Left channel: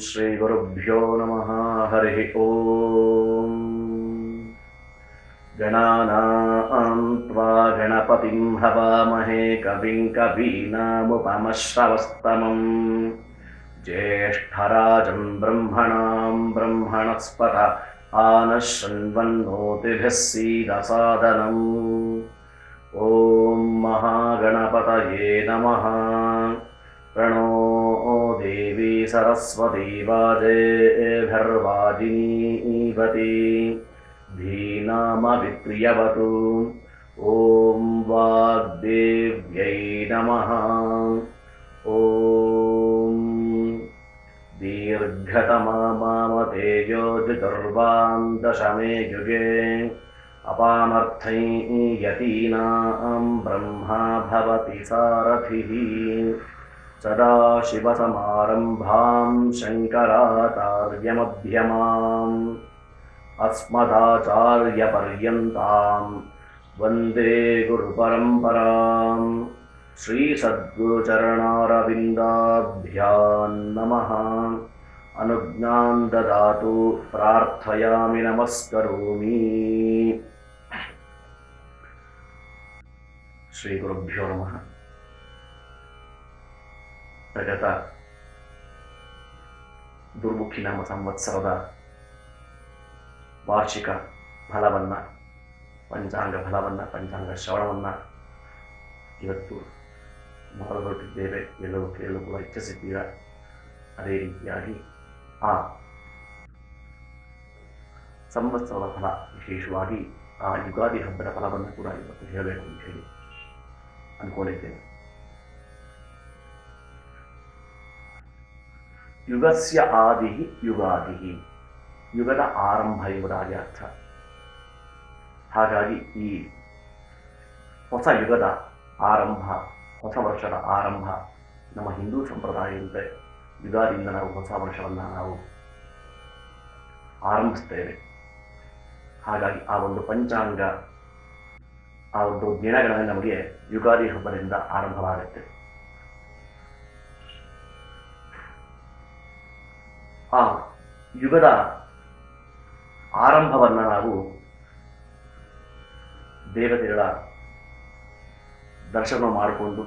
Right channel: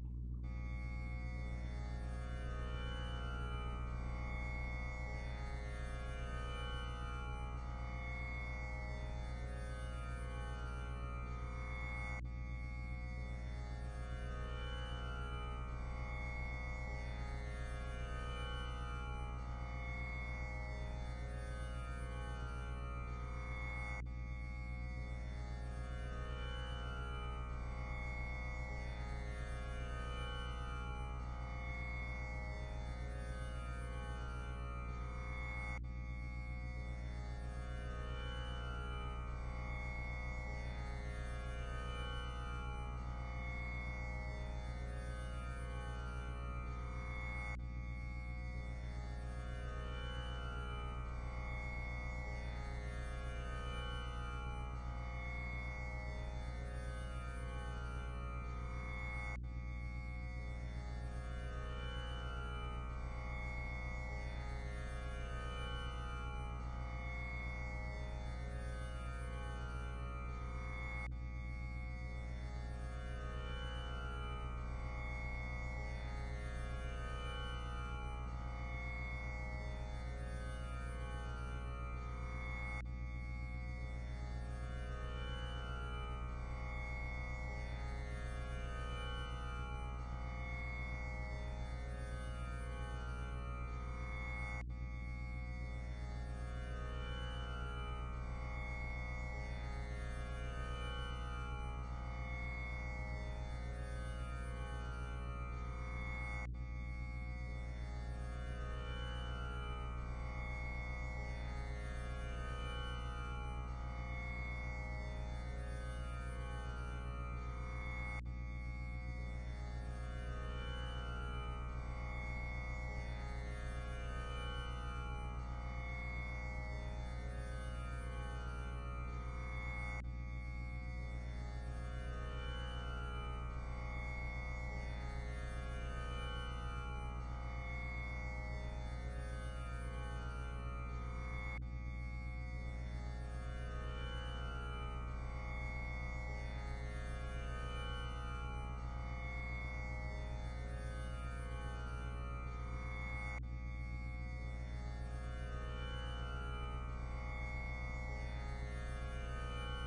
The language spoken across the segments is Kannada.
श्रीगुरुभ्यो नमः। हरिः ओम्। गणानां त्वा गणपतिं हवामहे कविं कवीनामुपमश्रवस्तमम् ज्येष्ठराजं ब्रह्मणां ब्रह्मणस्पत आनः शृण्वन्नोतिभिः सीदसादनम्। ॐ महागणपतये नमः। प्रणो देवी सरस्वती वाजेभिर्वाजिनीवती धीनामविप्रियवतु। ॐ वाग्देव्यै नमः। ॐ दीर्घतमामामतेजोजुर्वां दशमे युगे अपामर्थै यतीनां ब्रह्मा भवति सारथिः। सदाशिवसमारम्भां शङ्कराचार्यमध्यमाम् अस्मदाचार्यपर्यन्तां वन्दे गुरुपरम्पराम्। श्रीसद्गुरुचरणारविन्दाभ्यां नमः। अनुज्ञां ददातु प्रार्थयामि नमस्करोमि। श्रीगुरुभ्यो नमः। ಪ್ರಗತ ದುರ್ಮುಖಿ ನಾಮ ಸಂವತ್ಸರದ ವಾರ್ಷಿಕ ಫಲವನ್ನು, ಪಂಚಾಂಗ ಫಲವನ್ನು, ಪಂಚಾಂಗ ಶ್ರವಣವನ್ನು ಇವತ್ತು ಮಾಡಲ್ಪಟ್ಟಿದ್ದೇವೆ. ಎಲ್ಲರೂ ಕೇಳಲು ಕೂಡ ಇಚ್ಛಿಸಿದ್ದೀರ. ಅದೇ ರೀತಿಯಾಗಿ ಆ ಸಂವತ್ಸರದ ಫಲ, ವಿಶೇಷವಾಗಿ ಆ ಯುಗಾದಿ ಹಬ್ಬದ ಫಲವನ್ನು ಕೂಡ ಇವತ್ತು ಹೇಳಬೇಕು ಅಂತ ಹೇಳಿ ಅಂದ್ಕೊಂಡಿದ್ದೇನೆ. ಯುಗಸ್ಯ ಆದಿ ಯುಗಾದಿ, ಯುಗದ ಆರಂಭ ಎಂಬುದಾಗಿ ಅರ್ಥ. ಹಾಗಾಗಿ ಈ ಹೊಸ ಯುಗದ ಆರಂಭ, ಹೊಸ ವರ್ಷದ ಆರಂಭ ನಮ್ಮ ಹಿಂದೂ ಸಂಪ್ರದಾಯದಂತೆ ಯುಗಾದಿಯಿಂದ ನಾವು ಹೊಸ ವರ್ಷವನ್ನು ನಾವು ಆರಂಭಿಸ್ತೇವೆ. ಹಾಗಾಗಿ ಆ ಒಂದು ಪಂಚಾಂಗ, ಆ ಒಂದು ದಿನಗಳಲ್ಲಿ ನಮಗೆ ಯುಗಾದಿ ಹಬ್ಬದಿಂದ ಆರಂಭವಾಗುತ್ತೆ. ಆ ಯುಗದ ಆರಂಭವನ್ನು ನಾವು ದೇವತೆಗಳ ದರ್ಶನ ಮಾಡಿಕೊಂಡು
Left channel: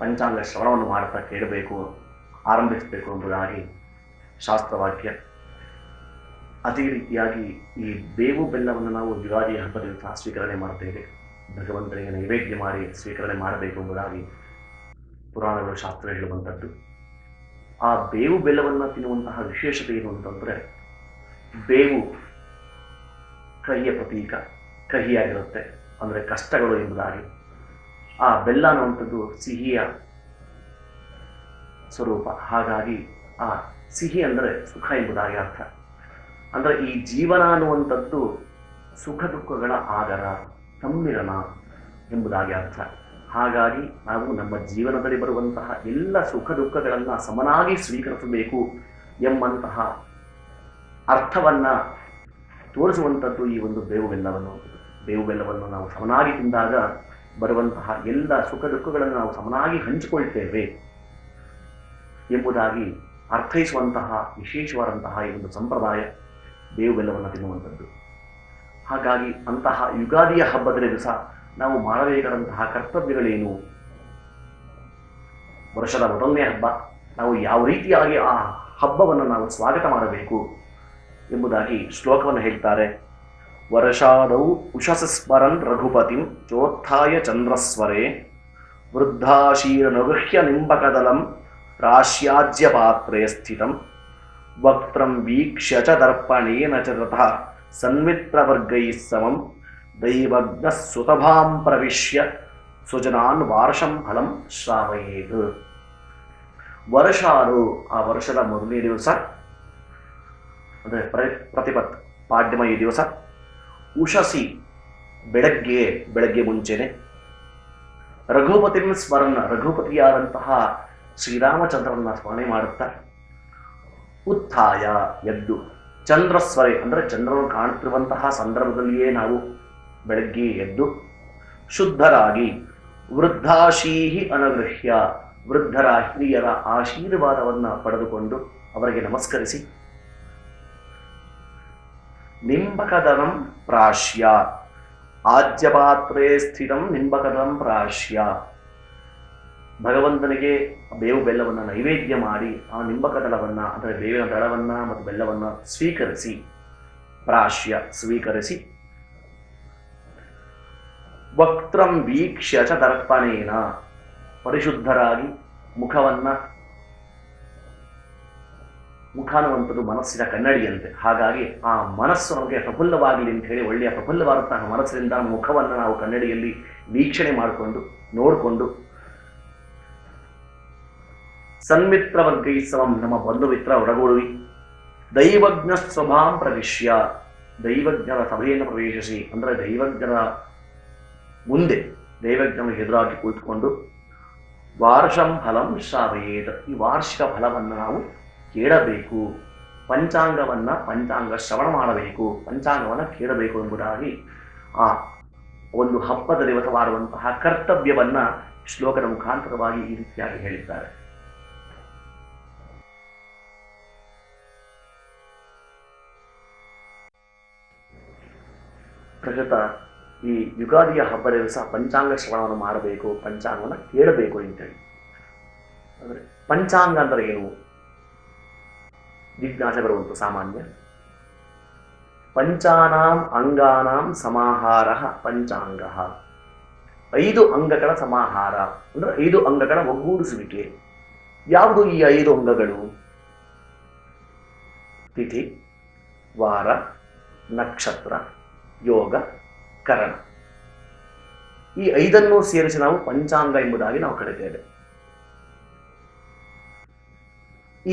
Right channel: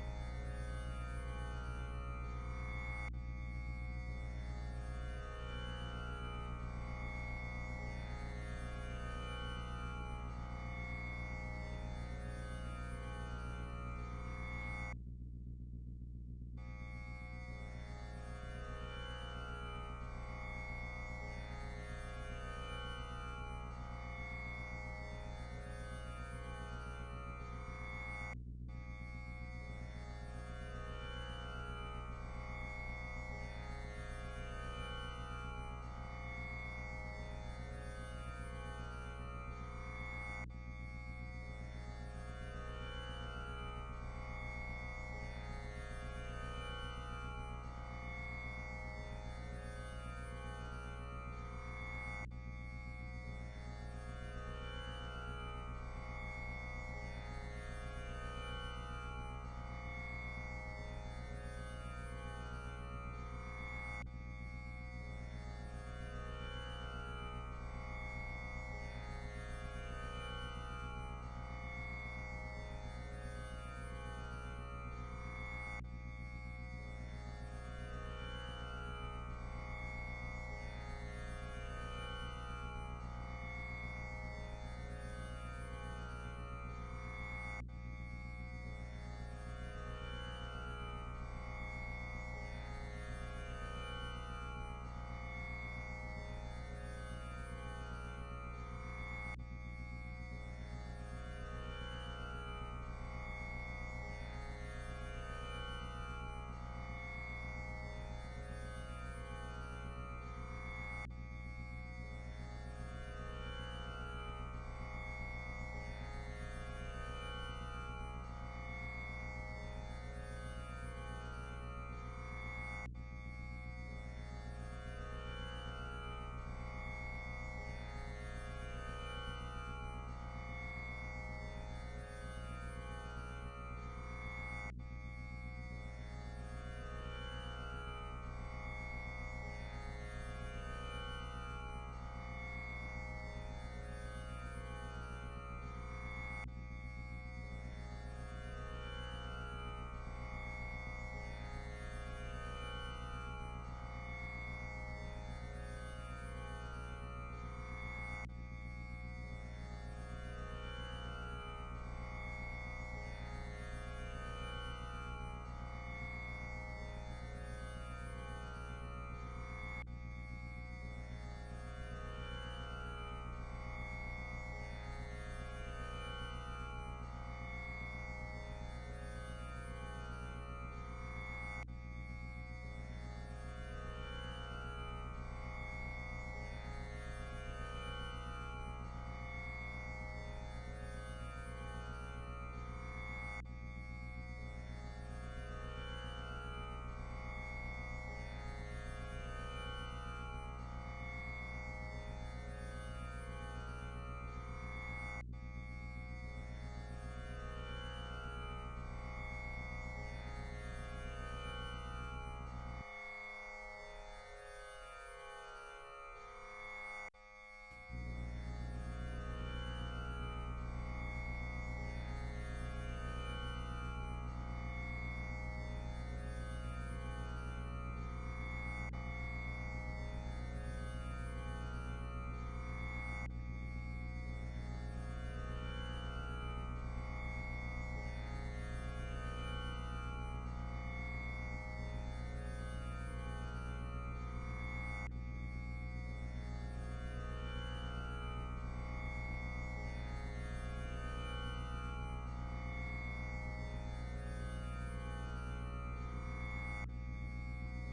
ಪಂಚಾಂಗ ಶ್ರವಣವನ್ನು ಮಾಡುತ್ತಾ ಕೇಳಬೇಕು, ಆರಂಭಿಸಬೇಕು ಎಂಬುದಾಗಿ ಶಾಸ್ತ್ರವಾಕ್ಯ. ಅದೇ ರೀತಿಯಾಗಿ ಈ ಬೇವು ಬೆಲ್ಲವನ್ನು ನಾವು ಯುಗಾದಿ ಹಬ್ಬದಿಂದ ಸ್ವೀಕರಣೆ ಮಾಡ್ತೇವೆ. ಭಗವಂತನಿಗೆ ನೈವೇದ್ಯ ಮಾಡಿ ಸ್ವೀಕರಣೆ ಮಾಡಬೇಕು ಎಂಬುದಾಗಿ ಪುರಾಣಗಳು, ಶಾಸ್ತ್ರ ಹೇಳುವಂಥದ್ದು. ಆ ಬೇವು ಬೆಲ್ಲವನ್ನು ತಿನ್ನುವಂತಹ ವಿಶೇಷತೆ ಏನು ಅಂತಂದರೆ, ಬೇವು ಕಹಿಯ ಪ್ರತೀಕ, ಕಹಿಯಾಗಿರುತ್ತೆ, ಅಂದರೆ ಕಷ್ಟಗಳು ಎಂಬುದಾಗಿ. ಆ ಬೆಲ್ಲ ಅನ್ನುವಂಥದ್ದು ಸಿಹಿಯ ಸ್ವರೂಪ. ಹಾಗಾಗಿ ಆ ಸಿಹಿ ಅಂದರೆ ಸುಖ ಎಂಬುದಾಗಿ ಅರ್ಥ. ಅಂದರೆ ಈ ಜೀವನ ಅನ್ನುವಂಥದ್ದು ಸುಖ ದುಃಖಗಳ ಆಗರ, ಸಮ್ಮಿಲನ ಎಂಬುದಾಗಿ ಅರ್ಥ. ಹಾಗಾಗಿ ನಾವು ನಮ್ಮ ಜೀವನದಲ್ಲಿ ಬರುವಂತಹ ಎಲ್ಲ ಸುಖ ದುಃಖಗಳನ್ನು ಸಮನಾಗಿ ಸ್ವೀಕರಿಸಬೇಕು ಎಂಬಂತಹ ಅರ್ಥವನ್ನು ತೋರಿಸುವಂಥದ್ದು ಈ ಒಂದು ಬೇವು ಬೆಲ್ಲವನ್ನು. ಬೇವು ಬೆಲ್ಲವನ್ನು ನಾವು ಸಮನಾಗಿ ತಿಂದಾಗ ಬರುವಂತಹ ಎಲ್ಲ ಸುಖ ದುಃಖಗಳನ್ನು ನಾವು ಸಮನಾಗಿ ಹಂಚಿಕೊಳ್ತೇವೆ ಎಂಬುದಾಗಿ ಅರ್ಥೈಸುವಂತಹ ವಿಶೇಷವಾದಂತಹ ಈ ಒಂದು ಸಂಪ್ರದಾಯ ಬೇವು ಬೆಲ್ಲವನ್ನು ತಿನ್ನುವಂಥದ್ದು. ಹಾಗಾಗಿ ಅಂತಹ ಯುಗಾದಿಯ ಹಬ್ಬದ ದಿವಸ ನಾವು ಮಾಡಬೇಕಾದಂತಹ ಕರ್ತವ್ಯಗಳೇನು, ವರ್ಷದ ಮೊದಲನೇ ಹಬ್ಬ, ನಾವು ಯಾವ ರೀತಿಯಾಗಿ ಆ ಹಬ್ಬವನ್ನು ನಾವು ಸ್ವಾಗತ ಮಾಡಬೇಕು ಎಂಬುದಾಗಿ ಶ್ಲೋಕವನ್ನು ಹೇಳ್ತಾರೆ. ವರ್ಷಾದೌ ಉಷಸ ಸ್ಮರನ್ ರಘುಪತಿಂ ಚೋತ್ಥಾಯ ಚಂದ್ರಸ್ವರೇ ವೃದ್ಧಾಶೀರನುಗೃಹ್ಯ ನಿಂಬಕದಲಂ ರಾಶ್ಯಾಜ್ಯ ಪಾತ್ರೇ ಸ್ಥಿತಂ ವಕ್ತ್ರಂ ವೀಕ್ಷ್ಯ ಚ ದರ್ಪಣೇನ ಚ ತತಃ ಸನ್ಮಿತ್ರವರ್ಗೈಃ ಸಮಂ ದೈವಜ್ಞ ಸುತಭಾಂ ಪ್ರವಿಶ್ಯ ಸುಜನಾನ್ ವಾರ್ಷಂ ಫಲಂ ಶ್ರಾವಯೇತ್. ವರ್ಷಾರು, ಆ ವರ್ಷದ ಮೊದಲನೇ ದಿವಸ ಅಂದರೆ ಪ್ರತಿಪತ್ ಪಾಡ್ಯಮ ಈ ದಿವಸ. ಉಷಸಿ, ಬೆಳಗ್ಗೆ ಮುಂಚೆನೆ. ರಘುಪತಿನ ಸ್ಮರಣ, ರಘುಪತಿಯಾದಂತಹ ಶ್ರೀರಾಮಚಂದ್ರನ ಸ್ಮರಣೆ ಮಾಡುತ್ತಾ. ಉತ್ಥಾಯ, ಎದ್ದು. ಚಂದ್ರಸ್ವರೆ ಅಂದರೆ ಚಂದ್ರನು ಕಾಣುತ್ತಿರುವಂತಹ ಸಂದರ್ಭದಲ್ಲಿಯೇ ನಾವು ಬೆಳಗ್ಗೆ ಎದ್ದು ಶುದ್ಧರಾಗಿ ವೃದ್ಧಾಶೀಹಿ ಅನಗೃಹ್ಯ, ವೃದ್ಧರ ಹಿರಿಯರ ಆಶೀರ್ವಾದವನ್ನು ಪಡೆದುಕೊಂಡು ಅವರಿಗೆ ನಮಸ್ಕರಿಸಿ ನಿಂಬಕದನಂ ಪ್ರಾಶ್ಯ ಆಜ್ಯಪಾತ್ರೇ ಸ್ಥಿತಂ ನಿಂಬಕದಂ ಪ್ರಾಶ್ಯ ಭಗವಂತನಿಗೆ ಬೇವು ಬೆಲ್ಲವನ್ನು ನೈವೇದ್ಯ ಮಾಡಿ ಆ ನಿಂಬಕದಳವನ್ನು ಅಂದರೆ ಬೇವಿನ ದಳವನ್ನು ಮತ್ತು ಬೆಲ್ಲವನ್ನು ಸ್ವೀಕರಿಸಿ ಪ್ರಾಶ್ಯ ಸ್ವೀಕರಿಸಿ ವಕ್ತ್ರಂ ವೀಕ್ಷ್ಯ ಚ ದರ್ಪಣೇನ ಪರಿಶುದ್ಧರಾಗಿ ಮುಖ ಅನ್ನುವಂಥದ್ದು ಮನಸ್ಸಿನ ಕನ್ನಡಿಯಂತೆ. ಹಾಗಾಗಿ ಆ ಮನಸ್ಸು ನಮಗೆ ಪ್ರಫುಲ್ಲವಾಗಲಿ ಅಂತ ಹೇಳಿ ಒಳ್ಳೆಯ ಪ್ರಫುಲ್ಲವಾದಂತಹ ಮನಸ್ಸಿನಿಂದ ಮುಖವನ್ನು ನಾವು ಕನ್ನಡಿಯಲ್ಲಿ ವೀಕ್ಷಣೆ ಮಾಡಿಕೊಂಡು ನೋಡಿಕೊಂಡು ಸನ್ಮಿತ್ರ ವರ್ಗೈಸವಂ ನಮ್ಮ ಬಂಧು ಮಿತ್ರ ಒಡಗೂಡುವಿ ದೈವಜ್ಞ ಸ್ವಭಾಂ ಪ್ರವಿಶ್ಯ ದೈವಜ್ಞರ ಸಭೆಯನ್ನು ಪ್ರವೇಶಿಸಿ ಅಂದರೆ ದೈವಜ್ಞರ ಮುಂದೆ ದೈವಜ್ಞನ ಎದುರಾಗಿ ಕುಳಿತುಕೊಂಡು ವಾರ್ಷಂ ಫಲಂ ಶ್ರಾವಯೇತ್ ಈ ವಾರ್ಷಿಕ ಫಲವನ್ನು ನಾವು ಕೇಳಬೇಕು, ಪಂಚಾಂಗ ಶ್ರವಣ ಮಾಡಬೇಕು, ಪಂಚಾಂಗವನ್ನು ಕೇಳಬೇಕು ಎಂಬುದಾಗಿ ಆ ಒಂದು ಹಬ್ಬದ ದಿವಸ ಮಾಡುವಂತಹ ಕರ್ತವ್ಯವನ್ನ ಶ್ಲೋಕದ ಮುಖಾಂತರವಾಗಿ ಈ ರೀತಿಯಾಗಿ ಹೇಳಿದ್ದಾರೆ. ಪ್ರಕೃತ ಈ ಯುಗಾದಿಯ ಹಬ್ಬದ ದಿವಸ ಪಂಚಾಂಗ ಶ್ರವಣವನ್ನು ಮಾಡಬೇಕು, ಪಂಚಾಂಗವನ್ನು ಕೇಳಬೇಕು ಅಂತೇಳಿ. ಅಂದರೆ ಪಂಚಾಂಗ ಅಂದರೆ ಏನು ಜಿಜ್ಞಾಸೆ ಬರುವಂತು ಸಾಮಾನ್ಯ. ಪಂಚಾನಾಂ ಅಂಗಾನಾಂ ಸಮಾಹಾರ ಪಂಚಾಂಗ, 5 ಅಂಗಗಳ ಸಮಾಹಾರ ಅಂದ್ರೆ 5 ಅಂಗಗಳ ಒಗ್ಗೂಡಿಸುವಿಕೆ. ಯಾವುದು ಈ 5 ಅಂಗಗಳು? ತಿಥಿ, ವಾರ, ನಕ್ಷತ್ರ, ಯೋಗ, ಕರಣ. ಈ 5 ಸೇರಿಸಿ ನಾವು ಪಂಚಾಂಗ ಎಂಬುದಾಗಿ ನಾವು ಕರೆತೇವೆ.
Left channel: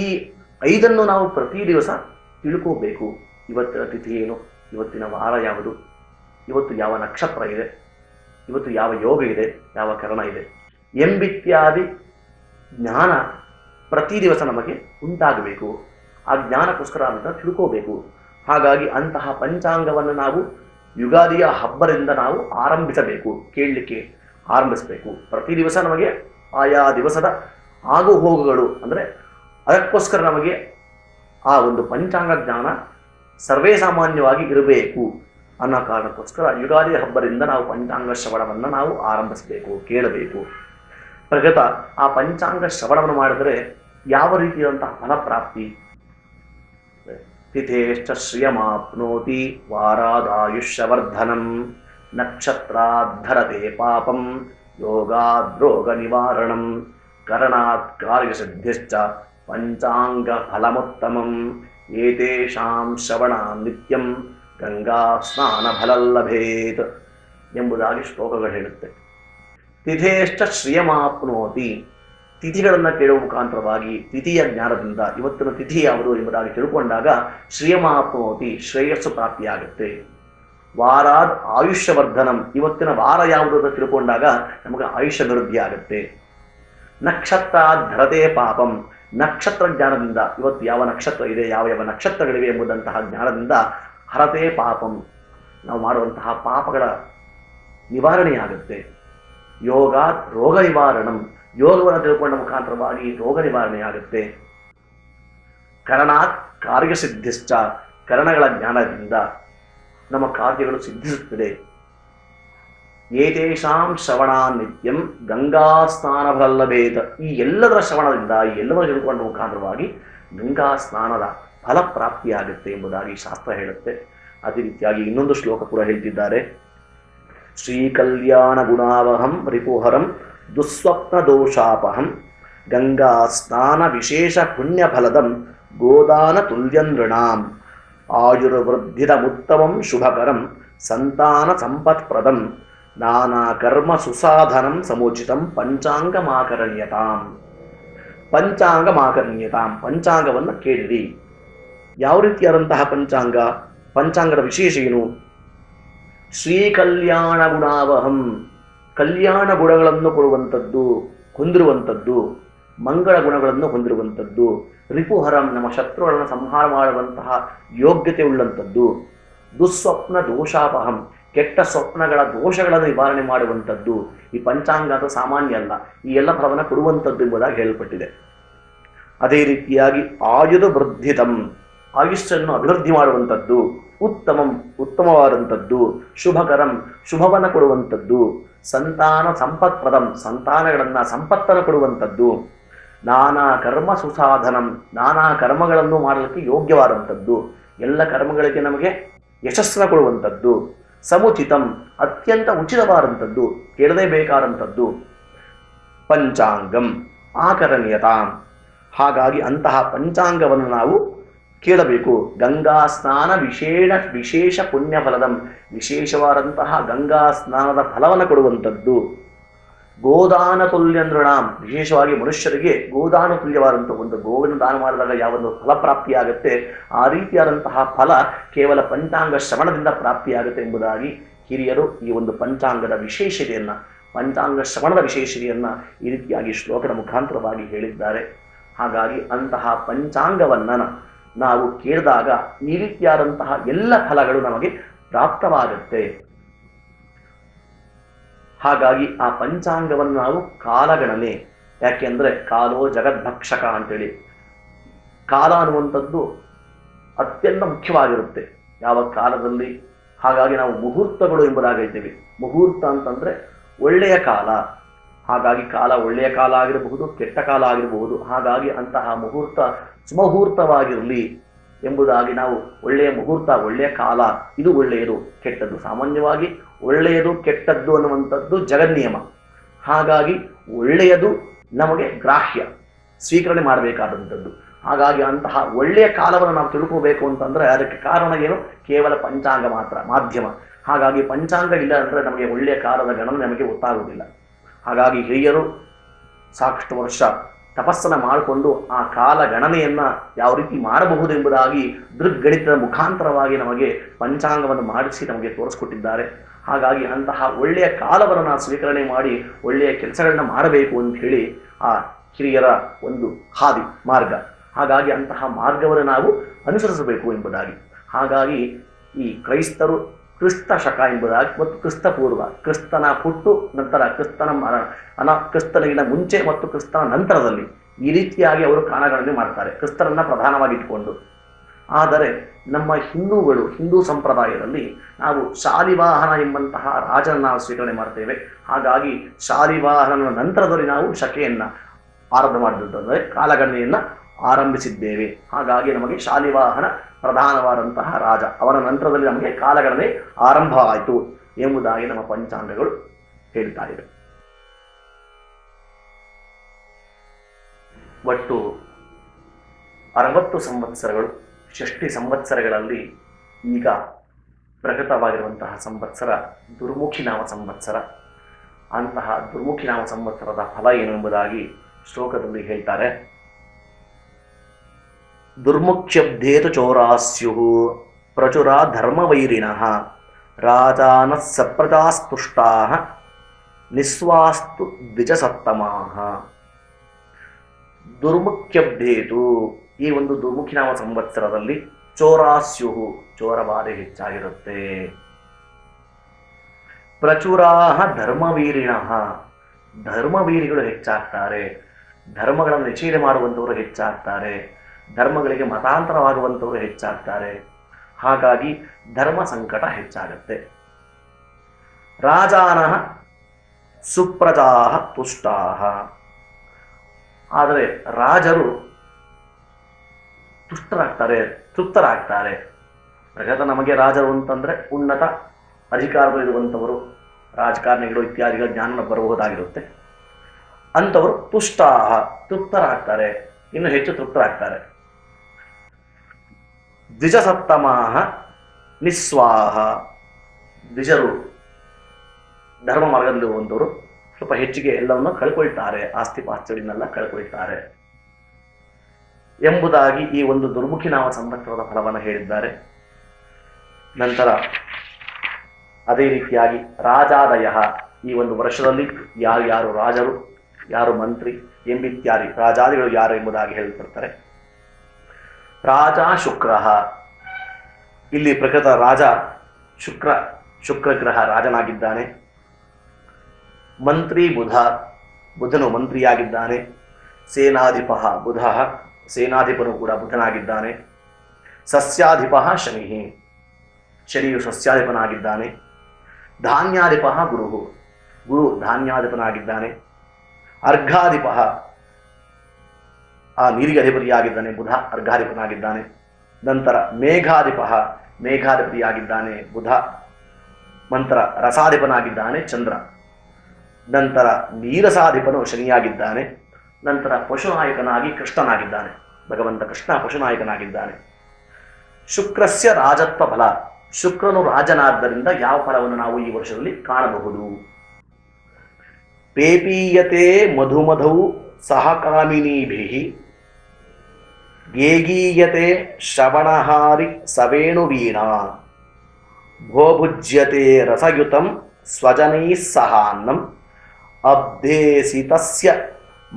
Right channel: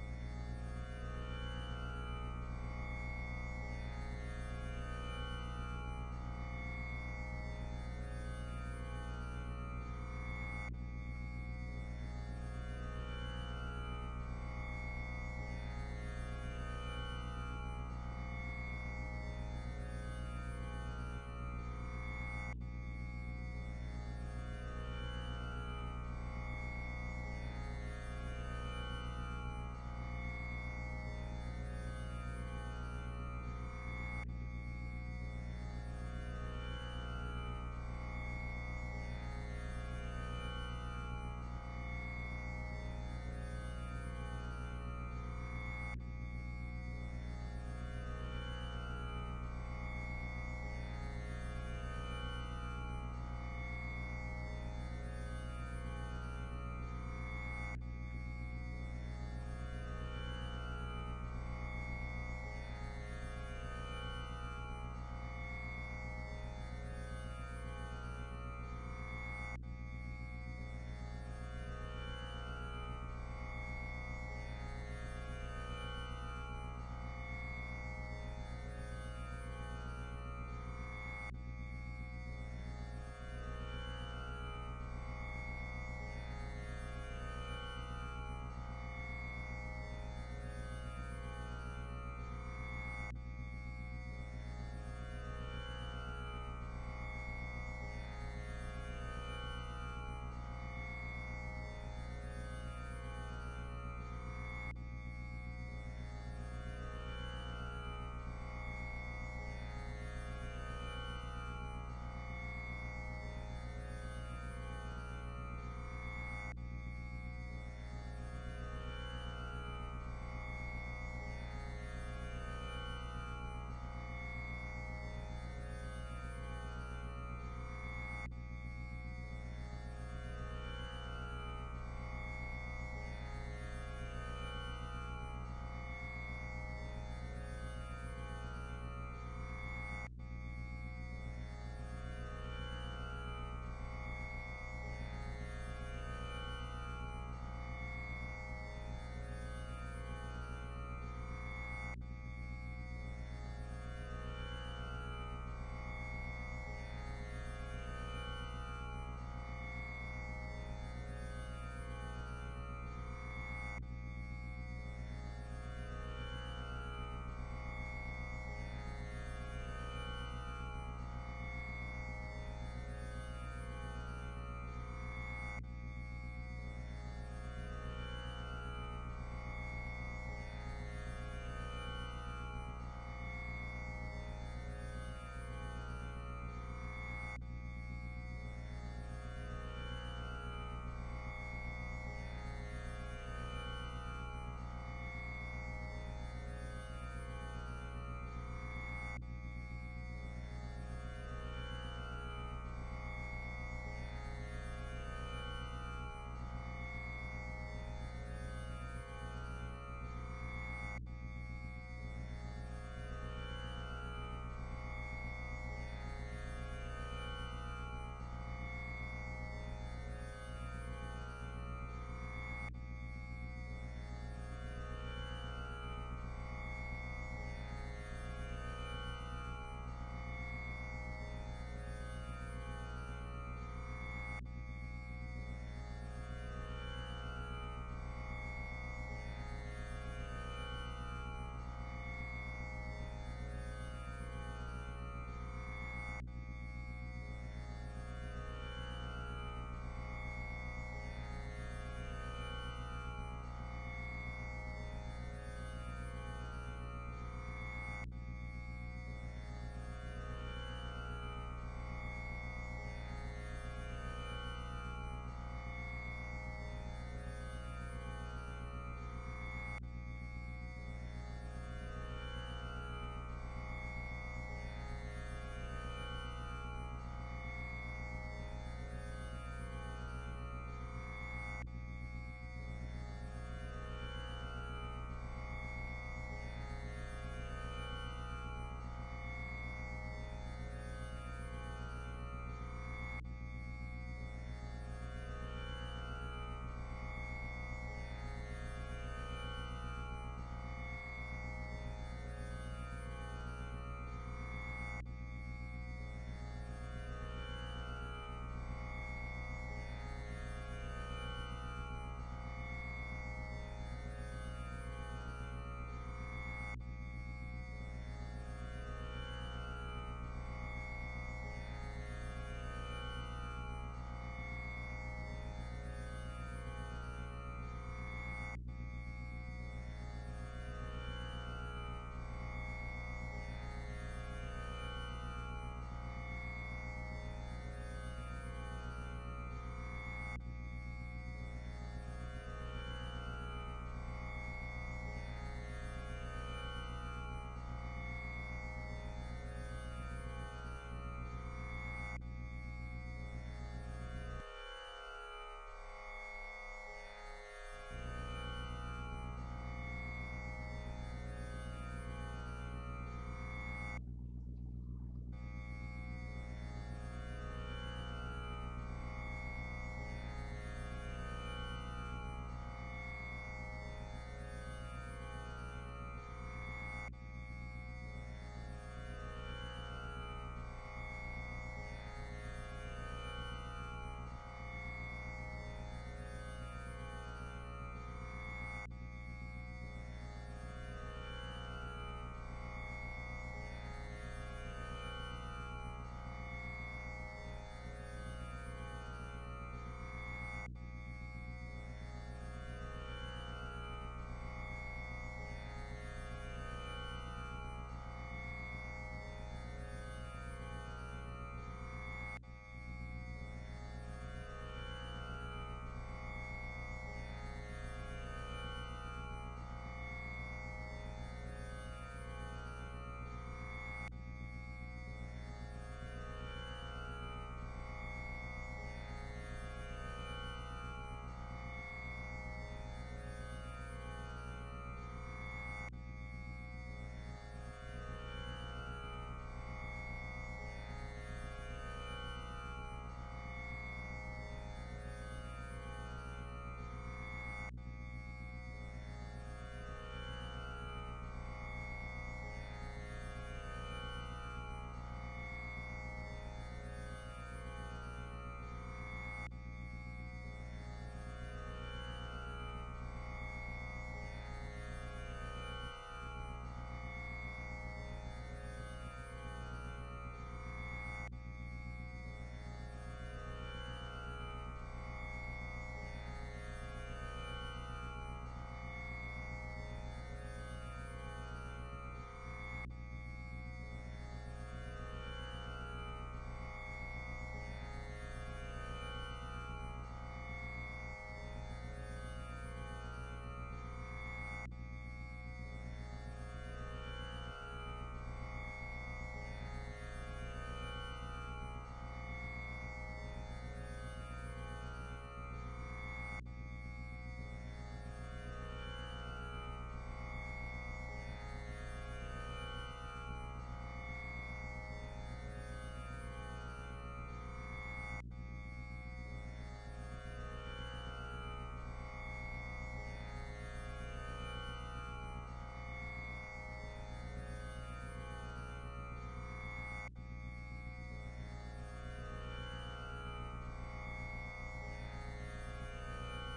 ಈ 5 ನಾವು ಪ್ರತಿ ದಿವಸ ತಿಳ್ಕೋಬೇಕು. ಇವತ್ತಿನ ತಿಥಿ ಏನು, ಇವತ್ತಿನ ವಾರ ಯಾವುದು, ಇವತ್ತು ಯಾವ ನಕ್ಷತ್ರ ಇದೆ, ಇವತ್ತು ಯಾವ ಯೋಗ ಇದೆ, ಯಾವ ಕರಣ ಇದೆ ಎಂಬಿತ್ಯಾದಿ ಜ್ಞಾನ ಪ್ರತಿ ದಿವಸ ನಮಗೆ ಉಂಟಾಗಬೇಕು. ಆ ಜ್ಞಾನಕ್ಕೋಸ್ಕರ ಅಂತ ತಿಳ್ಕೋಬೇಕು. ಹಾಗಾಗಿ ಅಂತಹ ಪಂಚಾಂಗವನ್ನು ನಾವು ಯುಗಾದಿಯ ಹಬ್ಬದಿಂದ ನಾವು ಆರಂಭಿಸಬೇಕು, ಕೇಳಲಿಕ್ಕೆ ಆರಂಭಿಸಬೇಕು. ಪ್ರತಿ ದಿವಸ ನಮಗೆ ಆಯಾ ದಿವಸದ ಆಗು ಹೋಗುಗಳು ಅಂದರೆ ಅದಕ್ಕೋಸ್ಕರ ನಮಗೆ ಆ ಒಂದು ಪಂಚಾಂಗ ಜ್ಞಾನ ಸರ್ವೇ ಸಾಮಾನ್ಯವಾಗಿ ಇರಬೇಕು ಅನ್ನೋ ಕಾರಣಕ್ಕೋಸ್ಕರ ಯುಗಾದಿ ಹಬ್ಬದಿಂದ ನಾವು ಪಂಚಾಂಗ ಶ್ರವಣವನ್ನು ನಾವು ಆರಂಭಿಸಬೇಕು, ಕೇಳಬೇಕು. ಪ್ರಗತ ಆ ಪಂಚಾಂಗ ಶ್ರವಣವನ್ನು ಮಾಡಿದರೆ ಯಾವ ರೀತಿಯಾದಂತಹ ಫಲಪ್ರಾಪ್ತಿ? ತಿಥೇಶ್ಚ ಶ್ರಿಯಮಾಪ್ನೋತಿ ವಾರಾದಾಯುಷ್ಯವರ್ಧನಂ ನಕ್ಷತ್ರಾಧರತೆ ಪಾಪಂ ಯೋಗಾದ್ರೋಗ ನಿವಾರಣಂ ಕರಣಾತ್ ಕಾರ್ಯಸಿದ್ಧಿಶ್ಚ ಪಂಚಾಂಗ ಫಲಮುತ್ತಮಂ ಏತೇಷಾಂ ಶ್ರವಣಾನ್ ನಿತ್ಯಂ ಗಂಗಾ ಸ್ನಾನ ಫಲಲ್ಲಭೇತ್ ಎಂಬುದಾಗಿ ಶ್ಲೋಕಗಳು ಹೇಳುತ್ತೆ. ತಿಥೇಶ್ಚ ಶ್ರಿಯಮಾಪ್ನೋತಿ, ತಿಥಿಗಳನ್ನು ಕೇಳುವ ಮುಖಾಂತರವಾಗಿ ತಿಥಿಯ ಜ್ಞಾನದಿಂದ ಇವತ್ತಿನ ತಿಥಿ ಯಾವುದು ಎಂಬುದಾಗಿ ತಿಳ್ಕೊಂಡಾಗ ಶ್ರಿಯಮಾಪ್ನೋತಿ ಶ್ರೇಯಸ್ಸು ಪ್ರಾಪ್ತಿಯಾಗುತ್ತೆ. ವಾರಾದ್ ಆಯುಷ್ಯವರ್ಧನಂ, ಇವತ್ತಿನ ವಾರ ಯಾವುದು ಅಂತ ತಿಳ್ಕೊಂಡಾಗ ನಮಗೆ ಆಯುಷ್ಯ ವೃದ್ಧಿ ಆಗುತ್ತೆ. ನಕ್ಷತ್ರಾಧರತೆ ಪಾಪಂ, ನಕ್ಷತ್ರ ಜ್ಞಾನದಿಂದ ಇವತ್ತು ಯಾವ ನಕ್ಷತ್ರ ಇದೆ, ಯಾವ ಯಾವ ನಕ್ಷತ್ರಗಳಿವೆ ಎಂಬುದಂತಹ ಜ್ಞಾನದಿಂದ ಹರತೆ ಪಾಪಂ, ನಾವು ಮಾಡುವಂತಹ ಪಾಪಗಳ ನಿವಾರಣೆಯಾಗುತ್ತೆ. ಯೋಗ ರೋಗ ನಿವಾರಣಂ, ಯೋಗವನ್ನು ತಿಳ್ಕೊಂಡ ಮುಖಾಂತರವಾಗಿ ರೋಗ ನಿವಾರಣೆಯಾಗುತ್ತೆ. ಕರಣಾತ್ ಕಾರ್ಯಸಿದ್ಧಿಶ್ಚ, ಕರಣಗಳ ಜ್ಞಾನದಿಂದ ನಮ್ಮ ಕಾರ್ಯಗಳು ಸಿದ್ಧಿಸುತ್ತದೆ. ಏತೇಷಾಂ ಶ್ರವಣಾನ್ ನಿತ್ಯಂ ಗಂಗಾ ಸ್ನಾನ ಫಲಲ್ಲಭೇತ್, ಈ ಎಲ್ಲದರ ಶ್ರವಣದಿಂದ ಈ ಎಲ್ಲವನ್ನು ತಿಳ್ಕೊಂಡ ಮುಖಾಂತರವಾಗಿ ಗಂಗಾ ಸ್ನಾನದ ಫಲಪ್ರಾಪ್ತಿಯಾಗುತ್ತೆ ಎಂಬುದಾಗಿ ಶಾಸ್ತ್ರ ಹೇಳುತ್ತೆ. ಅದೇ ರೀತಿಯಾಗಿ ಇನ್ನೊಂದು ಶ್ಲೋಕ ಕೂಡ ಹೇಳ್ತಿದ್ದಾರೆ. ಶ್ರೀಕಲ್ಯಾಣ ಗುಣಾವಹಂ ರಿಪುಹರಂ ದುಸ್ವಪ್ನ ದೋಷಾಪಹಂ ಗಂಗಾ ಸ್ನಾನ ವಿಶೇಷ ಪುಣ್ಯಫಲದಂ ಗೋದಾನ ತುಲ್ಯನೃಣಾಂ ಆಯುರ್ವೃದ್ಧಿದಮುತ್ತಮಂ ಶುಭಕರಂ ಸಂತಾನ ಸಂಪತ್ಪ್ರದಂ ನಾನಾ ಕರ್ಮ ಸುಸಾಧನಂ ಸಮೋಚಿತಂ ಪಂಚಾಂಗಮಾಕರಣೀಯತಾಂ. ಪಂಚಾಂಗಮಾಕರಣೀಯತಾಂ, ಪಂಚಾಂಗವನ್ನು ಕೇಳಿರಿ. ಯಾವ ರೀತಿಯಾದಂತಹ ಪಂಚಾಂಗ? ಪಂಚಾಂಗದ ವಿಶೇಷ ಏನು? ಶ್ರೀಕಲ್ಯಾಣ ಗುಣಾವಹಂ, ಕಲ್ಯಾಣ ಗುಣಗಳನ್ನು ಕೊಡುವಂಥದ್ದು, ಹೊಂದಿರುವಂಥದ್ದು, ಮಂಗಳ ಗುಣಗಳನ್ನು ಹೊಂದಿರುವಂಥದ್ದು. ರಿಪುಹರಂ, ನಮ್ಮ ಶತ್ರುಗಳನ್ನು ಸಂಹಾರ ಮಾಡುವಂತಹ ಯೋಗ್ಯತೆ ಉಳ್ಳಂಥದ್ದು. ದುಸ್ವಪ್ನ ದೋಷಾಪಹಂ, ಕೆಟ್ಟ ಸ್ವಪ್ನಗಳ ದೋಷಗಳನ್ನು ನಿವಾರಣೆ ಮಾಡುವಂಥದ್ದು. ಈ ಪಂಚಾಂಗ ಅದು ಸಾಮಾನ್ಯ ಅಲ್ಲ, ಈ ಎಲ್ಲ ಫಲವನ್ನು ಕೊಡುವಂಥದ್ದು ಎಂಬುದಾಗಿ ಹೇಳಲ್ಪಟ್ಟಿದೆ. ಅದೇ ರೀತಿಯಾಗಿ ಆಯುಧ ವೃದ್ಧಿತಂ, ಆಯುಷ್ಯನ್ನು ಅಭಿವೃದ್ಧಿ ಮಾಡುವಂಥದ್ದು. ಉತ್ತಮಂ, ಉತ್ತಮವಾದಂಥದ್ದು. ಶುಭಕರಂ, ಶುಭವನ್ನು ಕೊಡುವಂಥದ್ದು. ಸಂತಾನ ಸಂಪತ್ಪ್ರದಂ, ಸಂತಾನಗಳನ್ನು ಸಂಪತ್ತನ್ನು ಕೊಡುವಂಥದ್ದು. ನಾನಾ ಕರ್ಮ ಸುಸಾಧನಂ, ನಾನಾ ಕರ್ಮಗಳನ್ನು ಮಾಡಲಿಕ್ಕೆ ಯೋಗ್ಯವಾದಂಥದ್ದು. ಎಲ್ಲ ಕರ್ಮಗಳಿಗೆ ನಮಗೆ ಯಶಸ್ಸನ್ನು ಕೊಡುವಂಥದ್ದು. ಸಮುಚಿತಂ, ಅತ್ಯಂತ ಉಚಿತವಾದಂಥದ್ದು, ಕೇಳಲೇಬೇಕಾದಂಥದ್ದು. ಪಂಚಾಂಗಂ ಆಕರಣೀಯತಾಂ, ಹಾಗಾಗಿ ಅಂತಹ ಪಂಚಾಂಗವನ್ನು ನಾವು ಕೇಳಬೇಕು. ಗಂಗಾ ಸ್ನಾನ ವಿಶೇಷ ಪುಣ್ಯ ಫಲದಂ, ವಿಶೇಷವಾದಂತಹ ಗಂಗಾ ಸ್ನಾನದ ಫಲವನ್ನು ಕೊಡುವಂಥದ್ದು. ಗೋದಾನ ತುಲ್ಯ ನೃಣಾಂ, ವಿಶೇಷವಾಗಿ ಮನುಷ್ಯರಿಗೆ ಗೋದಾನ ತುಲ್ಯವಾದಂಥ ಒಂದು ಗೋವನ್ನು ದಾನ ಮಾಡಿದಾಗ ಯಾವೊಂದು ಫಲಪ್ರಾಪ್ತಿಯಾಗುತ್ತೆ, ಆ ರೀತಿಯಾದಂತಹ ಫಲ ಕೇವಲ ಪಂಚಾಂಗ ಶ್ರವಣದಿಂದ ಪ್ರಾಪ್ತಿಯಾಗುತ್ತೆ ಎಂಬುದಾಗಿ ಹಿರಿಯರು ಈ ಒಂದು ಪಂಚಾಂಗದ ವಿಶೇಷತೆಯನ್ನು, ಪಂಚಾಂಗ ಶ್ರವಣದ ವಿಶೇಷತೆಯನ್ನು ಈ ರೀತಿಯಾಗಿ ಶ್ಲೋಕದ ಮುಖಾಂತರವಾಗಿ ಹೇಳಿದ್ದಾರೆ. ಹಾಗಾಗಿ ಅಂತಹ ಪಂಚಾಂಗವನ್ನು ನಾವು ಕೇಳಿದಾಗ ಈ ರೀತಿಯಾದಂತಹ ಎಲ್ಲ ಫಲಗಳು ನಮಗೆ ಪ್ರಾಪ್ತವಾಗುತ್ತೆ. ಹಾಗಾಗಿ ಆ ಪಂಚಾಂಗವನ್ನು ನಾವು ಕಾಲಗಣನೆ, ಯಾಕೆಂದ್ರೆ ಕಾಲೋ ಜಗದ್ಭಕ್ಷಕ ಅಂತೇಳಿ, ಕಾಲ ಅನ್ನುವಂಥದ್ದು ಅತ್ಯಂತ ಮುಖ್ಯವಾಗಿರುತ್ತೆ ಯಾವ ಕಾಲದಲ್ಲಿ. ಹಾಗಾಗಿ ನಾವು ಮುಹೂರ್ತಗಳು ಎಂಬುದಾಗೈತೇವೆ. ಮುಹೂರ್ತ ಅಂತಂದ್ರೆ ಒಳ್ಳೆಯ ಕಾಲ. ಹಾಗಾಗಿ ಕಾಲ ಒಳ್ಳೆಯ ಕಾಲ ಆಗಿರಬಹುದು, ಕೆಟ್ಟ ಕಾಲ ಆಗಿರಬಹುದು. ಹಾಗಾಗಿ ಅಂತಹ ಮುಹೂರ್ತ ಸುಮುಹೂರ್ತವಾಗಿರಲಿ ಎಂಬುದಾಗಿ ನಾವು ಒಳ್ಳೆಯ ಮುಹೂರ್ತ, ಒಳ್ಳೆಯ ಕಾಲ, ಇದು ಒಳ್ಳೆಯದು, ಕೆಟ್ಟದ್ದು. ಸಾಮಾನ್ಯವಾಗಿ ಒಳ್ಳೆಯದು ಕೆಟ್ಟದ್ದು ಅನ್ನುವಂಥದ್ದು ಜಗನ್ನಿಯಮ. ಹಾಗಾಗಿ ಒಳ್ಳೆಯದು ನಮಗೆ ಗ್ರಾಹ್ಯ, ಸ್ವೀಕರಣೆ ಮಾಡಬೇಕಾದಂಥದ್ದು. ಹಾಗಾಗಿ ಅಂತಹ ಒಳ್ಳೆಯ ಕಾಲವನ್ನು ನಾವು ತಿಳ್ಕೋಬೇಕು ಅಂತಂದ್ರೆ ಅದಕ್ಕೆ ಕಾರಣ ಏನು? ಕೇವಲ ಪಂಚಾಂಗ ಮಾತ್ರ, ಮಾಧ್ಯಮ. ಹಾಗಾಗಿ ಪಂಚಾಂಗ ಇಲ್ಲ ಅಂದರೆ ನಮಗೆ ಒಳ್ಳೆಯ ಕಾಲದ ಗಣನೆ ನಮಗೆ ಗೊತ್ತಾಗುವುದಿಲ್ಲ. ಹಾಗಾಗಿ ಹಿರಿಯರು ಸಾಕಷ್ಟು ವರ್ಷ ತಪಸ್ಸನ್ನು ಮಾಡಿಕೊಂಡು ಆ ಕಾಲ ಗಣನೆಯನ್ನು ಯಾವ ರೀತಿ ಮಾಡಬಹುದು ಎಂಬುದಾಗಿ ದೃಗ್ಗಣಿತದ ಮುಖಾಂತರವಾಗಿ ನಮಗೆ ಪಂಚಾಂಗವನ್ನು ಮಾಡಿಸಿ ನಮಗೆ ತೋರಿಸ್ಕೊಟ್ಟಿದ್ದಾರೆ. ಹಾಗಾಗಿ ಅಂತಹ ಒಳ್ಳೆಯ ಕಾಲವನ್ನು ನಾವು ಸ್ವೀಕರಣೆ ಮಾಡಿ ಒಳ್ಳೆಯ ಕೆಲಸಗಳನ್ನ ಮಾಡಬೇಕು ಅಂತ ಹೇಳಿ ಆ ಹಿರಿಯರ ಒಂದು ಹಾದಿ, ಮಾರ್ಗ. ಹಾಗಾಗಿ ಅಂತಹ ಮಾರ್ಗವನ್ನು ನಾವು ಅನುಸರಿಸಬೇಕು ಎಂಬುದಾಗಿ. ಹಾಗಾಗಿ ಈ ಕ್ರೈಸ್ತರು ಕ್ರಿಸ್ತ ಶಕ ಎಂಬುದಾಗಿ ಮತ್ತು ಕ್ರಿಸ್ತ ಪೂರ್ವ, ಕ್ರಿಸ್ತನ ಹುಟ್ಟು ನಂತರ ಕ್ರಿಸ್ತನಿಗಿನ ಮುಂಚೆ ಮತ್ತು ಕ್ರಿಸ್ತನ ನಂತರದಲ್ಲಿ ಈ ರೀತಿಯಾಗಿ ಅವರು ಕಾಲಗಣನೆ ಮಾಡ್ತಾರೆ, ಕ್ರಿಸ್ತರನ್ನ ಪ್ರಧಾನವಾಗಿಟ್ಟುಕೊಂಡು. ಆದರೆ ನಮ್ಮ ಹಿಂದೂಗಳು, ಹಿಂದೂ ಸಂಪ್ರದಾಯದಲ್ಲಿ ನಾವು ಶಾಲಿವಾಹನ ಎಂಬಂತಹ ರಾಜನ ನಾವು ಸ್ವೀಕರಣೆ ಮಾಡ್ತೇವೆ. ಹಾಗಾಗಿ ಶಾಲಿವಾಹನನ ನಂತರದಲ್ಲಿ ನಾವು ಶಕೆಯನ್ನು ಆರಂಭ ಮಾಡಿದ್ದು, ಅಂದರೆ ಕಾಲಗಣನೆಯನ್ನು ಆರಂಭಿಸಿದ್ದೇವೆ. ಹಾಗಾಗಿ ನಮಗೆ ಶಾಲಿವಾಹನ ಪ್ರಧಾನವಾದಂತಹ ರಾಜ, ಅವನ ನಂತರದಲ್ಲಿ ನಮಗೆ ಕಾಲಗಣನೆ ಆರಂಭ ಆಯಿತು ಎಂಬುದಾಗಿ ನಮ್ಮ ಪಂಚಾಂಗಗಳು ಹೇಳ್ತಾ ಇದೆ. ಒಟ್ಟು 60 ಸಂವತ್ಸರಗಳು, ಷಷ್ಠಿ ಸಂವತ್ಸರಗಳಲ್ಲಿ ಈಗ ಪ್ರಕಟವಾಗಿರುವಂತಹ ಸಂವತ್ಸರ ದುರ್ಮುಖಿ ನಾಮ ಸಂವತ್ಸರ. ಅಂತಹ ದುರ್ಮುಖಿ ನಾಮ ಸಂವತ್ಸರದ ಫಲ ಏನು ಎಂಬುದಾಗಿ ಶ್ಲೋಕದಲ್ಲಿ ಹೇಳ್ತಾರೆ. ದುರ್ಮುಖ್ಯಬ್ಧೇತು ಚೌರಾಸ್ಯು ಪ್ರಚುರ ಧರ್ಮವೈರಿಣಃ ರಾಜಾನ ಸಪ್ರಜಾಸ್ತುಷ್ಟಾ ನಿಸ್ವಾಸ್ತು ದ್ವಿಜಸತ್ತಮಾಃ. ದುರ್ಮುಖ್ಯಬ್ಧೇತು, ಈ ಒಂದು ದುರ್ಮುಖಿ ನಾಮ ಸಂವತ್ಸರದಲ್ಲಿ ಚೋರಾಸ್ಯು, ಚೋರಬಾಧೆ ಹೆಚ್ಚಾಗಿರುತ್ತೆ. ಪ್ರಚುರಾಹ ಧರ್ಮವೀರಿಣಃ, ಧರ್ಮವೀರಿಗಳು ಹೆಚ್ಚಾಗ್ತಾರೆ. ಧರ್ಮಗಳನ್ನು ನಿಷೇಧ ಮಾಡುವಂಥವರು ಹೆಚ್ಚಾಗ್ತಾರೆ. ಧರ್ಮಗಳಿಗೆ ಮತಾಂತರವಾಗುವಂಥವರು ಹೆಚ್ಚಾಗ್ತಾರೆ. ಹಾಗಾಗಿ ಧರ್ಮ ಸಂಕಟ ಹೆಚ್ಚಾಗುತ್ತೆ. ರಾಜಾನಃ ಸುಪ್ರಜಾಹ ತುಷ್ಟಾಹ, ಆದರೆ ರಾಜರು ತುಷ್ಟರಾಗ್ತಾರೆ, ತೃಪ್ತರಾಗ್ತಾರೆ. ಪ್ರಗತ ನಮಗೆ ರಾಜರು ಅಂತಂದ್ರೆ ಉನ್ನತ ಅಧಿಕಾರದಲ್ಲಿರುವಂಥವರು, ರಾಜಕಾರಣಿಗಳು ಇತ್ಯಾದಿಗಳ ಜ್ಞಾನ ಬರಬಹುದಾಗಿರುತ್ತೆ. ಅಂಥವರು ತುಷ್ಟಾಹ, ತೃಪ್ತರಾಗ್ತಾರೆ, ಇನ್ನು ಹೆಚ್ಚು ತೃಪ್ತರಾಗ್ತಾರೆ. ದ್ವಿಜಸತ್ತಮಾಹ ನಿಸ್ವಾಹ, ದ್ವಿಜರು ಧರ್ಮ ಮಾರ್ಗದಲ್ಲಿರುವಂಥವರು ಸ್ವಲ್ಪ ಹೆಚ್ಚಿಗೆ ಎಲ್ಲವನ್ನು ಕಳ್ಕೊಳ್ತಾರೆ, ಆಸ್ತಿ ಪಾಸ್ತಿಗಳನ್ನೆಲ್ಲ ಕಳ್ಕೊಳ್ತಾರೆ ಎಂಬುದಾಗಿ ಈ ಒಂದು ದುರ್ಮುಖಿ ನಾಮ ಸಂವತ್ಸರದ ಫಲವನ್ನು ಹೇಳಿದ್ದಾರೆ. ನಂತರ ಅದೇ ರೀತಿಯಾಗಿ ರಾಜಾದಯ, ಈ ಒಂದು ವರ್ಷದಲ್ಲಿ ಯಾರು ರಾಜರು, ಯಾರು ಮಂತ್ರಿ ಎಂಬಿತ್ಯಾದಿ ರಾಜಾದಿಗಳು ಯಾರು ಎಂಬುದಾಗಿ ಹೇಳಲ್ಪಡ್ತಾರೆ. ರಾಜ ಶುಕ್ರ, ಇಲ್ಲಿ ಪ್ರಕೃತ ರಾಜ ಶುಕ್ರ, ಶುಕ್ರಗ್ರಹ ರಾಜನಾಗಿದ್ದಾನೆ. ಮಂತ್ರಿ ಬುಧ, ಬುಧನು ಮಂತ್ರಿಯಾಗಿದ್ದಾನೆ. ಸೇನಾಧಿಪ ಬುಧ, ಸೇನಾಧಿಪನು ಕೂಡ ಬುಧನಾಗಿದ್ದಾನೆ. ಸಸ್ಯಾಧಿಪ ಶನಿ, ಶನಿಯು ಸಸ್ಯಾಧಿಪನಾಗಿದ್ದಾನೆ. ಧಾನ್ಯಾಧಿಪ ಗುರು, ಗುರು ಧಾನ್ಯಾಧಿಪನಾಗಿದ್ದಾನೆ. ಅರ್ಘಾಧಿಪ ಆ ನೀರಿಗೆ ಅಧಿಪತಿಯಾಗಿದ್ದಾನೆ, ಬುಧ ಅರ್ಘಾಧಿಪನಾಗಿದ್ದಾನೆ. ನಂತರ ಮೇಘಾಧಿಪ, ಮೇಘಾಧಿಪತಿಯಾಗಿದ್ದಾನೆ ಬುಧ. ನಂತರ ರಸಾಧಿಪನಾಗಿದ್ದಾನೆ ಚಂದ್ರ. ನಂತರ ನೀರಸಾಧಿಪನು ಶನಿಯಾಗಿದ್ದಾನೆ. ನಂತರ ಪಶುನಾಯಕನಾಗಿ ಕೃಷ್ಣನಾಗಿದ್ದಾನೆ, ಭಗವಂತ ಕೃಷ್ಣ ಪಶುನಾಯಕನಾಗಿದ್ದಾನೆ. ಶುಕ್ರಸ್ಯ ರಾಜತ್ವ ಫಲ, ಶುಕ್ರನು ರಾಜನಾದ್ದರಿಂದ ಯಾವ ಫಲವನ್ನು ನಾವು ಈ ವರ್ಷದಲ್ಲಿ ಕಾಣಬಹುದು? ಪೇಪೀಯತೆ ಮಧುಮಧೌ ಸಹಕಾಮಿನೀಭಿಃ ಗೇಗೀಯತೆ ಶ್ರವಣಹಾರಿ ಸವೇಣುವೀಣಾ ಭೋಭುಜ್ಯತೆ ರಸಯುತಂ ಸ್ವಜನೈಃ ಸಹಾನ್ನಂ ಅಬ್ಧೇಸಿತಸ್ಯ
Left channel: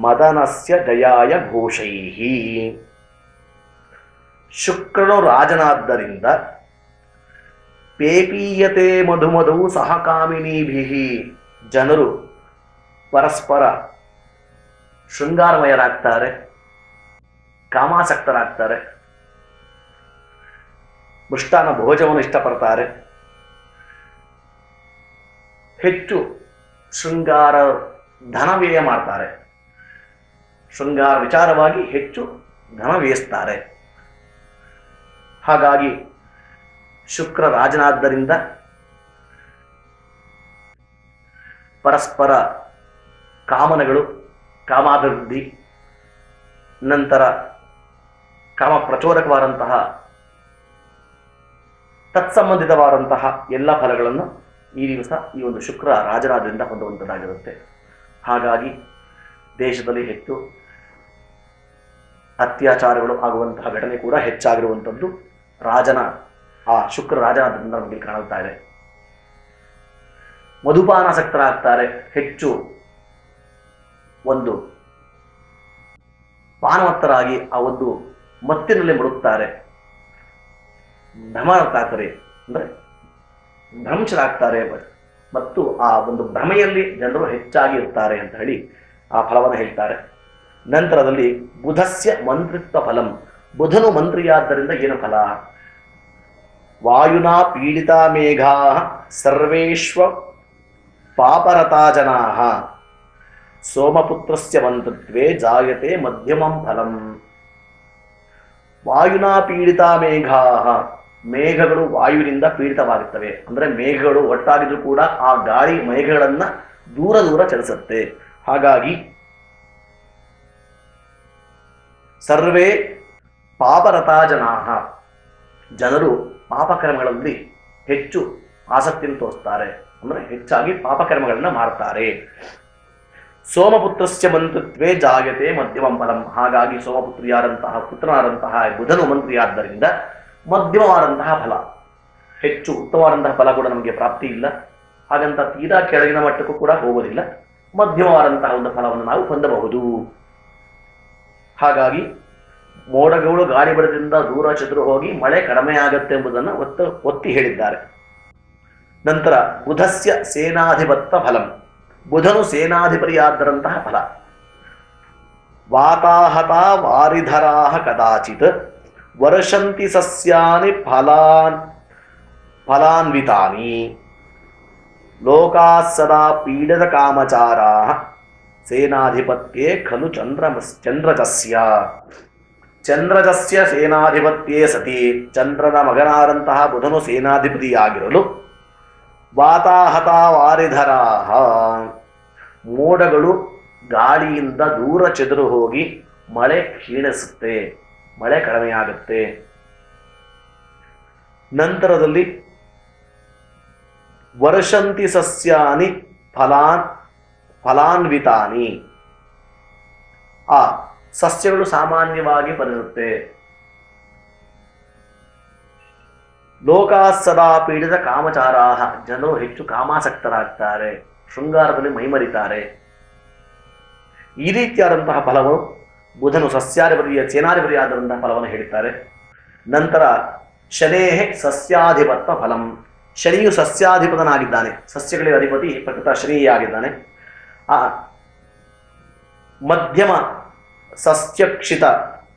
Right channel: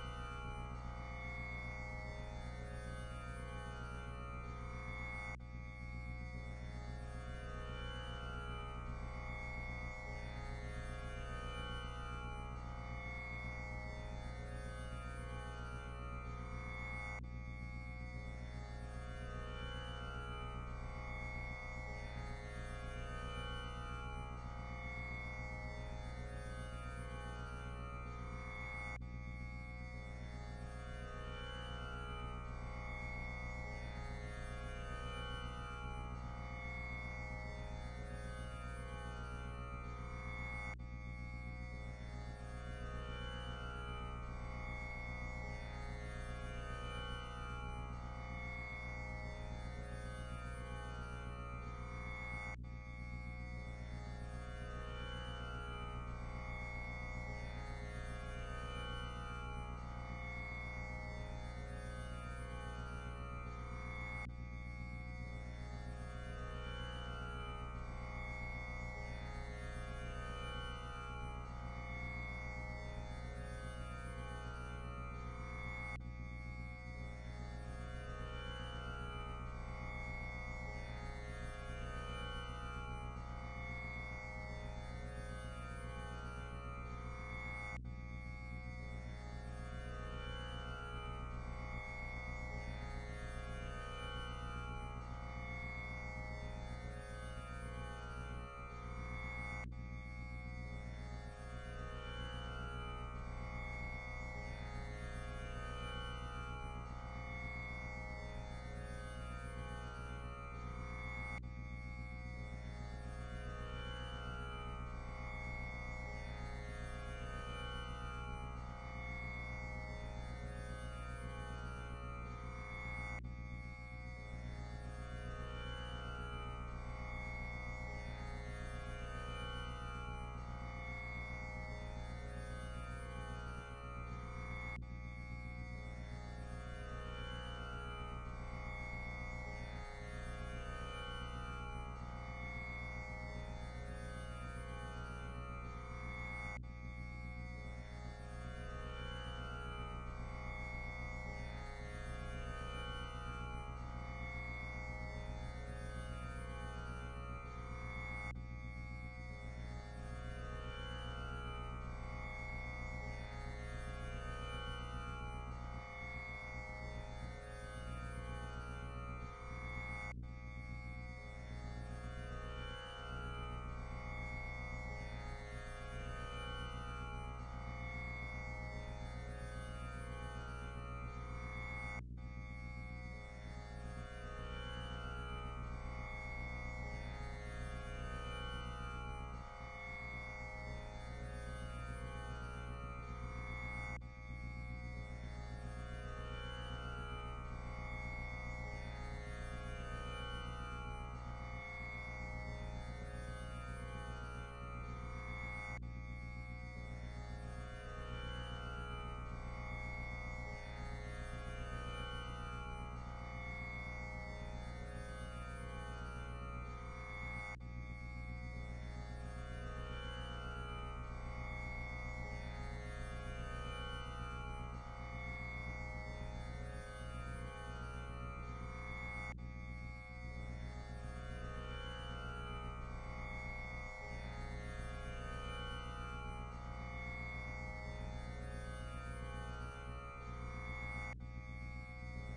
ಮದನಸ್ಯ ಜಯಾಯ ಘೋಷೈಃ. ಶುಕ್ರನು ರಾಜನಾದ್ದರಿಂದ ಪೇಪೀಯತೆ ಮಧುಮಧೌ ಸಹಕಾಮಿನೀಭಿಃ, ಜನರು ಪರಸ್ಪರ ಶೃಂಗಾರಮಯರಾಗ್ತಾರೆ, ಕಾಮಾಸಕ್ತರಾಗ್ತಾರೆ, ಮೃಷ್ಟಾನ್ನ ಭೋಜನವನ್ನು ಇಷ್ಟಪಡ್ತಾರೆ, ಹೆಚ್ಚು ಶೃಂಗಾರ ಧನವ್ಯಯ ಮಾಡ್ತಾರೆ, ಶೃಂಗಾರ ವಿಚಾರವಾಗಿ ಹೆಚ್ಚು ಧನ ವ್ಯಯಿಸ್ತಾರೆ. ಹಾಗಾಗಿ ಶುಕ್ರ ರಾಜನಾದ್ದರಿಂದ ಪರಸ್ಪರ ಕಾಮನೆಗಳು, ಕಾಮಾಭಿವೃದ್ಧಿ, ನಂತರ ಕಾಮ ಪ್ರಚೋದಕವಾದಂತಹ ತತ್ಸಂಬಂಧಿತವಾದಂತಹ ಎಲ್ಲ ಫಲಗಳನ್ನು ಈ ದಿವಸ ಈ ಒಂದು ಶುಕ್ರ ರಾಜನಾದ್ರಿಂದ ಹೊಂದುವಂಥದ್ದಾಗಿರುತ್ತೆ. ಹಾಗಾಗಿ ದೇಶದಲ್ಲಿ ಹೆಚ್ಚು ಅತ್ಯಾಚಾರಗಳು ಆಗುವಂತಹ ಘಟನೆ ಕೂಡ ಹೆಚ್ಚಾಗಿರುವಂಥದ್ದು ರಾಜನ ಆ ಶುಕ್ರ ರಾಜನಾದ್ರಿಂದ ನಮಗೆ ಕಾಣುತ್ತಾ ಇದೆ. ಮಧುಪಾನಾಸಕ್ತರಾಗ್ತಾರೆ, ಹೆಚ್ಚು ಒಂದು ಪಾನವತ್ತರಾಗಿ ಆ ಒಂದು ಮತ್ತಿನಲ್ಲಿ ಮುಳುಗ್ತಾರೆ, ಭ್ರಮರಾಗ್ತಾರೆ, ಅಂದರೆ ಭ್ರಂಶರಾಗ್ತಾರೆ, ಮತ್ತು ಆ ಒಂದು ಭ್ರಮೆಯಲ್ಲಿ ಜನರು ಹೆಚ್ಚಾಗಿ ಇರ್ತಾರೆ ಅಂತ ಹೇಳಿ ಆ ಫಲವನ್ನು ಹೇಳ್ತಾರೆ. ನಂತರದಲ್ಲಿ ಬುಧಸ್ಯ ಮಂತ್ರಿತ್ವ ಫಲಂ, ಬುಧನು ಮಂತ್ರಿಯಾದ್ದರಿಂದ ಏನು ಫಲ? ವಾಯುನಾ ಪೀಡಿತಾ ಮೇಘಾ ಸರ್ವೇಶ್ವ ಪಾಪರತಾ ಜನಾಃ ಸೋಮಪುತ್ರಸ್ಯ ಮಂತ್ರಿತ್ವೇ ಜಾಯತೆ ಮಧ್ಯಮಂ ಫಲಂ. ವಾಯುನಾ ಪೀಡಿತಾ ಮೇಘಾ, ಮೇಘಗಳು ವಾಯುವಿನಿಂದ ಪೀಡಿತವಾಗುತ್ತವೆ, ಅಂದರೆ ಮೇಘಗಳು ಒಟ್ಟಾಗಿದ್ರು ಕೂಡ ಆ ಗಾಳಿ ಮೇಘಗಳನ್ನ ದೂರ ದೂರ ಚಲಿಸುತ್ತೆ. ಹಾಗಾಗಿ ಸರ್ವೇ ಪಾಪರತಾ ಜನಾಃ, ಜನರು ಪಾಪಕರ್ಮಗಳಲ್ಲಿ ಹೆಚ್ಚು ಆಸಕ್ತಿಯನ್ನು ತೋರಿಸ್ತಾರೆ, ಅಂದರೆ ಹೆಚ್ಚಾಗಿ ಪಾಪಕರ್ಮಗಳನ್ನ ಮಾಡ್ತಾರೆ. ಸೋಮಪುತ್ರಸ್ಯ ಮಂತ್ರಿತ್ವೇ ಜಾಯತೆ ಮಧ್ಯಮಂ ಫಲಂ, ಹಾಗಾಗಿ ಸೋಮಪುತ್ರಿಯಾದಂತಹ ಪುತ್ರನಾದಂತಹ ಬುಧನು ಮಂತ್ರಿಯಾದ್ದರಿಂದ ಮಧ್ಯಮವಾದಂತಹ ಫಲ, ಹೆಚ್ಚು ಉತ್ತಮವಾದಂತಹ ಫಲ ಕೂಡ ನಮಗೆ ಪ್ರಾಪ್ತಿ ಇಲ್ಲ, ಹಾಗಂತ ತೀರಾ ಕೆಳಗಿನ ಮಟ್ಟಕ್ಕೂ ಕೂಡ ಹೋಗೋದಿಲ್ಲ, ಮಧ್ಯಮವಾದಂತಹ ಒಂದು ಫಲವನ್ನು ನಾವು ಹೊಂದಬಹುದು. ಹಾಗಾಗಿ ಮೋಡಗಳು ಗಾಳಿ ಬಡದಿಂದ ದೂರ ಚದುರು ಹೋಗಿ ಮಳೆ ಕಡಿಮೆ ಆಗುತ್ತೆ ಎಂಬುದನ್ನು ಒತ್ತಿ ಹೇಳಿದ್ದಾರೆ. ನಂತರ ಬುಧಸ್ಯ ಸೇನಾಧಿಪತ್ವ ಫಲಂ, ಬುಧನು ಸೇನಾಧಿಪತಿಯಾದರಂತಹ ಫಲ. ವಾತಾಹತ ವಾರಿಧರಾಹ ಕದಾಚಿತ್ ವರ್ಷಂತಿ ಸಸ್ಯಾನಿ ಫಲಾನ್ವಿತಾನಿ ಲೋಕಾಃ ಸದಾ ಪೀಡಿತ ಕಾಮಚಾರಾಃ ಸೇನಾಧಿಪತ್ಯೇ ಖಲು ಚಂದ್ರಜಸ್ಯ. ಚಂದ್ರಜಸ್ಯ ಸೇನಾಧಿಪತ್ಯೇ ಸತಿ, ಚಂದ್ರನ ಮಗನಾದಂತಹ ಬುಧನು ಸೇನಾಧಿಪತಿಯಾಗಿರಲು ವಾತಾಹತ ವಾರಿಧರಾಹ, ಮೋಡಗಳು ಗಾಳಿಯಿಂದ ದೂರ ಚೆದರು ಹೋಗಿ ಮಳೆ ಕ್ಷೀಣಿಸುತ್ತೆ, ಮಳೆ ಕಡಿಮೆಯಾಗುತ್ತೆ. ನಂತರದಲ್ಲಿ ವರ್ಷಂತಿ ಸಸ್ಯಾನಿ ಫಲಾನ್ವಿತಾನಿ, ಆ ಸಸ್ಯಗಳು ಸಾಮಾನ್ಯವಾಗಿ ಬರುತ್ತೆ. ಲೋಕಾಃ ಸದಾ ಪೀಡಿತ ಕಾಮಚಾರಾಹ, ಜನರು ಹೆಚ್ಚು ಕಾಮಾಸಕ್ತರಾಗ್ತಾರೆ, ಶೃಂಗಾರದಲ್ಲಿ ಮೈಮರಿತಾರೆ. ಈ ರೀತಿಯಾದಂತಹ ಫಲವು ಬುಧನು ಸಸ್ಯಾಧಿಪತಿಯ ಸೇನಾಧಿಪತಿಯಾದಂತಹ ಫಲವನ್ನು ಹೇಳುತ್ತಾರೆ. ನಂತರ ಶನೇಃ ಸಸ್ಯಾಧಿಪತ್ವ ಫಲಂ, ಶನಿಯು ಸಸ್ಯಾಧಿಪತನಾಗಿದ್ದಾನೆ, ಸಸ್ಯಗಳಿಗೆ ಅಧಿಪತಿ ಪ್ರಕೃತ ಶನಿಯಾಗಿದ್ದಾನೆ. ಆ ಮಧ್ಯಮ ಸಸ್ಯಕ್ಷಿತ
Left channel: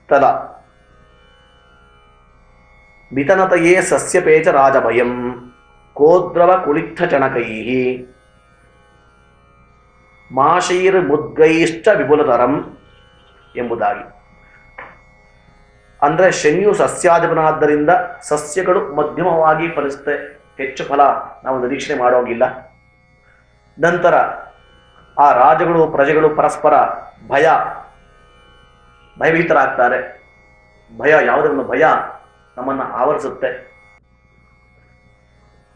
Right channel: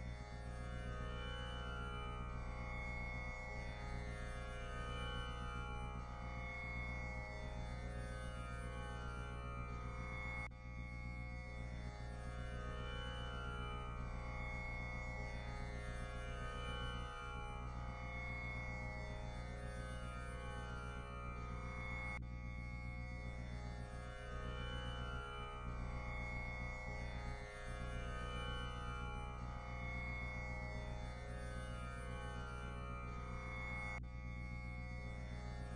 ತಲ ವಿತನತೆಯೇ ಸಸ್ಯಪೇಚ ರಾಜಭಯಂ ಕೋದ್ರವ ಕುಳಿತ್ಥ ಚಣಕೈ ಮಾಶೈರ್ ಮುದ್ಗೈಶ್ಚ ವಿಪುಲತರಂ ಎಂಬುದಾಗಿ. ಅಂದರೆ ಶನಿಯು ಸಸ್ಯಾಧಿಪನಾದ್ದರಿಂದ ಸಸ್ಯಗಳು ಮಧ್ಯಮವಾಗಿ ಫಲಿಸುತ್ತೆ, ಹೆಚ್ಚು ಫಲ ನಾವು ನಿರೀಕ್ಷಣೆ ಮಾಡೋಗಿಲ್ಲ. ನಂತರ ಆ ರಾಜಗಳು ಪ್ರಜೆಗಳು ಪರಸ್ಪರ ಭಯಭೀತರಾಗ್ತಾರೆ. ಯಾವುದನ್ನು ಭಯ ನಮ್ಮನ್ನು ಆವರಿಸುತ್ತೆ.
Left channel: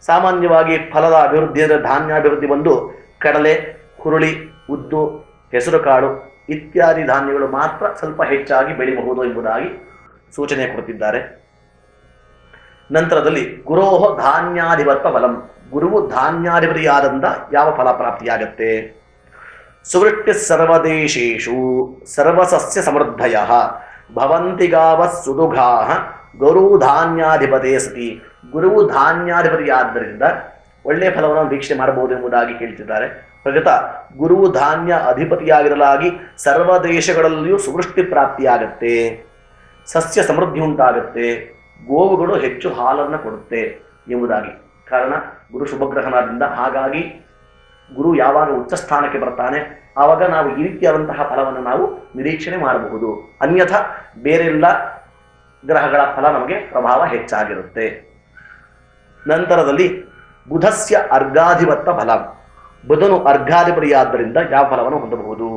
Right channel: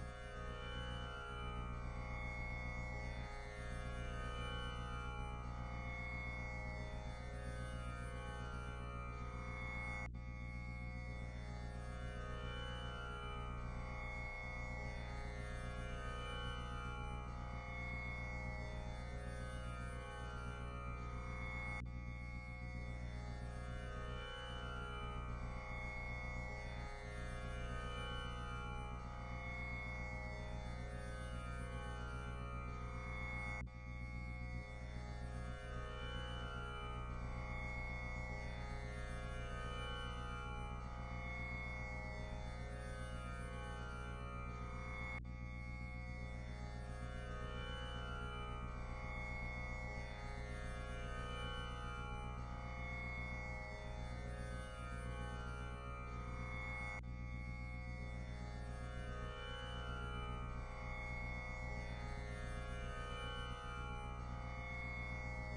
ಸಾಮಾನ್ಯವಾಗಿ ಫಲದ ಅಭಿವೃದ್ಧಿ ಅಂದರೆ ಧಾನ್ಯಾಭಿವೃದ್ಧಿ ಬಂದು ಕಡಲೆ, ಹುರುಳಿ, ಉದ್ದು, ಹೆಸರುಕಾಳು ಇತ್ಯಾದಿ ಧಾನ್ಯಗಳು ಮಾತ್ರ ಸ್ವಲ್ಪ ಹೆಚ್ಚಾಗಿ ಬೆಳೆಯಬಹುದು ಎಂಬುದಾಗಿ ಸೂಚನೆ ಕೊಡುತ್ತಿದ್ದಾರೆ. ನಂತರದಲ್ಲಿ ಗುರೋಹ ಧಾನ್ಯಾಧಿಪತ್ವ ಫಲಂ, ಗುರುವು ಧಾನ್ಯಾಧಿಪತಿಯಾದಂಥ ಯಾವ ಫಲ ಪ್ರಾಪ್ತಿಯಾಗತ್ತೆ? ಸುವೃಷ್ಟಿ ಸರ್ವದೇಶೇಷು ಸರ್ವಸಸ್ಯ ಸಮೃದ್ಧಯ ಭವಂತಿ ಗಾವ ಸುದುಘಾ ಗುರು ಧಾನ್ಯಾಧಿಪತೇ ಸತಿ. ಗುರುವು ಧಾನ್ಯಾಧಿಪತಿಯಾದ್ದರಿಂದ ಒಳ್ಳೆಯ ಫಲವನ್ನು ವೀಕ್ಷಣೆ ಮಾಡಬಹುದು ಎಂಬುದಾಗಿ ಕೇಳ್ತಿದ್ದಾರೆ. ಪ್ರಗತ ಗುರುವು ಧಾನ್ಯ ಅಧಿಪತಿಯಾಗಿರಲಾಗಿ ಸರ್ವ ದೇಶಗಳಲ್ಲಿಯೂ ಸುವೃಷ್ಟಿ ಪ್ರಾಪ್ತಿಯಾಗತ್ತೆ, ಸಸ್ಯ ಸಮೃದ್ಧಿ ಉಂಟಾಗುತ್ತೆ, ಗೋವುಗಳು ಹೆಚ್ಚು ಹಾಲನ್ನು ಕೊಡುತ್ತೆ ಎಂಬುದಾಗಿ. ಕಾರಣ ಗುರು ಶುಭಗ್ರಹಣದಿಂದ. ಹಾಗಾಗಿ ಗುರು ಯಾವಾಗ ಉಚ್ಚ ಸ್ಥಾನಕ್ಕೆ ಬರ್ತಾನೆ ಆವಾಗ ನಾವು ಈ ರೀತಿಯಾದಂತಹ ಫಲವನ್ನು ನಾವು ನಿರೀಕ್ಷಣೆ ಮಾಡಬಹುದು. ಅನ್ಯಥಾ ಬೇರೆಲ್ಲ ಗ್ರಹಗಳ ಫಲ ನಮಗೆ ಪ್ರಭಾವ ಹೆಚ್ಚಾಗಿರುತ್ತೆ. ನಂತರದಲ್ಲಿ ಬುಧಸ್ಯ ಅರ್ಘಾಧಿಪತ್ವ ಫಲ, ಬುಧನು ಅರ್ಘಾಧಿಪತಿಯಾದ್ದರಿಂದ ಯಾವ ಫಲವನ್ನು ಹೊಂದಬಹುದು?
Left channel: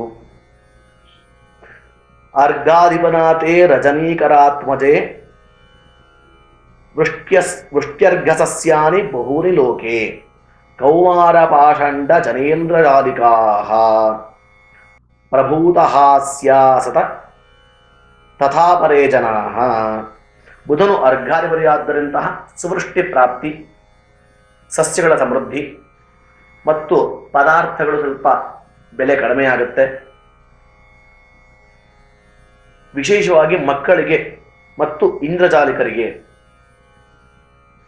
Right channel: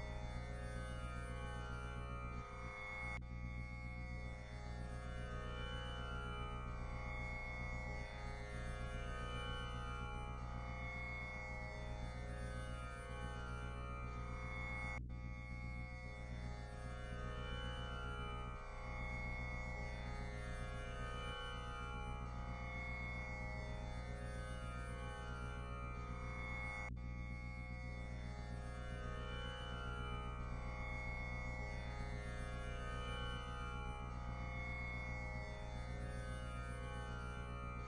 ಅರ್ಘಾಧಿಪನಾಥೇ ರಜನೀಕರಾತ್ಮಜೆ ವೃಷ್ಟ್ಯರ್ಘಸಸ್ಯಾನಿ ಬಹೂನಿ ಲೋಕೆ ಕೌಮಾರ ಪಾಷಂಡ ಜನೇಂದ್ರಜಾಲಿಕಾ ಪ್ರಭೂತಹಾಸ್ಯಾಸತ ತಥಾ ಪರೇ ಜನಾ. ಬುಧನು ಅರ್ಘಾಧಿಪತಿಯಾದ್ದರಿಂತಹ ಸುವೃಷ್ಟಿ ಪ್ರಾಪ್ತಿ, ಸಸ್ಯಗಳ ಸಮೃದ್ಧಿ ಮತ್ತು ಪದಾರ್ಥಗಳು ಸ್ವಲ್ಪ ಬೆಲೆ ಕಡಿಮೆಯಾಗುತ್ತೆ. ವಿಶೇಷವಾಗಿ ಮಕ್ಕಳಿಗೆ ಮತ್ತು ಇಂದ್ರಜಾಲಿಕರಿಗೆ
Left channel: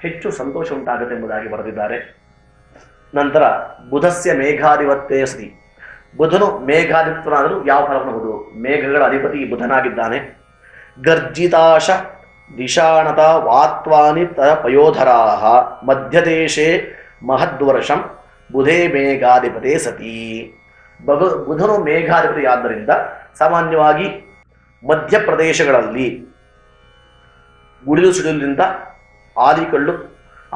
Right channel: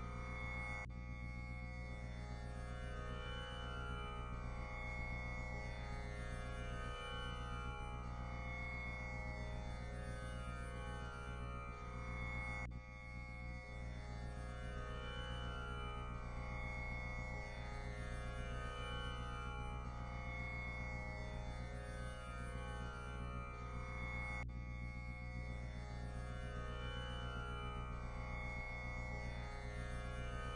ಹೆಚ್ಚು ಸಂತೋಷ ಉಂಟಾಗುತ್ತೆ ಎಂಬುದಾಗಿ ಬರೆದಿದ್ದಾರೆ. ನಂತರ ಬುಧಸ್ಯ ಮೇಘಾಧಿಪತ್ಯೇ ಸತಿ, ಬುಧನು ಮೇಘಾಧಿಪತನಾದರೂ ಯಾವ ಫಲವನ್ನು ಹೊಂದು? ಮೇಘಗಳ ಅಧಿಪತಿ ಬುಧನಾಗಿದ್ದಾನೆ. ಗರ್ಜಿತಾಶ ದಿಶಾಣತ ವಾತ್ವಾನಿ ಪಯೋಧರಾ ಮಧ್ಯದೇಶೇ ಮಹದ್ವರ್ಷಂ ಬುಧೇ ಮೇಘಾಧಿಪತೇ ಸತಿ. ಬುಧನು ಮೇಘಾಧಿಪತಿಯಾದ್ದರಿಂದ ಸಾಮಾನ್ಯವಾಗಿ ಮಧ್ಯಪ್ರದೇಶಗಳಲ್ಲಿ ಗುಡಿಲು ಸಿಡಿಲಿನಿಂದ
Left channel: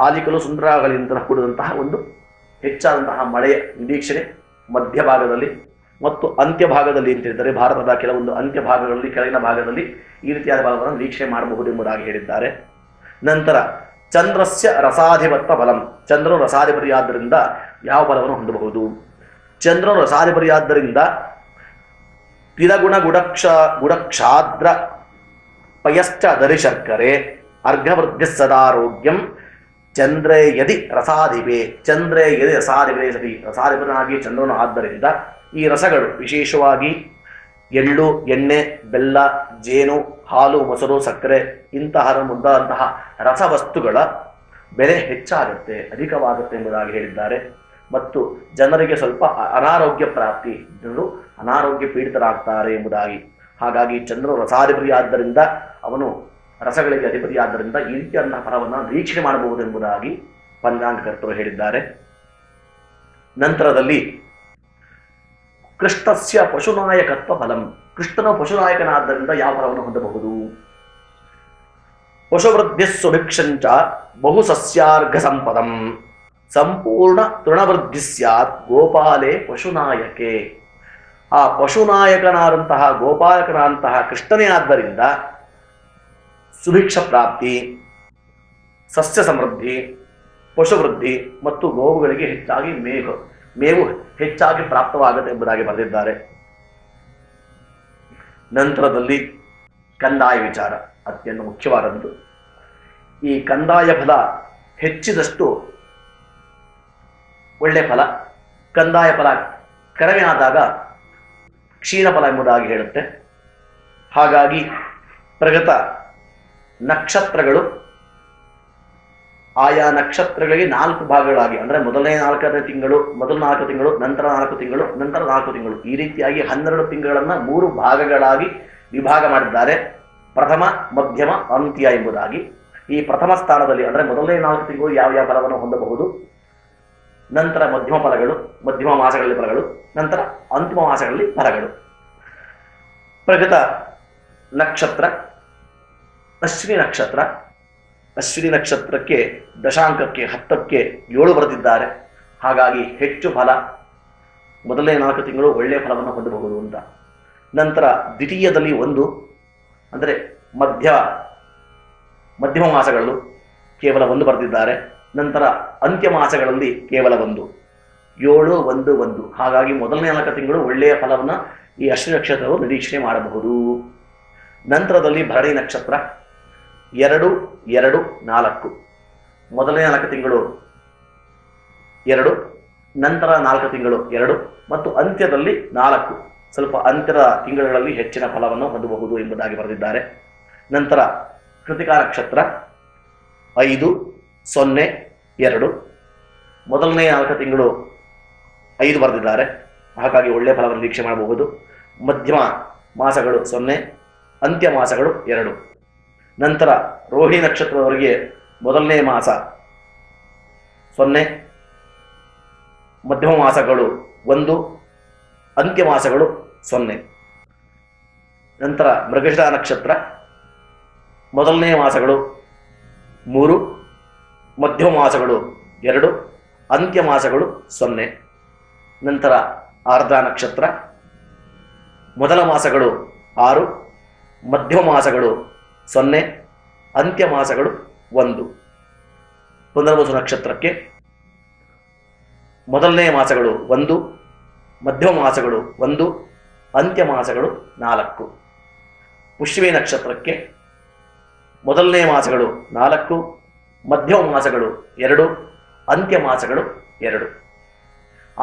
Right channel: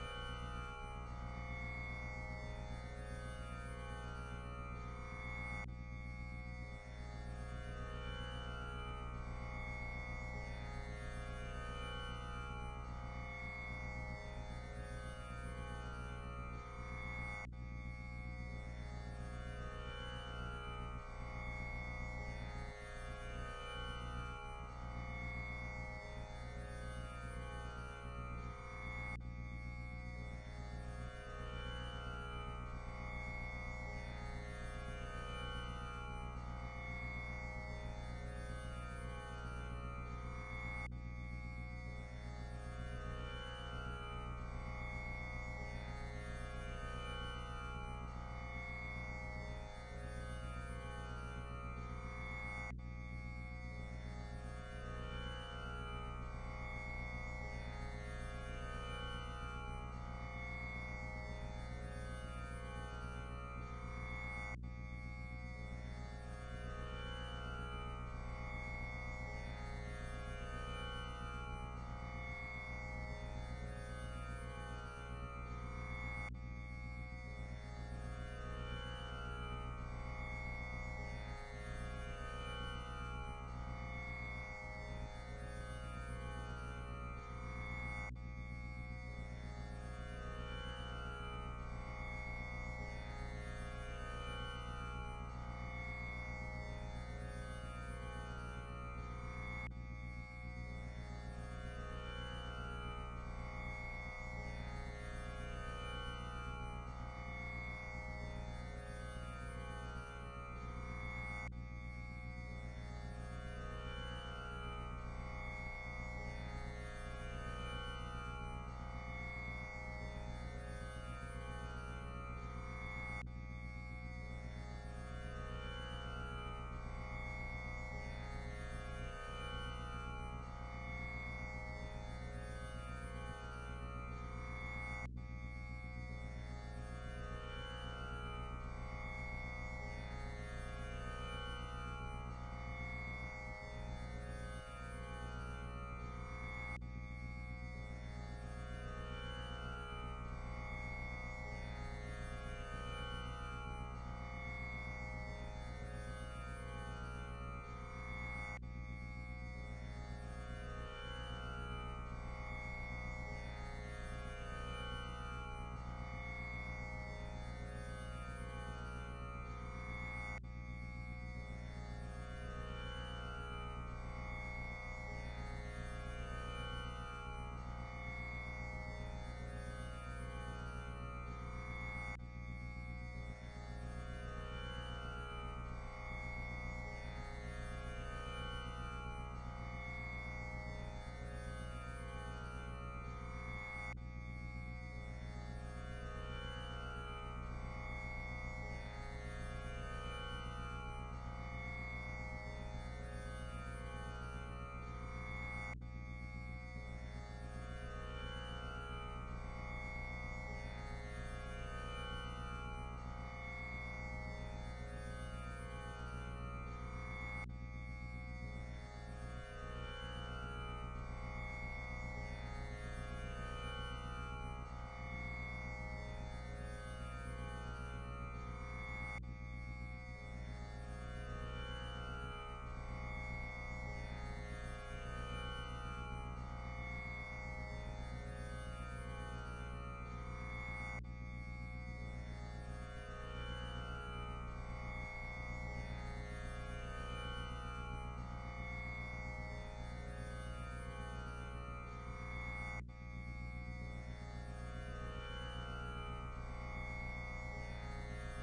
ಆಲಿಕಲ್ಲು ಸುಂದರಗಳಿಂದ ಕೂಡಿದಂತಹ ಒಂದು ಹೆಚ್ಚಾದಂತಹ ಮಳೆಯ ನಿರೀಕ್ಷಣೆ ಮಧ್ಯಭಾಗದಲ್ಲಿ ಮತ್ತು ಅಂತ್ಯಭಾಗದಲ್ಲಿ ಅಂತ ಹೇಳಿದರೆ ಭಾರತದ ಕೆಲವೊಂದು ಅಂತ್ಯಭಾಗಗಳಲ್ಲಿ ಕೆಳಗಿನ ಭಾಗದಲ್ಲಿ ಈ ರೀತಿಯಾದ ಭಾಗವನ್ನು ನಿರೀಕ್ಷೆ ಮಾಡಬಹುದು ಎಂಬುದಾಗಿ ಹೇಳಿದ್ದಾರೆ. ನಂತರ ಚಂದ್ರಸ್ಯ ರಸಾಧಿಪತ್ವ ಫಲಂ, ಚಂದ್ರನು ರಸಾಧಿಪತಿಯಾದ್ದರಿಂದ ಯಾವ ಫಲವನ್ನು ಹೊಂದಬಹುದು? ಚಂದ್ರನು ರಸಾಧಿಪತಿಯಾದ್ದರಿಂದ ತಿರಗುಣ ಗುಡಕ್ಷಾದ್ರ ಪಯಶ್ಚ ದರಿ ಶರ್ಕರೆ ಅರ್ಘವೃದ್ಧಿ ಸದಾರೋಗ್ಯಂ ಚಂದ್ರೇ ಯದಿ ರಸಾಧಿಪೇ, ಚಂದ್ರೇ ಯದಿ ರಸಾಧಿಪೇ ಸತಿ. ರಸಾಧಿಪನಾಗಿ ಚಂದ್ರನು ಆದ್ದರಿಂದ ಈ ರಸಗಳು ವಿಶೇಷವಾಗಿ ಎಳ್ಳು, ಎಣ್ಣೆ, ಬೆಲ್ಲ, ಜೇನು, ಹಾಲು, ಮೊಸರು, ಸಕ್ಕರೆ ಇಂತಹ ಮುಂತಾದಂತಹ ರಸವಸ್ತುಗಳ ಬೆಲೆ ಹೆಚ್ಚಾಗುತ್ತೆ, ಅಧಿಕವಾಗುತ್ತೆ ಎಂಬುದಾಗಿ ಹೇಳಿದ್ದಾರೆ. ಮತ್ತು ಜನರಿಗೆ ಸ್ವಲ್ಪ ಅನಾರೋಗ್ಯ ಪ್ರಾಪ್ತಿ, ಜನರು ಅನಾರೋಗ್ಯ ಪೀಡಿತರಾಗ್ತಾರೆ ಎಂಬುದಾಗಿ. ಹಾಗಾಗಿ ಚಂದ್ರನು ರಸಾಧಿಪತಿಯಾದ್ದರಿಂದ ಅವನು ರಸಗಳಿಗೆ ಅಧಿಪತಿಯಾದ್ದರಿಂದ ಈ ರೀತಿಯಾದಂತಹ ಫಲವನ್ನು ನಿರೀಕ್ಷಣೆ ಮಾಡಬಹುದು ಎಂಬುದಾಗಿ ಪಂಚಾಂಗಕರ್ತರು ಹೇಳಿದ್ದಾರೆ. ನಂತರದಲ್ಲಿ ಕೃಷ್ಣಸ್ಯ ಪಶುನಾಯಕತ್ವ ಫಲಂ, ಕೃಷ್ಣನ ಪಶುನಾಯಕನಾದ್ದರಿಂದ ಯಾವ ಫಲವನ್ನು ಹೊಂದಬಹುದು? ಪಶುವೃದ್ಧಿ ಸುಭಿಕ್ಷಂಚ ಬಹು ಸಸ್ಯಾರ್ಘ ಸಂಪದಂ ಸಂಪೂರ್ಣ ತೃಣವೃದ್ಧಿ ಸ್ಯಾತ್ ಗೋಪಾಲೇ ಪಶುನಾಯಕೆ. ಆ ಪಶುನಾಯಕನಾದಂತಹ ಗೋಪಾಲಕನಾದಂತಹ ಕೃಷ್ಣನೇ ಆದ್ದರಿಂದ ಸುಭಿಕ್ಷ ಪ್ರಾಪ್ತಿ, ಸಸ್ಯ ಸಮೃದ್ಧಿ, ಪಶುವೃದ್ಧಿ ಮತ್ತು ಗೋವುಗಳಿಗೆ ಹೆಚ್ಚಾಗಿ ಮೇವು ಹೆಚ್ಚಾಗಿ ಪ್ರಾಪ್ತವಾಗುತ್ತೆ ಎಂಬುದಾಗಿ ಬರೆದಿದ್ದಾರೆ. ನಂತರದಲ್ಲಿ ಕಂದಾಯ ವಿಚಾರ ಅತ್ಯಂತ ಮುಖ್ಯವಾದದ್ದು. ಈ ಕಂದಾಯ ಫಲ ಹೆಚ್ಚಿದಷ್ಟು ಒಳ್ಳೆ ಫಲ, ಕಂದಾಯ ಫಲ ಕಡಿಮೆ ಆದಾಗ ಕ್ಷೀಣ ಫಲ ಎಂಬುದಾಗಿ ಹೇಳುತ್ತೆ. ಹಾಗಾಗಿ ಪ್ರಗತ ನಕ್ಷತ್ರಗಳು ಆಯಾ ನಕ್ಷತ್ರಗಳಿಗೆ 4 ಭಾಗಗಳಾಗಿ, ಅಂದರೆ ಮೊದಲ 4 ತಿಂಗಳು, ನಂತರ 4 ತಿಂಗಳು, ನಂತರ 4 ತಿಂಗಳು, ಈ ರೀತಿಯಾಗಿ 12 ತಿಂಗಳನ್ನು 3 ಭಾಗಗಳಾಗಿ ವಿಭಾಗ ಮಾಡಿದ್ದಾರೆ. ಪ್ರಥಮ, ಮಧ್ಯಮ, ಅಂತ್ಯ ಎಂಬುದಾಗಿ. ಈ ಪ್ರಥಮ ಸ್ಥಾನದಲ್ಲಿ ಅಂದರೆ ಮೊದಲನೇ 4 ತಿಂಗಳು ಯಾವ ಯಾವ ಫಲವನ್ನು ಹೊಂದಬಹುದು, ನಂತರ ಮಧ್ಯಮ ಫಲಗಳು, ಮಧ್ಯಮ ಮಾಸಗಳಲ್ಲಿ ಫಲಗಳು, ನಂತರ ಅಂತಿಮ ಮಾಸಗಳಲ್ಲಿ ಫಲಗಳು. ಪ್ರಗತ ನಕ್ಷತ್ರ ಅಶ್ವಿನಿ ನಕ್ಷತ್ರ. ಅಶ್ವಿನಿ ನಕ್ಷತ್ರಕ್ಕೆ ದಶಾಂಕಕ್ಕೆ 10ಕ್ಕೆ 7 ಬರೆದಿದ್ದಾರೆ. ಹಾಗಾಗಿ ಹೆಚ್ಚು ಫಲ, ಮೊದಲನೇ 4 ತಿಂಗಳು ಒಳ್ಳೆಯ ಫಲವನ್ನು ಹೊಂದಬಹುದು ಅಂತ. ನಂತರ ದ್ವಿತೀಯದಲ್ಲಿ 1, ಅಂದರೆ ಮಧ್ಯಮ ಮಾಸಗಳು ಕೇವಲ 1 ಬರೆದಿದ್ದಾರೆ. ನಂತರ ಅಂತ್ಯ ಮಾಸಗಳಲ್ಲಿ ಕೇವಲ 1, 7, 1, 1. ಹಾಗಾಗಿ ಮೊದಲನೇ 4 ತಿಂಗಳು ಒಳ್ಳೆಯ ಫಲವನ್ನು ಈ ಅಶ್ವಿನಿ ನಕ್ಷತ್ರವು ನಿರೀಕ್ಷಣೆ ಮಾಡಬಹುದು. ನಂತರದಲ್ಲಿ ಭರಣಿ ನಕ್ಷತ್ರ 2, 2, 4. ಮೊದಲನೇ 4 ತಿಂಗಳು 2, ನಂತರ 4 ತಿಂಗಳು 2 ಮತ್ತು ಅಂತ್ಯದಲ್ಲಿ 4. ಸ್ವಲ್ಪ ಅಂತ್ಯದ ತಿಂಗಳುಗಳಲ್ಲಿ ಹೆಚ್ಚಿನ ಫಲವನ್ನು ಹೊಂದಬಹುದು ಎಂಬುದಾಗಿ ಬರೆದಿದ್ದಾರೆ. ನಂತರ ಕೃತಿಕಾ ನಕ್ಷತ್ರ 5, 0, 2. ಮೊದಲನೇ 4 ತಿಂಗಳು 5 ಬರೆದಿದ್ದಾರೆ. ಹಾಗಾಗಿ ಒಳ್ಳೆಯ ಫಲವನ್ನು ನಿರೀಕ್ಷೆ ಮಾಡಬಹುದು. ಮಧ್ಯಮ ಮಾಸಗಳು 0, ಅಂತ್ಯ ಮಾಸಗಳು 2. ನಂತರ ರೋಹಿಣಿ ನಕ್ಷತ್ರದವರಿಗೆ ಮೊದಲನೇ ಮಾಸ 0, ಮಧ್ಯಮ ಮಾಸಗಳು 1, ಅಂತ್ಯ ಮಾಸಗಳು 0. ನಂತರ ಮೃಗಶಿರ ನಕ್ಷತ್ರ ಮೊದಲನೇ ಮಾಸಗಳು 3, ಮಧ್ಯಮ ಮಾಸಗಳು 2, ಅಂತ್ಯ ಮಾಸಗಳು 0. ನಂತರ ಆರ್ದ್ರ ನಕ್ಷತ್ರ ಮೊದಲ ಮಾಸಗಳು 6, ಮಧ್ಯಮ ಮಾಸಗಳು 0, ಅಂತ್ಯ ಮಾಸಗಳು 1. ಪುನರ್ವಸು ನಕ್ಷತ್ರಕ್ಕೆ ಮೊದಲನೇ ಮಾಸಗಳು 1, ಮಧ್ಯಮ ಮಾಸಗಳು 1, ಅಂತ್ಯ ಮಾಸಗಳು 4. ಪುಷ್ಯಮಿ ನಕ್ಷತ್ರಕ್ಕೆ ಮೊದಲನೇ ಮಾಸಗಳು 4, ಮಧ್ಯಮ ಮಾಸಗಳು 2, ಅಂತ್ಯ ಮಾಸಗಳು 2.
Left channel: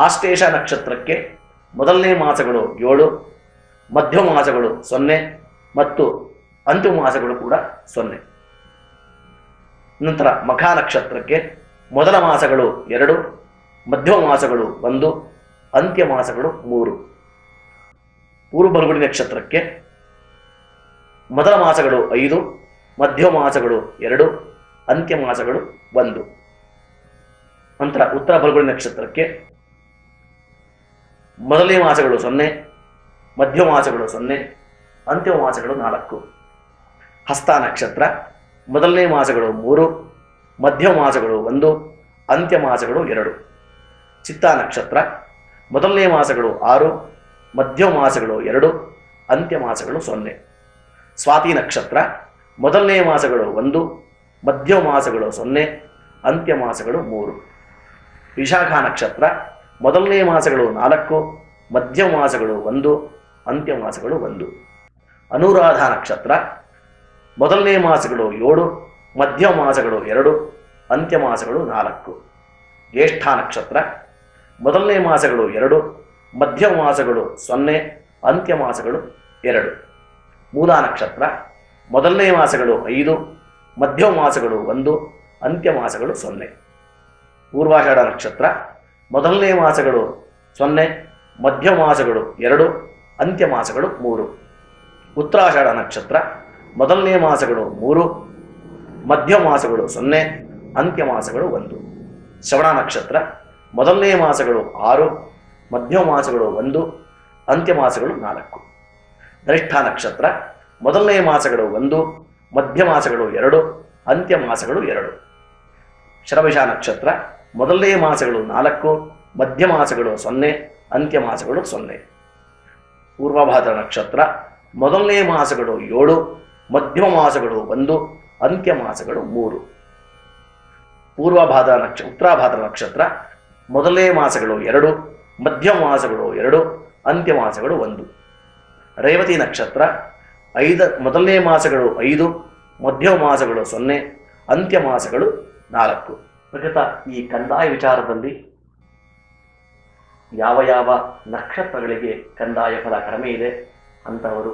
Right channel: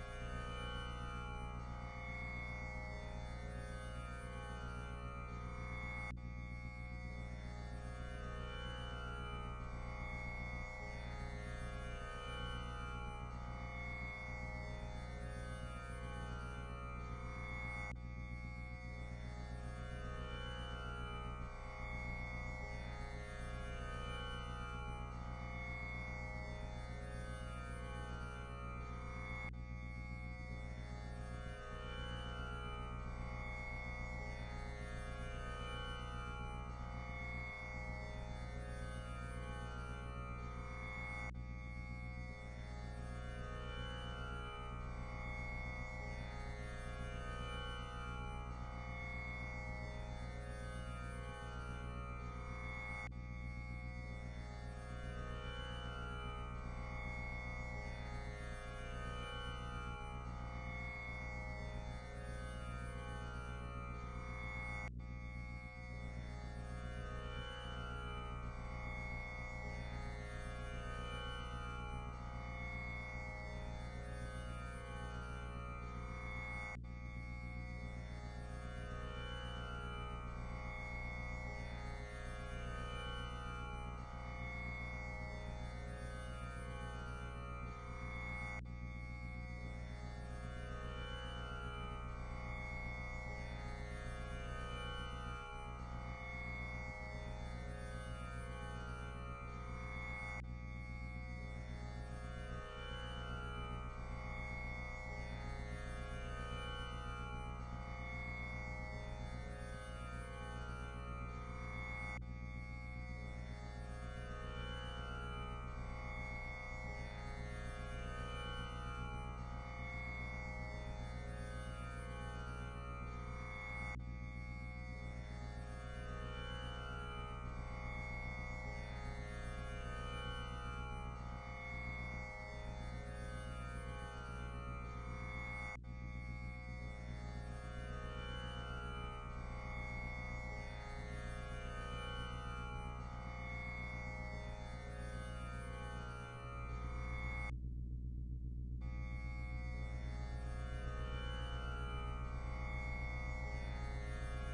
ಆಶ್ಲೇಷ ನಕ್ಷತ್ರಕ್ಕೆ ಮೊದಲನೇ ಮಾಸಗಳು 7, ಮಧ್ಯಮ ಮಾಸಗಳು 0 ಮತ್ತು ಅಂತಿಮ ಮಾಸಗಳು ಕೂಡ 0. ನಂತರ ಮಖಾ ನಕ್ಷತ್ರಕ್ಕೆ ಮೊದಲ ಮಾಸಗಳು 2, ಮಧ್ಯಮ ಮಾಸಗಳು 1, ಅಂತ್ಯ ಮಾಸಗಳು 3. ಪೂರ್ವ ಫಲ್ಗುಣಿ ನಕ್ಷತ್ರಕ್ಕೆ ಮೊದಲ ಮಾಸಗಳು 5, ಮಧ್ಯಮ ಮಾಸಗಳು 2, ಅಂತ್ಯ ಮಾಸಗಳು 1. ನಂತರ ಉತ್ತರ ಫಲ್ಗುಣಿ ನಕ್ಷತ್ರಕ್ಕೆ ಮೊದಲನೇ ಮಾಸಗಳು 0, ಮಧ್ಯಮ ಮಾಸಗಳು 0, ಅಂತಿಮ ಮಾಸಗಳು 4. ಹಸ್ತ ನಕ್ಷತ್ರ ಮೊದಲನೇ ಮಾಸಗಳು 3, ಮಧ್ಯಮ ಮಾಸಗಳು 1, ಅಂತ್ಯ ಮಾಸಗಳು 2. ಚಿತ್ತಾ ನಕ್ಷತ್ರ ಮೊದಲನೇ ಮಾಸಗಳು 6, ಮಧ್ಯಮ ಮಾಸಗಳು 2, ಅಂತ್ಯ ಮಾಸಗಳು 0. ಸ್ವಾತಿ ನಕ್ಷತ್ರ ಮೊದಲನೇ ಮಾಸಗಳು 1, ಮಧ್ಯಮ ಮಾಸಗಳು 0, ಅಂತ್ಯ ಮಾಸಗಳು 3. ವಿಶಾಖ ನಕ್ಷತ್ರ ಮೊದಲನೇ ಮಾಸಗಳು 4, ಮಧ್ಯಮ ಮಾಸಗಳು 1, ಅಂತ್ಯ ಮಾಸಗಳು 1. ಅನುರಾಧ ನಕ್ಷತ್ರ ಮೊದಲನೇ ಮಾಸಗಳು 7, ಮಧ್ಯಮ ಮಾಸಗಳು 2, ಅಂತ್ಯ ಮಾಸಗಳು 4. ಜ್ಯೇಷ್ಠ ನಕ್ಷತ್ರ ಮೊದಲನೇ ಮಾಸಗಳು 2, ಮಧ್ಯಮ ಮಾಸಗಳು 0, ಅಂತ್ಯ ಮಾಸಗಳು 2. ಮೂಲಾ ನಕ್ಷತ್ರ ಮೊದಲನೇ ಮಾಸಗಳು 5, ಮಧ್ಯಮ ಮಾಸಗಳು 1, ಅಂತ್ಯ ಮಾಸಗಳು 0. ಪೂರ್ವಾಷಾಢ ನಕ್ಷತ್ರ ಮೊದಲನೇ ಮಾಸಗಳು 0, ಮಧ್ಯಮ ಮಾಸಗಳು 2, ಅಂತ್ಯ ಮಾಸಗಳು 3. ಉತ್ತರಾಷಾಢ ನಕ್ಷತ್ರ ಮೊದಲನೇ ಮಾಸಗಳು 3, ಮಧ್ಯಮ ಮಾಸಗಳು 0, ಅಂತ್ಯ ಮಾಸಗಳು 1. ಶ್ರವಣ ನಕ್ಷತ್ರ ಮೊದಲನೇ ಮಾಸಗಳು 6, ಮಧ್ಯಮ ಮಾಸಗಳು 1, ಅಂತ್ಯ ಮಾಸಗಳು 4. ಧನಿಷ್ಠ ನಕ್ಷತ್ರ ಮೊದಲನೇ ಮಾಸಗಳು 1, ಮಧ್ಯ ಮಾಸಗಳು 2, ಅಂತ್ಯ ಮಾಸಗಳು 2. ಶರಭಿಷ ನಕ್ಷತ್ರ ಮೊದಲನೇ ಮಾಸಗಳು 4, ಮಧ್ಯ ಮಾಸಗಳು 0, ಅಂತ್ಯ ಮಾಸಗಳು 0. ಪೂರ್ವಭಾದ್ರ ನಕ್ಷತ್ರ ಮೊದಲನೇ ಮಾಸಗಳು 7, ಮಧ್ಯಮ ಮಾಸಗಳು 1, ಅಂತ್ಯ ಮಾಸಗಳು 3. ಉತ್ತರಾಭಾದ್ರ ನಕ್ಷತ್ರ ಮೊದಲನೇ ಮಾಸಗಳು 2, ಮಧ್ಯಮ ಮಾಸಗಳು 2, ಅಂತ್ಯ ಮಾಸಗಳು 1. ರೇವತಿ ನಕ್ಷತ್ರ ಮೊದಲನೇ ಮಾಸಗಳು 5, ಮಧ್ಯಮ ಮಾಸಗಳು 0, ಅಂತ್ಯ ಮಾಸಗಳು 4. ಪ್ರಕೃತ ಈ ಕಂದಾಯ ವಿಚಾರದಲ್ಲಿ ಯಾವ ಯಾವ ನಕ್ಷತ್ರಗಳಿಗೆ ಕಂದಾಯ ಫಲ ಕಡಿಮೆ ಇದೆ ಅಂತವರು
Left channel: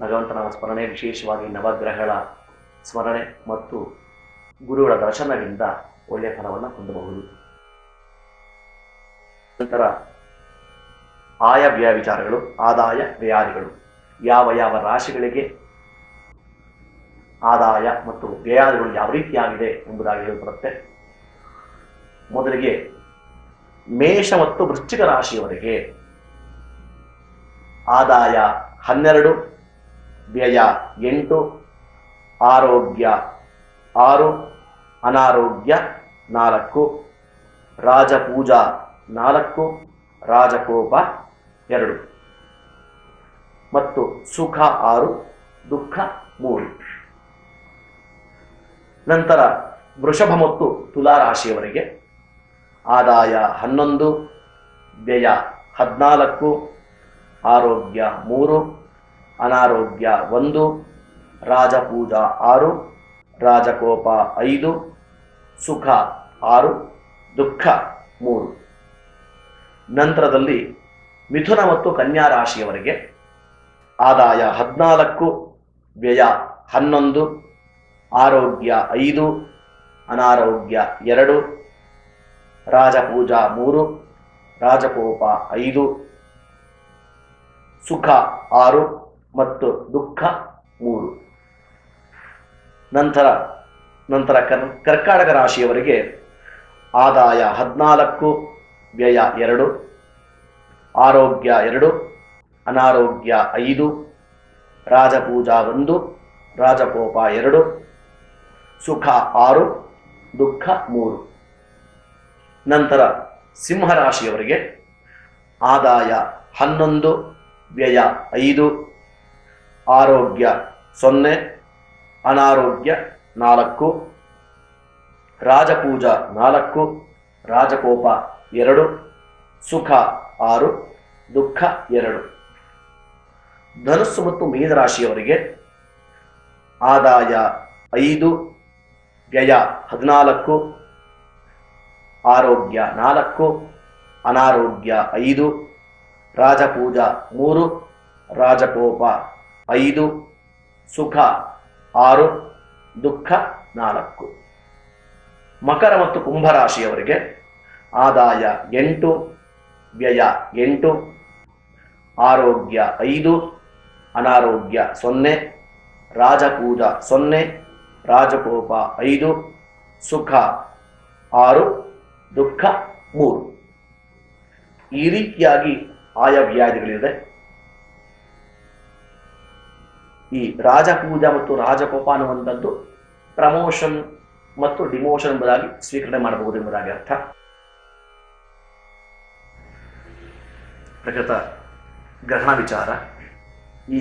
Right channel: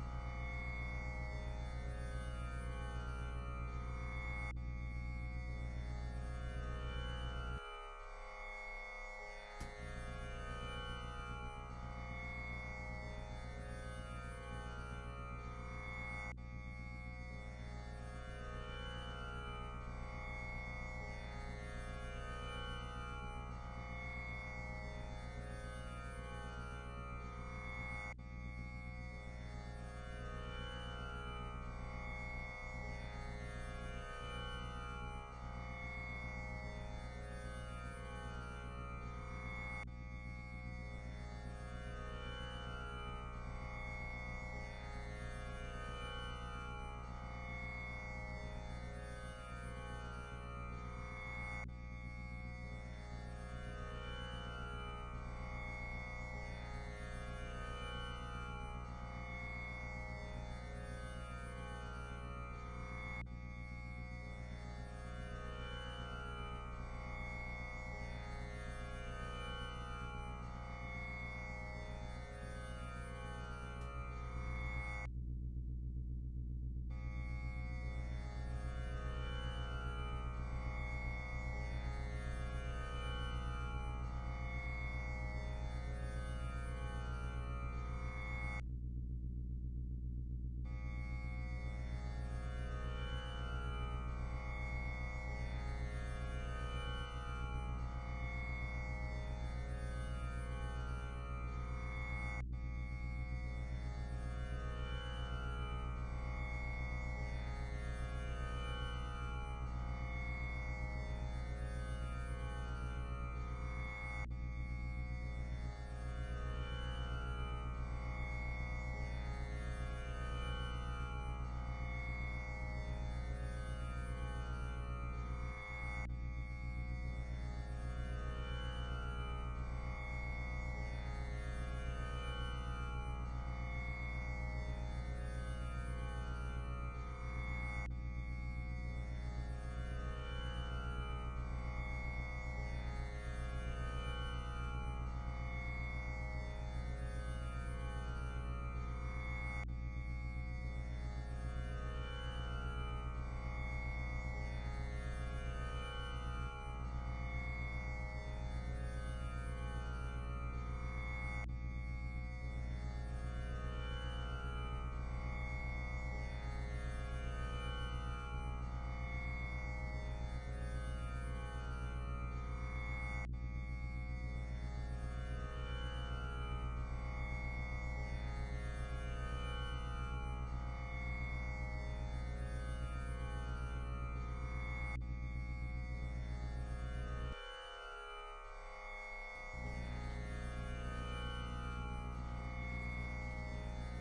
ಭಗವಂತನ ಸ್ಮರಣೆ, ವಿಶೇಷವಾಗಿ ನವಗ್ರಹಗಳ ಸ್ಮರಣೆ ಮತ್ತು ಗುರುಗಳ ದರ್ಶನದಿಂದ ಒಳ್ಳೆಯ ಫಲವನ್ನು ಹೊಂದಬಹುದು. ನಂತರ ಆಯ ವ್ಯಯ ವಿಚಾರಗಳು, ಆದಾಯ ವ್ಯಯಾದಿಗಳು. ಯಾವ ಯಾವ ರಾಶಿಗಳಿಗೆ ಆದಾಯ ಮತ್ತು ವ್ಯಯಾದಿಗಳು ಯಾವ ರೀತಿಯಾಗಿದೆ ಎಂಬುದಾಗಿ ಹೇಳಲ್ಪಡುತ್ತೆ. ಮೊದಲಿಗೆ ಮೇಷ ಮತ್ತು ವೃಶ್ಚಿಕ ರಾಶಿಯವರೆಗೆ ಆದಾಯ 12, ವ್ಯಯ 8, ಆರೋಗ್ಯ 6, ಅನಾರೋಗ್ಯ 4, ರಾಜಪೂಜಾ 4, ರಾಜಕೋಪ 2 ಮತ್ತು ಸುಖ 6, ದುಃಖ 3. ನಂತರ ವೃಷಭ ಮತ್ತು ತುಲಾ ರಾಶಿಯವರೆಗೆ ಆದಾಯ 11, ವ್ಯಯ 14, ಆರೋಗ್ಯ 3, ಅನಾರೋಗ್ಯ 1, ರಾಜಪೂಜಾ 6, ರಾಜಕೋಪ 5, ಸುಖ 6, ದುಃಖ 3. ನಂತರದಲ್ಲಿ ಮಿಥುನ ಮತ್ತು ಕನ್ಯಾ ರಾಶಿಯವರೆಗೆ ಆದಾಯ 14, ವ್ಯಯ 11, ಆರೋಗ್ಯ 5, ಅನಾರೋಗ್ಯ 2, ರಾಜಪೂಜಾ 3, ರಾಜಕೋಪ 5, ಸುಖ 6 ಮತ್ತು ದುಃಖ 3. ನಂತರ ಕರ್ಕಾಟಕ ರಾಶಿಯವರೆಗೆ ಆದಾಯ 14, ವ್ಯಯ 2, ಆರೋಗ್ಯ 2, ಅನಾರೋಗ್ಯ 5, ರಾಜಪೂಜಾ 1, ರಾಜಕೋಪ 2, ಸುಖ 6, ದುಃಖ 3. ನಂತರ ಸಿಂಹರಾಶಿಯವರಿಗೆ ಆದಾಯ 11, ವ್ಯಯ 5, ಆರೋಗ್ಯ 0, ಅನಾರೋಗ್ಯ 4, ರಾಜಪೂಜಾ 4, ರಾಜಕೋಪ 2, ಸುಖ 6, ದುಃಖ 2. ಧನುಸ್ಸು ಮತ್ತು ಮೀನರಾಶಿಯವರಿಗೆ ಆದಾಯ 5, ವ್ಯಯ 14, ಆರೋಗ್ಯ 4, ಅನಾರೋಗ್ಯ 5, ರಾಜಪೂಜಾ 3, ರಾಜಕೋಪ 5, ಸುಖ 6, ದುಃಖ 4. ಮಕರ ಮತ್ತು ಕುಂಭರಾಶಿಯವರಿಗೆ ಆದಾಯ 8, ವ್ಯಯ 8, ಆರೋಗ್ಯ 5, ಅನಾರೋಗ್ಯ 0, ರಾಜಪೂಜಾ 0, ರಾಜಕೋಪ 5, ಸುಖ 6, ದುಃಖ 3. ಈ ರೀತಿಯಾಗಿ ಆಯಾ ವ್ಯಾಧಿಗಳಿದೆ. ಈ ರಾಜಪೂಜಾ ಮತ್ತು ರಾಜಕೋಪ ಅನ್ನುವಂಥದ್ದು ಪ್ರಮೋಷನ್ ಮತ್ತು ಡಿಮೋಷನ್ ಎಂಬುದಾಗಿ ಸ್ವೀಕರಣೆ ಮಾಡಬಹುದು ಎಂಬುದಾಗಿ ಅರ್ಥ. ಪ್ರಕೃತ ಗ್ರಹಣ ವಿಚಾರ. ಈ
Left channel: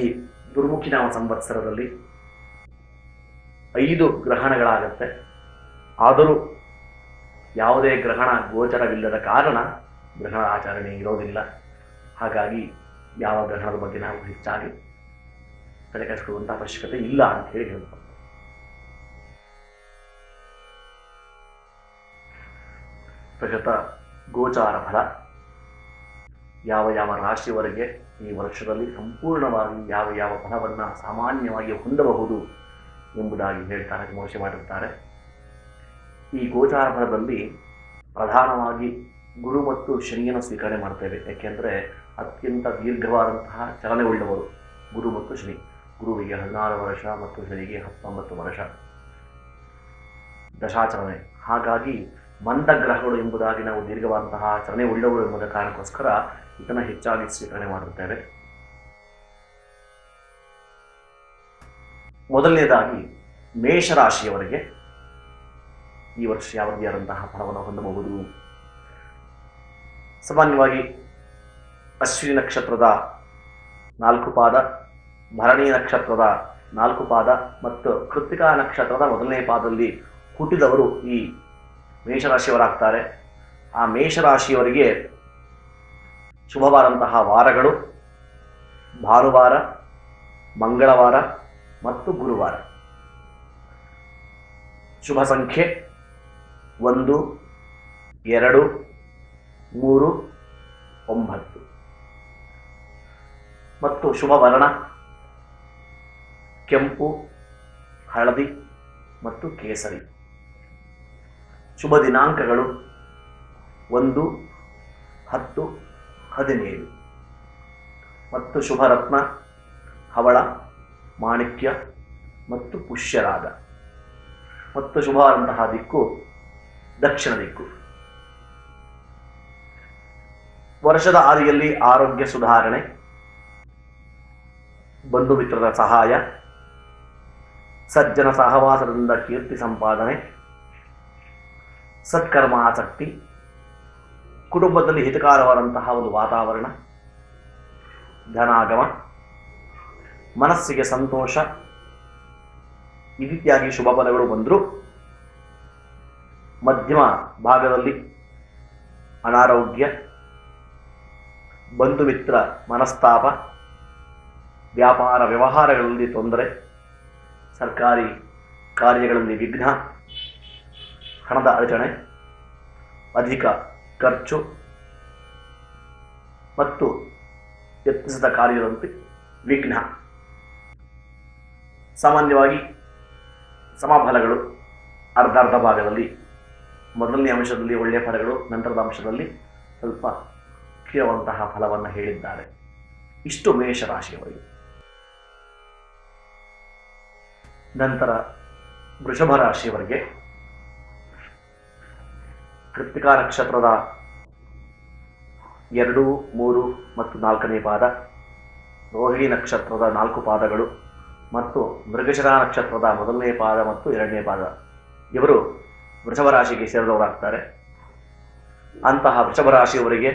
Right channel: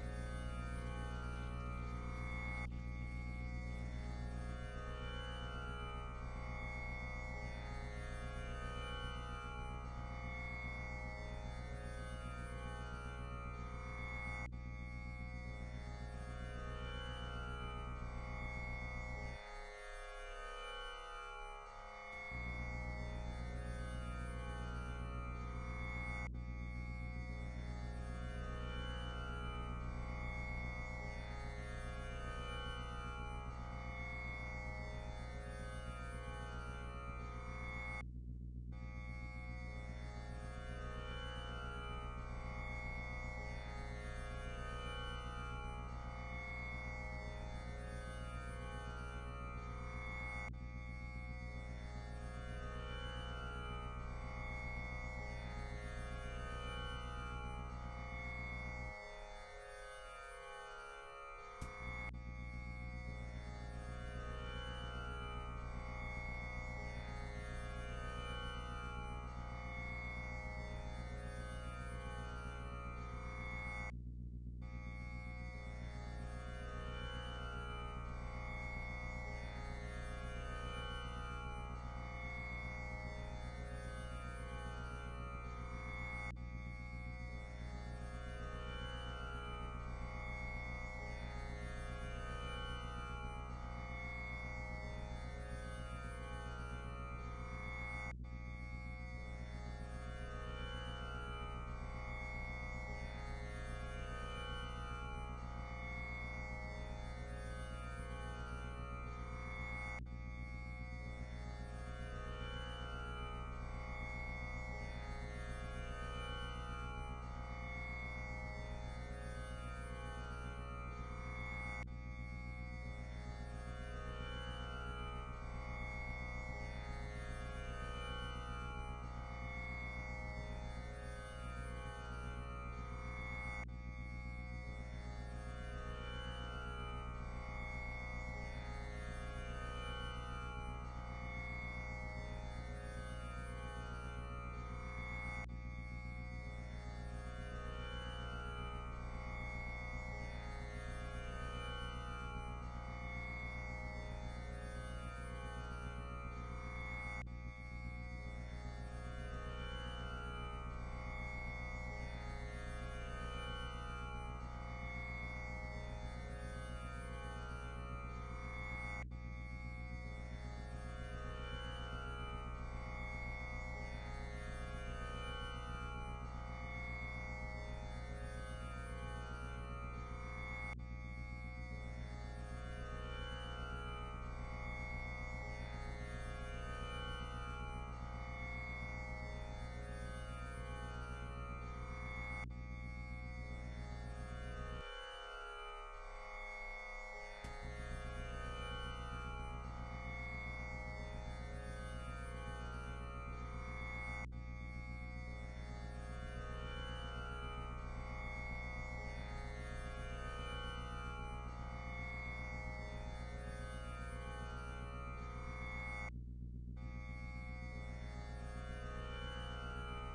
ದುರ್ಮುಖಿ ನಾಮ ಸಂವತ್ಸರದಲ್ಲಿ 5 ಗ್ರಹಣಗಳಾಗತ್ತೆ. ಆದರೂ ಯಾವುದೇ ಗ್ರಹಣ ಗೋಚರವಿಲ್ಲದ ಕಾರಣ ಗ್ರಹಣ ಆಚರಣೆ ಇರೋದಿಲ್ಲ. ಹಾಗಾಗಿ ಯಾವ ಗ್ರಹಣದ ಬಗ್ಗೆ ನಾವು ಹೆಚ್ಚಾಗಿ ತಲೆ ಕೆಡಿಸಿಕೊಳ್ಳುವಂಥ ಅವಶ್ಯಕತೆ ಇಲ್ಲ ಅಂತ ಹೇಳಿ ಹೇಳ್ತಾರೆ. ಪ್ರಗತ ಗೋಚಾರ ಫಲ. ಯಾವ ಯಾವ ರಾಶಿಯವರೆಗೆ ಈ ವರ್ಷದಲ್ಲಿ ಸಂಪೂರ್ಣವಾಗಿ ಯಾವ ಯಾವ ಫಲವನ್ನು ಸಾಮಾನ್ಯವಾಗಿ ಹೊಂದಬಹುದು ಎಂಬುದಾಗಿ ಹೇಳ್ತಾರೆ, ವಿಮರ್ಶೆ ಮಾಡಿರ್ತಾರೆ. ಈ ಗೋಚಾರ ಫಲದಲ್ಲಿ ಪ್ರಧಾನವಾಗಿ ಗುರು ಮತ್ತು ಶನಿಯನ್ನು ಸ್ವೀಕರಣೆ ಮಾಡ್ತೇವೆ. ಯಾಕೆಂದರೆ ಅತ್ಯಂತ ದೀರ್ಘವಾದಂತಹ ಚಲನೆ ಉಳ್ಳವರು ಗುರು ಮತ್ತು ಶನಿ. ಗುರುವಿಗೆ 16 ವರ್ಷ ಮತ್ತು ಶನಿಗೆ 19 ವರ್ಷ ದಶಾಚರಣೆ. ಹಾಗಾಗಿ ಮಂದಗ್ರಹಗಳು ಎಂಬುದಾಗಿ ನಾವು ದೀರ್ಘವಾದಂತಹ ಚಲನೆ ಉಳ್ಳವರು ಎಂಬುದರ ಕಾರಣಕ್ಕೋಸ್ಕರ ಇದನ್ನು ಹೆಚ್ಚಾಗಿ ಸ್ವೀಕರಣೆ ಮಾಡುತ್ತೇವೆ. ಮೊದಲನೇದಾಗಿ ಮೇಷರಾಶಿಯವರಿಗೆ ಈ ವರ್ಷ ಯಾವ ರೀತಿಯಾದಂತಹ ಫಲವನ್ನು ಹೊಂದಬಹುದು. ಸಾಮಾನ್ಯವಾಗಿ ಅಶ್ವಿನಿ ನಕ್ಷತ್ರದ 4 ಪಾದ, ಭರಣಿ ನಕ್ಷತ್ರದ 4 ಪಾದ ಮತ್ತು ಕೃತ್ತಿಕಾ ನಕ್ಷತ್ರದ 1ನೇ ಪಾದದಲ್ಲಿ ಹುಟ್ಟಿದವರು ಈ ಮೇಷರಾಶಿಯವರಾಗ್ತಾರೆ. ಆ ಮೇಷರಾಶಿಯವರಿಗೆ ಶುಭವಾದಂತಹ ವಾರಗಳು ಭಾನುವಾರ, ಮಂಗಳವಾರ ಮತ್ತು ಗುರುವಾರ. ಶುಭ ಸಂಖ್ಯೆ 1, 2, 3, 9 ಮತ್ತು ಶುಭ ವರ್ಣ ಕೆಂಪು, ಹಳದಿ ಮತ್ತು ಕೇಸರಿ. ಶುಭ ದಿನಾಂಕಗಳು 1, 10, 17 ಮತ್ತು ಶುಭರತ್ನ ಹವಳ, ಮಾಣಿಕ್ಯ ಮತ್ತು ಪುಷ್ಯರಾಗ ಮತ್ತು ಶುಭವಾದಂತಹ ದಿಕ್ಕು ದಕ್ಷಿಣ ದಿಕ್ಕು. ವರ್ಷದ ಆದಿಯಲ್ಲಿ ಆರೋಗ್ಯ ಸುಧಾರಣೆ, ಬಂಧು ಮಿತ್ರರ ಸಹಾಯ, ಸಜ್ಜನ ಸಹವಾಸದಿಂದ ಕೀರ್ತಿ ಸಂಪಾದನೆ, ಸತ್ಕರ್ಮ ಆಸಕ್ತಿ, ಕುಟುಂಬದಲ್ಲಿ ಹಿತಕಾರವಾದಂತಹ ಒಂದು ವಾತಾವರಣ, ಧನಾಗಮ, ಮನಸ್ಸಿಗೆ ಸಂತೋಷ, ಈ ರೀತಿಯಾಗಿ ಶುಭ ಫಲಗಳು ಬಂದರೂ ಮಧ್ಯಮ ಭಾಗದಲ್ಲಿ ಅನಾರೋಗ್ಯ, ಬಂಧು ಮಿತ್ರ ಮನಸ್ತಾಪ, ವ್ಯಾಪಾರ ವ್ಯವಹಾರಗಳಲ್ಲಿ ತೊಂದರೆ, ಸರ್ಕಾರಿ ಕಾರ್ಯಗಳಲ್ಲಿ ವಿಘ್ನ, ಹಣದ ಅಡಚಣೆ, ಅಧಿಕ ಖರ್ಚು ಮತ್ತು ಯತ್ನಿಸಿದ ಕಾರ್ಯದಂತೆ ವಿಘ್ನ. ಸಾಮಾನ್ಯವಾಗಿ ಸಮಫಲಗಳು ಅರ್ಧ ಭಾಗದಲ್ಲಿ, ಮೊದಲನೇ ಅಂಶದಲ್ಲಿ ಒಳ್ಳೆಯ ಫಲಗಳು, ನಂತರದ ಅಂಶದಲ್ಲಿ ಸ್ವಲ್ಪ ಕೀಳುವಂತಹ ಫಲವನ್ನು ಹೇಳಿದ್ದಾರೆ. ಇಷ್ಟು ಮೇಷರಾಶಿಯವರಿಗೆ. ನಂತರ ವೃಷಭ ರಾಶಿಯವರಿಗೆ ಕೃತ್ತಿಕಾ ನಕ್ಷತ್ರದ 2, 3 ಮತ್ತು 4ನೇ ಪಾದ, ರೋಹಿಣಿ ನಕ್ಷತ್ರದ 4 ಪಾದಗಳು ಮತ್ತು ಮೃಗಶಿರ ನಕ್ಷತ್ರದ 1ನೇ ಪಾದ ಮತ್ತು 2ನೇ ಪಾದ ಇವರು ವೃಷಭ ರಾಶಿಗೆ ಸೇರಿದವರಾಗ್ತಾರೆ. ಅಂತಹ ವೃಷಭ ರಾಶಿಯವರಿಗೆ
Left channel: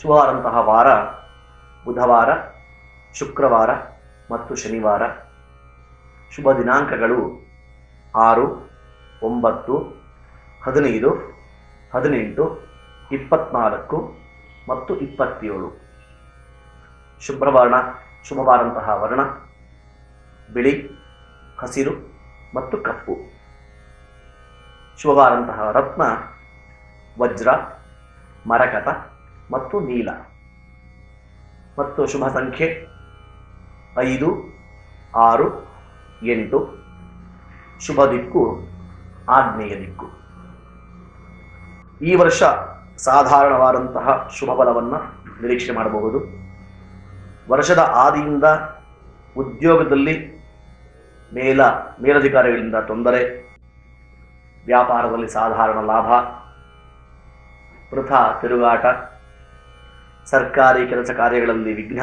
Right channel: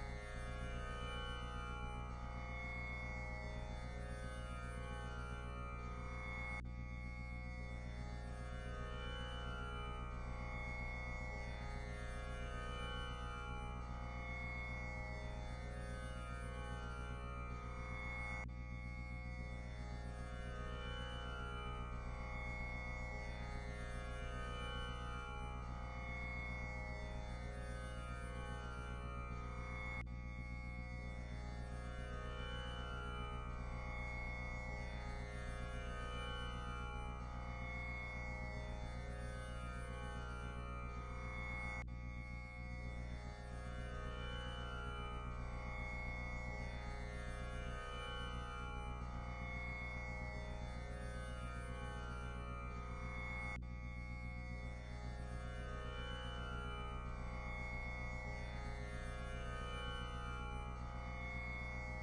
ಶುಭವಾದಂತಹ ವಾರ ಬುಧವಾರ, ಶುಕ್ರವಾರ ಮತ್ತು ಶನಿವಾರ. ಶುಭ ದಿನಾಂಕಗಳು 6, 9, 15, 18, 24 ಮತ್ತು 27. ಶುಭವಾದಂತಹ ವರ್ಣ ಬಿಳಿ, ಹಸಿರು ಮತ್ತು ಕಪ್ಪು. ಶುಭವಾದಂತಹ ರತ್ನ ವಜ್ರ, ಮರಕತ ಮತ್ತು ನೀಲ. ಮತ್ತು ಶುಭ ಸಂಖ್ಯೆ 5, 6, 8. ಶುಭ ದಿಕ್ಕು ಆಗ್ನೇಯ ದಿಕ್ಕು. ಈ ವರ್ಷ ಸಾಧಾರಣವಾದಂತಹ ಶುಭ ಫಲವನ್ನು ನಿರೀಕ್ಷೆ ಮಾಡಬಹುದು. ವರ್ಷದ ಆದಿಯಿಂದ ಉದ್ಯೋಗದಲ್ಲಿ ಮೇಲಧಿಕಾರಿಗಳಿಂದ ತೊಂದರೆ, ವ್ಯಾಪಾರದಲ್ಲಿ ಸಾಧಾರಣ ಲಾಭ, ವೃಥಾ ತಿರುಗಾಟ, ಸರ್ಕಾರಿ ಕೆಲಸ ಕಾರ್ಯಗಳಲ್ಲಿ ವಿಘ್ನ,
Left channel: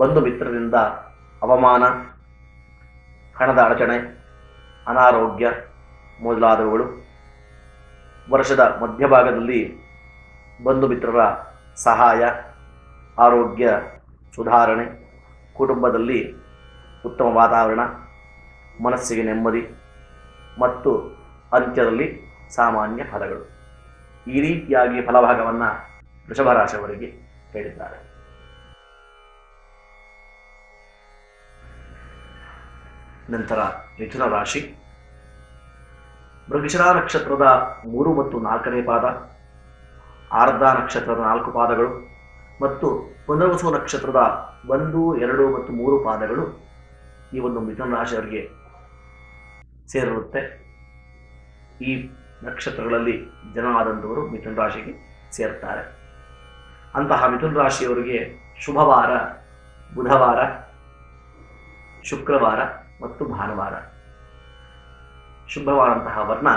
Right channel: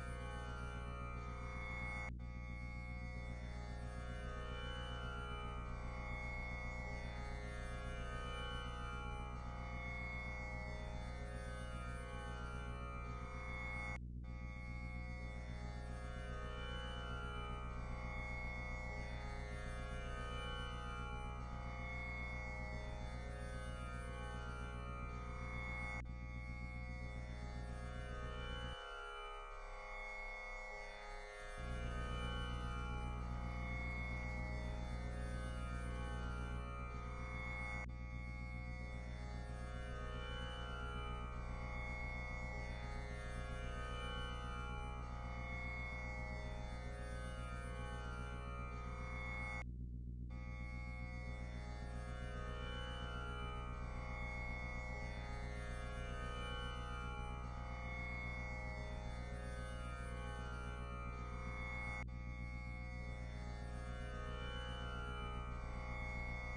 ಬಂಧು ಮಿತ್ರರಿಂದ ಅವಮಾನ, ಹಣದ ಅಡಚಣೆ, ಅನಾರೋಗ್ಯ ಮೊದಲಾದವುಗಳು. ವರ್ಷದ ಮಧ್ಯಭಾಗದಲ್ಲಿ ಬಂಧು ಮಿತ್ರರ ಸಹಾಯ, ಆರೋಗ್ಯ ಸುಧಾರಣೆ, ಕುಟುಂಬದಲ್ಲಿ ಉತ್ತಮ ವಾತಾವರಣ, ಮನಸ್ಸಿಗೆ ನೆಮ್ಮದಿ ಮತ್ತು ಅಂತ್ಯದಲ್ಲಿ ಸಾಮಾನ್ಯ ಫಲಗಳು. ಈ ರೀತಿಯಾಗಿ ಫಲಭಾಗವನ್ನು ವೃಷಭ ರಾಶಿಯವರಿಗೆ ಹೇಳಿದ್ದಾರೆ. ನಂತರ ಮಿಥುನ ರಾಶಿ. ಮೃಗಶಿರ ನಕ್ಷತ್ರದ 3 ಮತ್ತು 4ನೇ ಪಾದ, ಆರ್ಧ ನಕ್ಷತ್ರದ 4 ಪಾದಗಳು ಮತ್ತು ಪುನರ್ವಸು ನಕ್ಷತ್ರದ 1, 2 ಮತ್ತು 3 ಪಾದಗಳು ಈ ಒಂದು ಮಿಥುನ ರಾಶಿಯವರಿಗೆ ಸೇರಿರುತ್ತೆ. ಈ ನಕ್ಷತ್ರಗಳಲ್ಲಿ ಜನ ಆದಂಥವರು ಮಿಥುನ ರಾಶಿಗೆ ಸೇರ್ತಾರೆ. ಅಂತಹ ಮಿಥುನ ರಾಶಿಯವರಿಗೆ ಶುಭವಾರ ಬುಧವಾರ, ಶುಕ್ರವಾರ ಮತ್ತು ಭಾನುವಾರ. ಶುಭವಾದಂತಹ ವರ್ಣ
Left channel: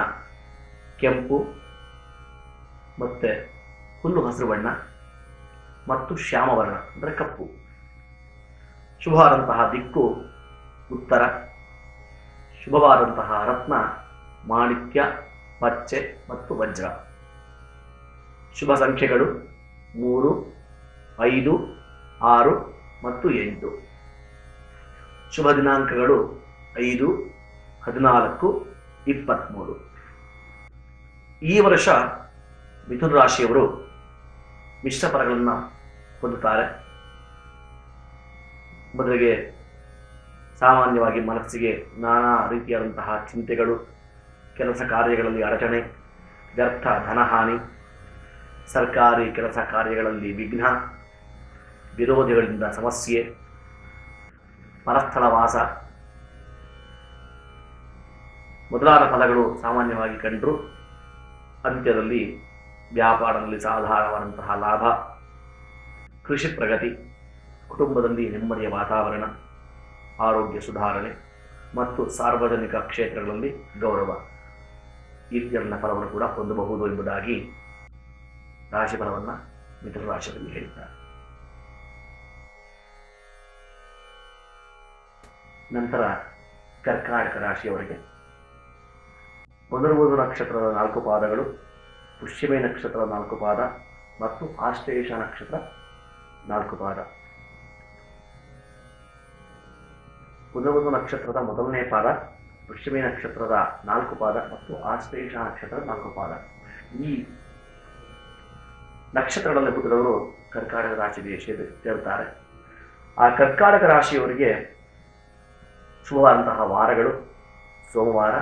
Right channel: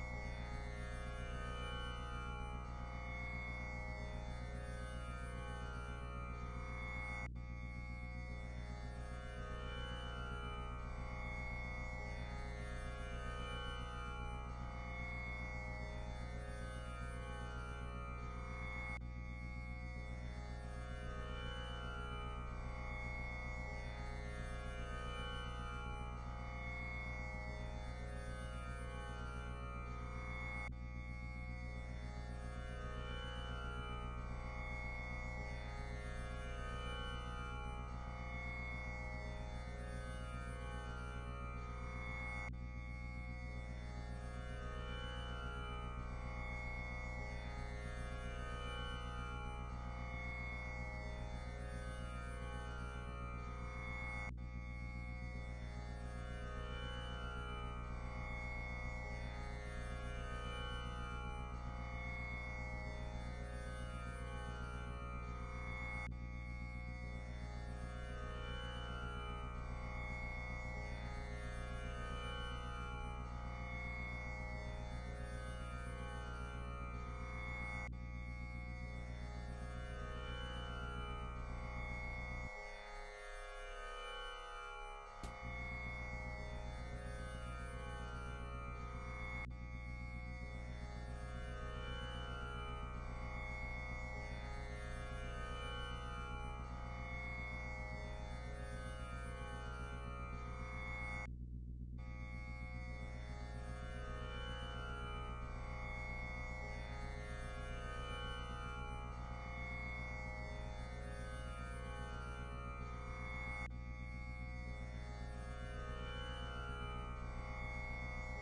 ಕೆಂಪು ಮತ್ತು ಹುಲ್ಲು ಹಸಿರು ಬಣ್ಣ ಮತ್ತು ಶ್ಯಾಮವರ್ಣ ಅಂದರೆ ಕಪ್ಪು. ಶುಭವಾದಂತಹ ದಿಕ್ಕು ಉತ್ತರ. ಶುಭವಾದಂತಹ ರತ್ನ ಮಾಣಿಕ್ಯ, ಪಚ್ಚೆ ಮತ್ತು ವಜ್ರ. ಶುಭ ಸಂಖ್ಯೆಗಳು 3, 5, 6 ಮತ್ತು 8. ಶುಭ ದಿನಾಂಕಗಳು 5, 14, 23. ಈ ವರ್ಷ ಮಿಥುನ ರಾಶಿಯವರು ಮಿಶ್ರ ಫಲಗಳನ್ನು ಹೊಂದುತ್ತಾರೆ. ಮೊದಲಿಗೆ ಸಾಮಾನ್ಯವಾಗಿ ಮನಸ್ಸಿಗೆ ನಾನಾ ರೀತಿಯಾದಂತಹ ಚಿಂತೆಗಳು, ಕೆಲಸ ಕಾರ್ಯಗಳಲ್ಲಿ ಅಡಚಣೆ, ವ್ಯರ್ಥ ಧನಹಾನಿ, ಸರ್ಕಾರಿ ಕೆಲಸ ಕಾರ್ಯಗಳಲ್ಲಿ ವಿಘ್ನ, ವಿರೋಧಿಗಳಿಂದ ಸಮಸ್ಯೆ, ಪರಸ್ಥಳ ವಾಸ, ಮೊದಲಾದ ಫಲಗಳು ಸಾಮಾನ್ಯವಾಗಿ ಕಂಡರೂ ಅಂತ್ಯದಲ್ಲಿ ವ್ಯಾಪಾರದಲ್ಲಿ ಸಾಧಾರಣವಾದಂತಹ ಲಾಭ, ಕೃಷಿ ಪ್ರಗತಿ, ಕುಟುಂಬದಲ್ಲಿ ನೆಮ್ಮದಿಯ ವಾತಾವರಣ, ಆರೋಗ್ಯ ಸುಧಾರಣೆ ಮತ್ತು ಸಾರ್ವಜನಿಕ ಕ್ಷೇತ್ರಗಳಲ್ಲಿ ಗೌರವ ಇತ್ಯನ್ನ ಫಲವನ್ನು ಕೂಡ ಹೊಂದಬಹುದು ಎಂಬುದಾಗಿ ರಾಶಿಫಲವನ್ನು ಮಿಥುನ ರಾಶಿಯಲ್ಲಿ ಹೇಳಿದ್ದಾರೆ. ನಂತರ ಕರ್ಕಾಟಕ ರಾಶಿಯವರಿಗೆ ಪುನರ್ವಸು ನಕ್ಷತ್ರದ 4 ಪಾದಗಳು, ಪುಷ್ಯಮಿ ನಕ್ಷತ್ರದ 4 ಪಾದ ಮತ್ತು ಆಶ್ಲೇಷ ನಕ್ಷತ್ರ 4 ಪಾದ. ಪುನರ್ವಸು ನಕ್ಷತ್ರದ ಮೊದಲನೇ ಪಾದ, ಪುಷ್ಯಮಿ ನಕ್ಷತ್ರದ 4 ಪಾದ ಮತ್ತು ಆಶ್ಲೇಷ ನಕ್ಷತ್ರದ 4 ಪಾದ. ಈ ನಕ್ಷತ್ರಗಳಲ್ಲಿ ಹುಟ್ಟಿದವರು ಕರ್ಕಾಟಕ ರಾಶಿಗೆ ಸೇರುತ್ತಾರೆ. ಆ ಕರ್ಕಾಟಕ ರಾಶಿಯವರಿಗೆ ಶುಭವಾದಂತಹ ವಾರಗಳು ಸೋಮವಾರ,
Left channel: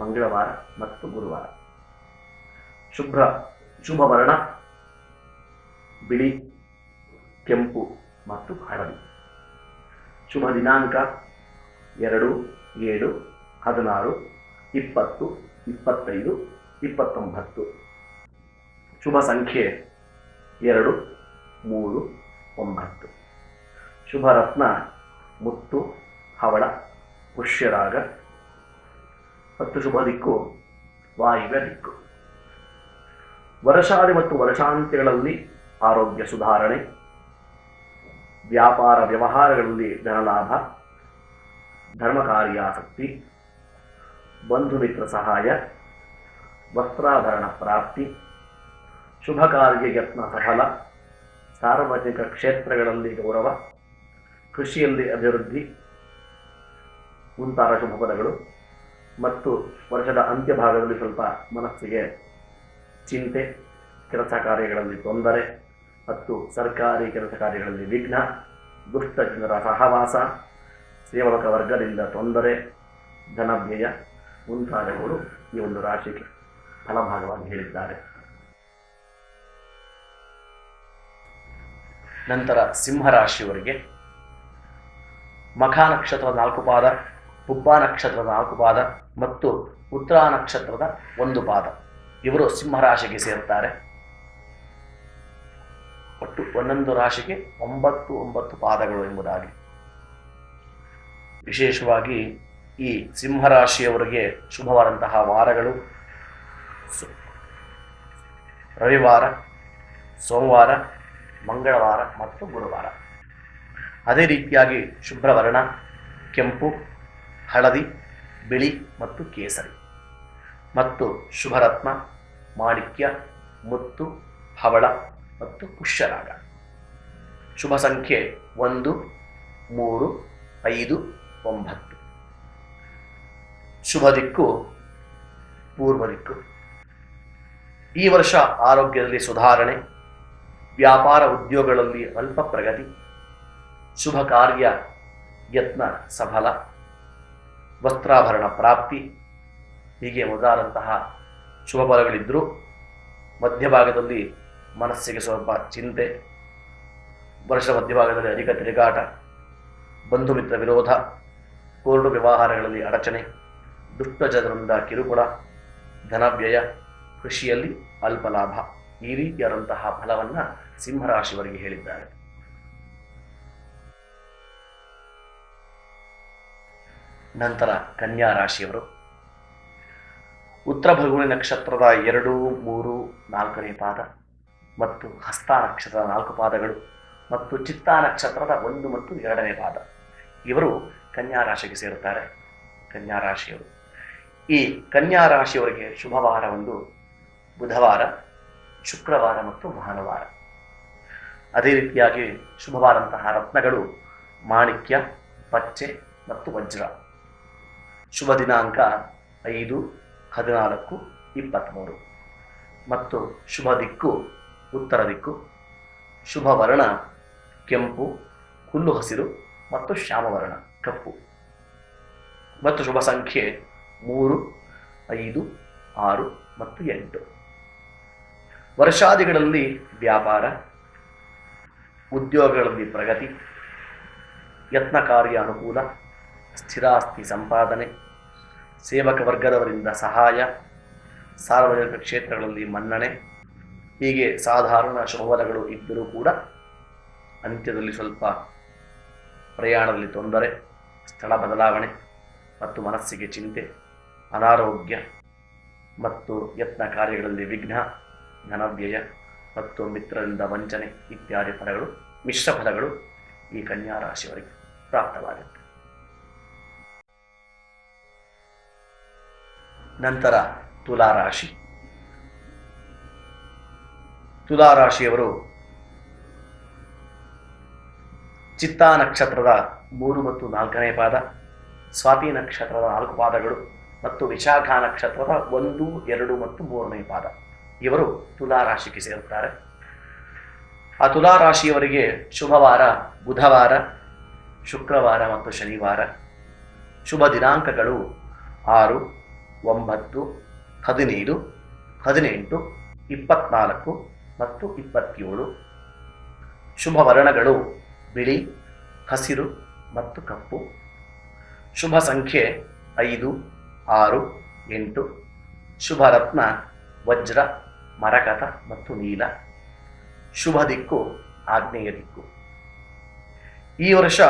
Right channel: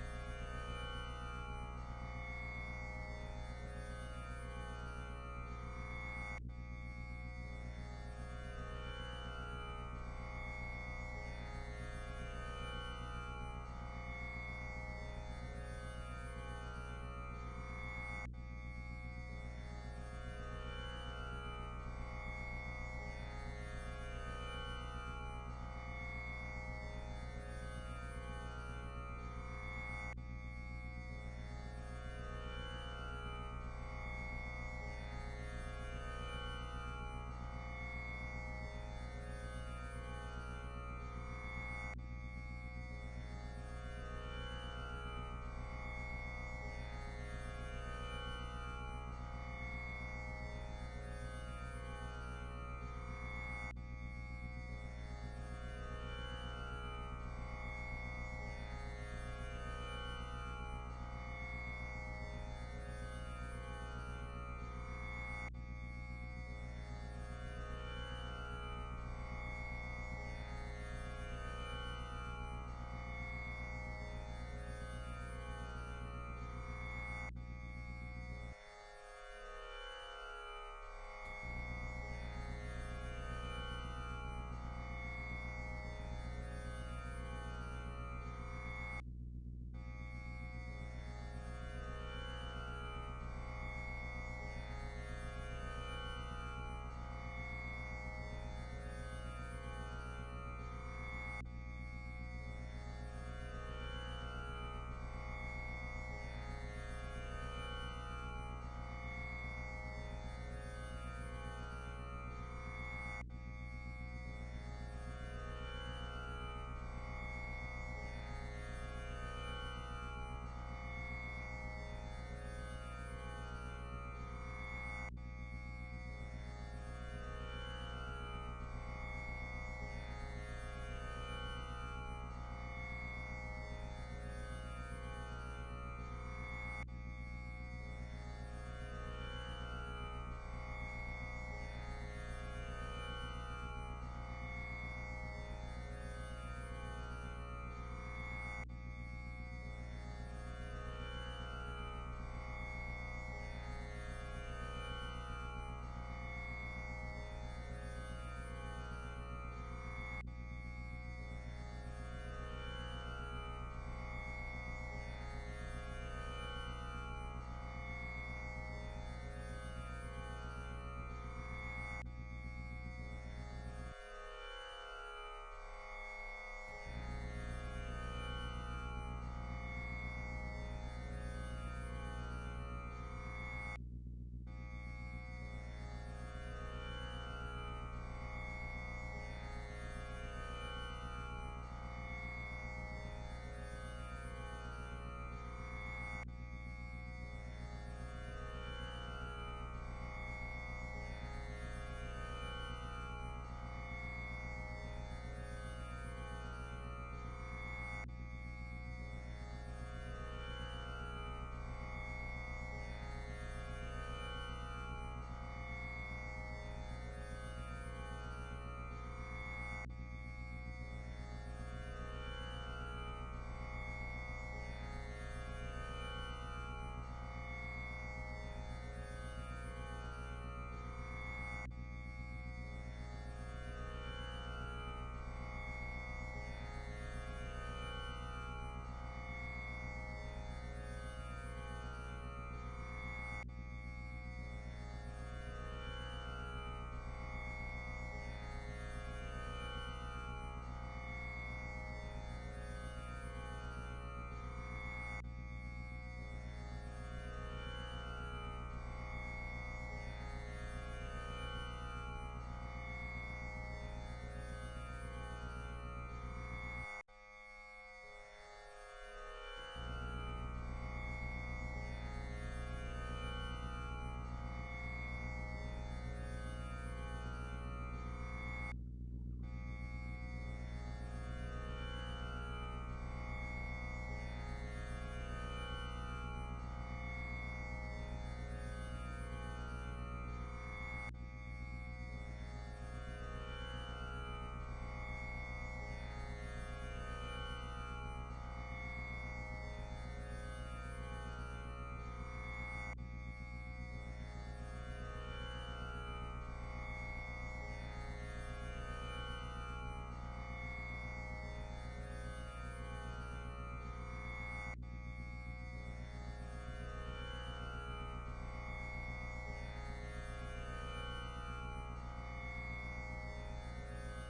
ಮಂಗಳವಾರ ಮತ್ತು ಗುರುವಾರ. ಶುಭ ವರ್ಣ ಬಿಳಿ, ಕೆಂಪು ಮತ್ತು ಹಳದಿ. ಶುಭ ದಿನಾಂಕ 2, 7, 16, 20, 25, 29. ಶುಭ ಸಂಖ್ಯೆ 2, 3, 9. ಶುಭ ರತ್ನ ಮುತ್ತು, ಹವಳ, ಪುಷ್ಯರಾಗ ಮತ್ತು ಶುಭ ದಿಕ್ಕು ವಾಯುವ್ಯ ದಿಕ್ಕು. ವರ್ಷಾದಿ ಮತ್ತು ವರ್ಷಾಂತ್ಯಗಳಲ್ಲಿ ಆರೋಗ್ಯ ಸುಧಾರಣೆ, ವ್ಯಾಪಾರ ವ್ಯವಹಾರಗಳಲ್ಲಿ ಧನಲಾಭ, ಧರ್ಮ ಕಾರ್ಯಾಸಕ್ತಿ, ಬಂಧು ಮಿತ್ರ ಸಹಾಯ, ವಸ್ತ್ರಾಭರಣ ಪ್ರಾಪ್ತಿ, ಶುಭ ಕಾರ್ಯ ಯತ್ನ ಸಫಲ, ಸಾರ್ವಜನಿಕ ಕ್ಷೇತ್ರಗಳಲ್ಲಿ ಗೌರವ, ಕೃಷಿಯಲ್ಲಿ ಅಭಿವೃದ್ಧಿ ಮುಂತಾದ ಶುಭ ಪದಗಳು. ಮತ್ತು ವರ್ಷದ ಅಂತ್ಯಭಾಗದಲ್ಲಿ ಸ್ವಲ್ಪ ಮನಸ್ಸಿಗೆ ಚಿಂತೆ, ಕೆಲಸ ಕಾರ್ಯಗಳಲ್ಲಿ ತೊಂದರೆ ಮತ್ತು ಸರ್ಕಾರಿ ಕೆಲಸ ಕಾರ್ಯಗಳಲ್ಲಿ ವಿಘ್ನ, ದುಷ್ಟ ಜನರ ಸಹವಾಸ, ಸೇವಕ ವರ್ಗದಿಂದ ತೊಂದರೆ, ಧನವ್ಯಯ ಮುಂತಾದವುಗಳು ಈ ಒಂದು ರಾಶಿಗೆ ಫಲಭಾಗವಾಗಿ ಹೇಳಿದ್ದಾರೆ. ನಂತರ ಸಿಂಹರಾಶಿಯವರಿಗೆ ಮಖ ನಕ್ಷತ್ರದ 4 ಪಾದ, ಪುಬ್ಬ ನಕ್ಷತ್ರದ 4 ಪಾದ ಮತ್ತು ಉತ್ತರ ನಕ್ಷತ್ರದ 1 ಪಾದ. ಇವರು ಸಿಂಹರಾಶಿಗೆ ಸೇರುತ್ತಾರೆ. ಒಟ್ಟು ಒಂದೊಂದು ರಾಶಿಗೆ 9 ಪಾದಗಳು ಎಂಬುದಾಗಿ. ವಿಶೇಷವಾಗಿ ಈ ಸಿಂಹರಾಶಿಯವರಿಗೆ ಶುಭವಾದಂತಹ ವಾರಗಳು ರವಿವಾರ, ಸೋಮವಾರ, ಮಂಗಳವಾರ ಮತ್ತು ಗುರುವಾರ. ಅದೇ ರೀತಿಯಾಗಿ ಶುಭ್ರವರ್ಣ ಕೆಂಪು, ಹಳದಿ, ಬಿಳಿ ಮತ್ತು ಕೇಸರಿ. ಮತ್ತು ಶುಭರತ್ನ ಮಾಣಿಕ್ಯ, ಮುತ್ತು, ಹವಳ ಮತ್ತು ಪುಷ್ಯರಾಗ. ಶುಭ ಸಂಖ್ಯೆ 1, 3, 5, 9. ಶುಭ ದಿಕ್ಕು ಪೂರ್ವ ದಿಕ್ಕು. ಈ ವರ್ಷ ಆರೋಗ್ಯದಲ್ಲಿ ಸುಧಾರಣೆ, ವ್ಯಾಪಾರ ಉದ್ಯೋಗಗಳಲ್ಲಿ ಅಲ್ಪ ಪ್ರಗತಿ, ಶುಭ ಕಾರ್ಯ ಯತ್ನ ಸಫಲ, ವಸ್ತ್ರಾಭರಣ ಪ್ರಾಪ್ತಿ ಹೀಗೆ ಮೊದಲಾದಂತಹ ಶುಭ ಫಲಗಳಿದ್ದರೂ ಮಧ್ಯಭಾಗದಲ್ಲಿ ಮನಸ್ಸಿಗೆ ಸ್ವಲ್ಪ ಚಿಂತೆ, ವರ್ಷದ ಮಧ್ಯಭಾಗದಲ್ಲಿ ಅಧಿಕ ತಿರುಗಾಟ, ಬಂಧು ಮಿತ್ರ ವಿರೋಧ, ಕೋರ್ಟು ವ್ಯವಹಾರಗಳಲ್ಲಿ ಅಡಚಣೆ, ದುಷ್ಟ ಜನರಿಂದ ಕಿರುಕುಳ, ಧನವ್ಯಯ, ಕೃಷಿಯಲ್ಲಿ ಅಲ್ಪ ಲಾಭ ಈ ರೀತಿಯಾದಂತಹ ಫಲವನ್ನು ಸಿಂಹರಾಶಿಯವರಿಗೆ ಹೇಳಿದ್ದಾರೆ. ನಂತರ ಕನ್ಯಾ ರಾಶಿಯವರು ಉತ್ತರ ಫಲ್ಗುಣಿ ನಕ್ಷತ್ರದ 2, 3, 4ನೇ ಪಾದ ಮತ್ತು ಹಸ್ತ ನಕ್ಷತ್ರದ 4 ಪಾದಗಳು ಮತ್ತು ಚಿತ್ತಾ ನಕ್ಷತ್ರದ 1 ಮತ್ತು 2ನೇ ಪಾದ. ಇವರು ಕನ್ಯಾ ರಾಶಿಗೆ ಸೇರುತ್ತಾರೆ. ಕನ್ಯಾ ರಾಶಿಯವರು ಈ ಕನ್ಯಾ ರಾಶಿಯವರಿಗೆ ಶುಭವಾರ ಒಂದು ಬುಧವಾರ, ಶುಕ್ರವಾರ ಮತ್ತು ಭಾನುವಾರ. ಅದೇ ರೀತಿಯಾಗಿ ಶುಭವಾದಂತಹ ರತ್ನಗಳು ಮಾಣಿಕ್ಯ, ಪಚ್ಚೆ ಮತ್ತು ವಜ್ರ. ಶುಭ ದಿನಾಂಕ 5, 14, 23 ಮತ್ತು ಶುಭ ದಿಕ್ಕು ಉತ್ತರ ದಿಕ್ಕು. ಶುಭ ವರ್ಣ ಕೆಂಪು, ಹುಲ್ಲು ಹಸಿರು ಮತ್ತು ಶ್ಯಾಮವರ್ಣ ಕಪ್ಪು. ಮತ್ತು ಶುಭ ಸಂಖ್ಯೆ 3, 5, 6 ಮತ್ತು 8. ವರ್ಷಾದಿಗಳಲ್ಲಿ ವ್ಯಾಪಾರ, ಉದ್ಯೋಗಗಳಲ್ಲಿ ಪ್ರಗತಿ, ಯತ್ನ ಕಾರ್ಯ ಅನುಕೂಲ, ಸ್ಥಿರಾಸ್ತಿ ಸಂಪಾದನೆ, ಸೇವಕ ವರ್ಗದವರಿಂದ ಸಹಾಯ, ಸಾರ್ವಜನಿಕ ಕ್ಷೇತ್ರಗಳಲ್ಲಿ ಮನ್ನಣೆ, ಹೀಗೆ ಸಾಧಾರಣ ಶುಭಫಲಗಳು ಇದ್ದರೂ ಕೂಡ ಅಂತ್ಯದಲ್ಲಿ ಸ್ವಲ್ಪ ಪ್ರಯಾಣದಲ್ಲಿ ತೊಂದರೆ, ಸ್ಥಳ ಬದಲಾವಣೆ ಮತ್ತು ಮನಸ್ಸಿಗೆ ಚಿಂತೆ, ಅನಾರೋಗ್ಯ ಮತ್ತು ಯತ್ನ ಕಾರ್ಯಗಳಲ್ಲಿ ವಿಘ್ನ, ಧನವ್ಯಯ ಮತ್ತು ಮಿತ್ರರಿಂದ ವಂಚನೆ ಇತ್ಯಾದಿ ಫಲಗಳು, ಮಿಶ್ರ ಫಲಗಳು ಈ ಕನ್ಯಾ ರಾಶಿಯವರಿಗೆ ಪ್ರಾಪ್ತವಾಗುತ್ತೆ. ನಂತರ ತುಲಾರಾಶಿ. ತುಲಾರಾಶಿಯವರು ಚಿತ್ತಾ ನಕ್ಷತ್ರದ 3 ಮತ್ತು 4ನೇ ಪಾದ, ಸ್ವಾತಿ ನಕ್ಷತ್ರದ 4 ಪಾದಗಳು ಮತ್ತು ವಿಶಾಖ ನಕ್ಷತ್ರದ 1, 2 ಮತ್ತು 3ನೇ ಪಾದ ಇವರು ತುಲಾರಾಶಿಗೆ ಸೇರುತ್ತಾರೆ. ಆ ತುಲಾರಾಶಿಯವರಿಗೆ ಶುಭವಾರ ಬುಧವಾರ, ಶುಕ್ರವಾರ ಮತ್ತು ಶನಿವಾರ. ಶುಭ ದಿನಾಂಕಗಳು 6, 9, 15, 18, 24 ಮತ್ತು 27. ಶುಭ ವರ್ಣಗಳು ಬಿಳಿ, ಹಸಿರು ಮತ್ತು ಕಪ್ಪು. ಶುಭ ಸಂಖ್ಯೆ 5, 6, 8. ಶುಭ ರತ್ನ ವಜ್ರ, ಮರಕತ ಮತ್ತು ನೀಲ. ಶುಭ ದಿಕ್ಕು ಆಗ್ನೇಯ ದಿಕ್ಕು. ಈ ವರ್ಷ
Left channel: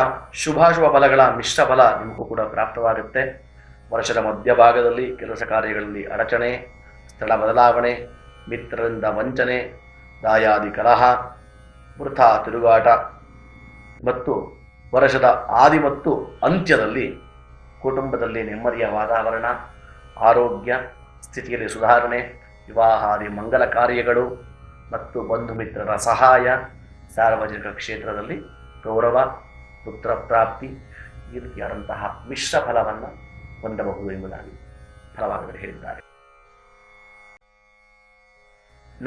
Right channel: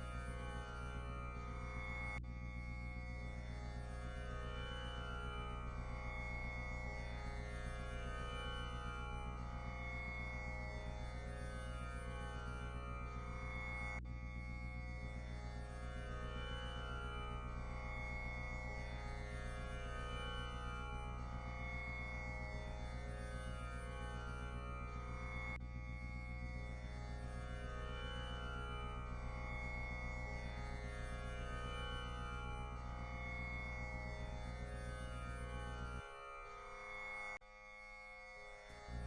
ಶುಭಾಶುಭ ಫಲಗಳ ಮಿಶ್ರ ಫಲ ನಿಮಗೂ ಕೂಡ ಪ್ರಾಪ್ತವಾಗುತ್ತೆ. ವರ್ಷದ ಮಧ್ಯಭಾಗದಲ್ಲಿ ಕೆಲಸ ಕಾರ್ಯಗಳಲ್ಲಿ ಅಡಚಣೆ, ಸ್ಥಳ ಬದಲಾವಣೆ, ಮಿತ್ರರಿಂದ ವಂಚನೆ, ದಾಯಾದಿ ಕಲಹ, ವೃಥಾ ತಿರುಗಾಟ ಮತ್ತು ವರ್ಷದ ಆದಿ ಮತ್ತು ಅಂತ್ಯದಲ್ಲಿ ಕುಟುಂಬದಲ್ಲಿ ನೆಮ್ಮದಿಯ ವಾತಾವರಣ, ಆರೋಗ್ಯ ಸ್ಥಿತಿಯಲ್ಲಿ ಸುಧಾರಣೆ, ವಿವಾಹಾದಿ ಮಂಗಲ ಕಾರ್ಯಗಳು ಮತ್ತು ಬಂಧು ಮಿತ್ರರ ಸಹಾಯ, ಸಾರ್ವಜನಿಕ ಕ್ಷೇತ್ರದಲ್ಲಿ ಗೌರವ, ಪುತ್ರ ಪ್ರಾಪ್ತಿ ಈ ರೀತಿಯಾದಂತಹ ಮಿಶ್ರ ಫಲವನ್ನು ಹೊಂದಬಹುದು ಎಂಬುದಾಗಿ ಫಲವಾಗಲು ಹೇಳಿದ್ದಾರೆ.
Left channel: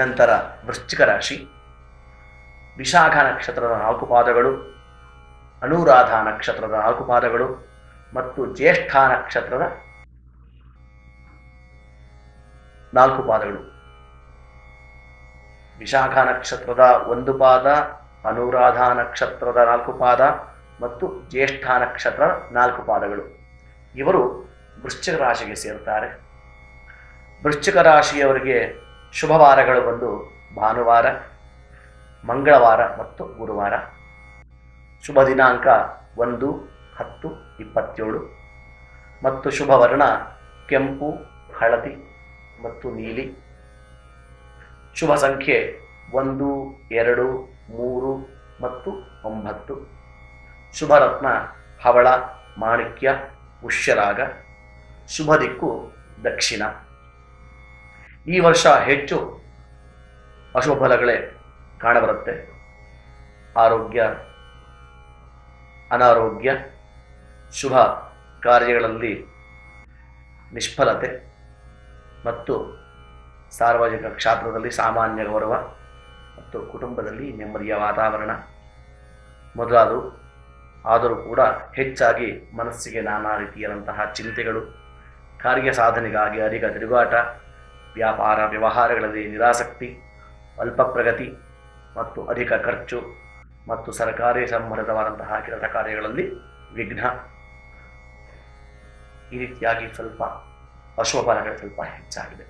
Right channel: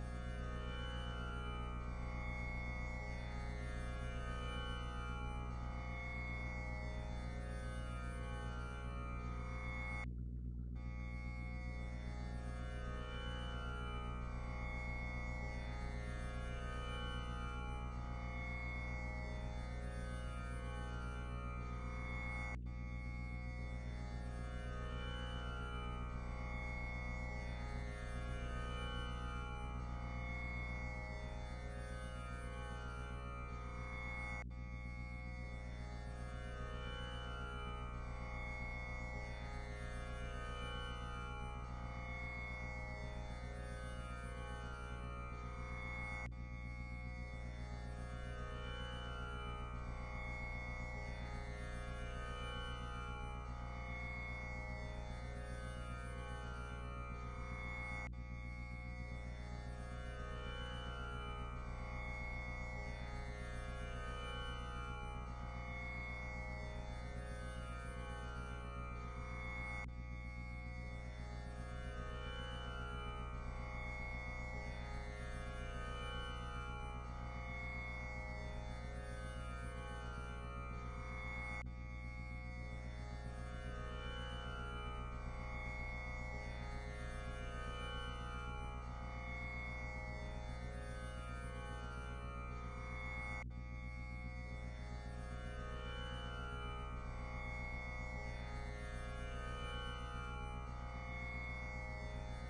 ನಂತರ ವೃಶ್ಚಿಕ ರಾಶಿ. ವಿಶಾಖ ನಕ್ಷತ್ರದ 4 ಪಾದಗಳು, ಅನುರಾಧ ನಕ್ಷತ್ರದ 4 ಪಾದಗಳು ಮತ್ತು ಜ್ಯೇಷ್ಠ ನಕ್ಷತ್ರದ 4 ಪಾದಗಳು. ವಿಶಾಖ ನಕ್ಷತ್ರದ 1 ಪಾದ, ಅನುರಾಧ ನಕ್ಷತ್ರದ 4 ಪಾದ ಮತ್ತು ಜ್ಯೇಷ್ಠ ನಕ್ಷತ್ರದ 4 ಪಾದಗಳು ಇವರು ವೃಶ್ಚಿಕ ರಾಶಿಗೆ ಸೇರುತ್ತಾರೆ. ವೃಶ್ಚಿಕ ರಾಶಿಯವರಿಗೆ ಶುಭವಾರಗಳು ಬಂದು ಭಾನುವಾರ, ಮಂಗಳವಾರ ಮತ್ತು ಗುರುವಾರ. ಶುಭ ದಿನಾಂಕ 1, 10, 27 ಮತ್ತು ಶುಭ ವರ್ಣ ಕೆಂಪು, ಹಳದಿ ಮತ್ತು ನೀಲಿ. ಶುಭ ಸಂಖ್ಯೆ 1, 2, 3 ಮತ್ತು 9. ಶುಭ ರತ್ನ ಹವಳ, ಮಾಣಿಕ್ಯ, ಪುಷ್ಯರಾಗ. ಶುಭ ದಿಕ್ಕು ದಕ್ಷಿಣ. ಈ ವರ್ಷ ಹೆಚ್ಚು ಅಶುಭ ಫಲಗಳೇ ಕಾಣಬರುತ್ತೆ. ಆರೋಗ್ಯ, ಅನಾರೋಗ್ಯ, ಶುಭ ಕಾರ್ಯಗಳಲ್ಲಿ ನಿಷ್ಫಲತೆ ಮತ್ತು ಸಾರ್ವಜನಿಕ ಕ್ಷೇತ್ರದಲ್ಲಿ ಸಾಮಾನ್ಯ ಗೌರವ ಮತ್ತು ಕುಟುಂಬದಲ್ಲಿ ನೆಮ್ಮದಿಯ ವಾತಾವರಣ ಮೊದಲಾದವು. ಆದರೂ ಕೂಡ ಹೆಚ್ಚಾಗಿ ಮನಸ್ಸಿಗೆ ನಾನಾ ರೀತಿಯಾದಂತಹ ಚಿಂತೆಗಳು, ಕಾರ್ಯ ಸಾಧನೆಗಾಗಿ ಅಧಿಕ ತಿರುಗಾಟ, ವ್ಯಾಪಾರ ವ್ಯವಹಾರಗಳಲ್ಲಿ ನಿರಾಸಕ್ತಿ, ಅಲ್ಪ ಪ್ರಗತಿ ಮತ್ತು ಅಧಿಕ ಖರ್ಚು ಮತ್ತು ಸರ್ಕಾರಿ ಸಂಬಂಧಿತವಾದಂತಹ ಕೆಲಸ ಕಾರ್ಯಗಳಲ್ಲಿ ವಿಘ್ನ, ಈ ರೀತಿಯಾಗಿ ಸ್ವಲ್ಪ ಅಶುಭ ಫಲಗಳು ಸ್ವಲ್ಪ ಹೆಚ್ಚಾಗಿದೆ.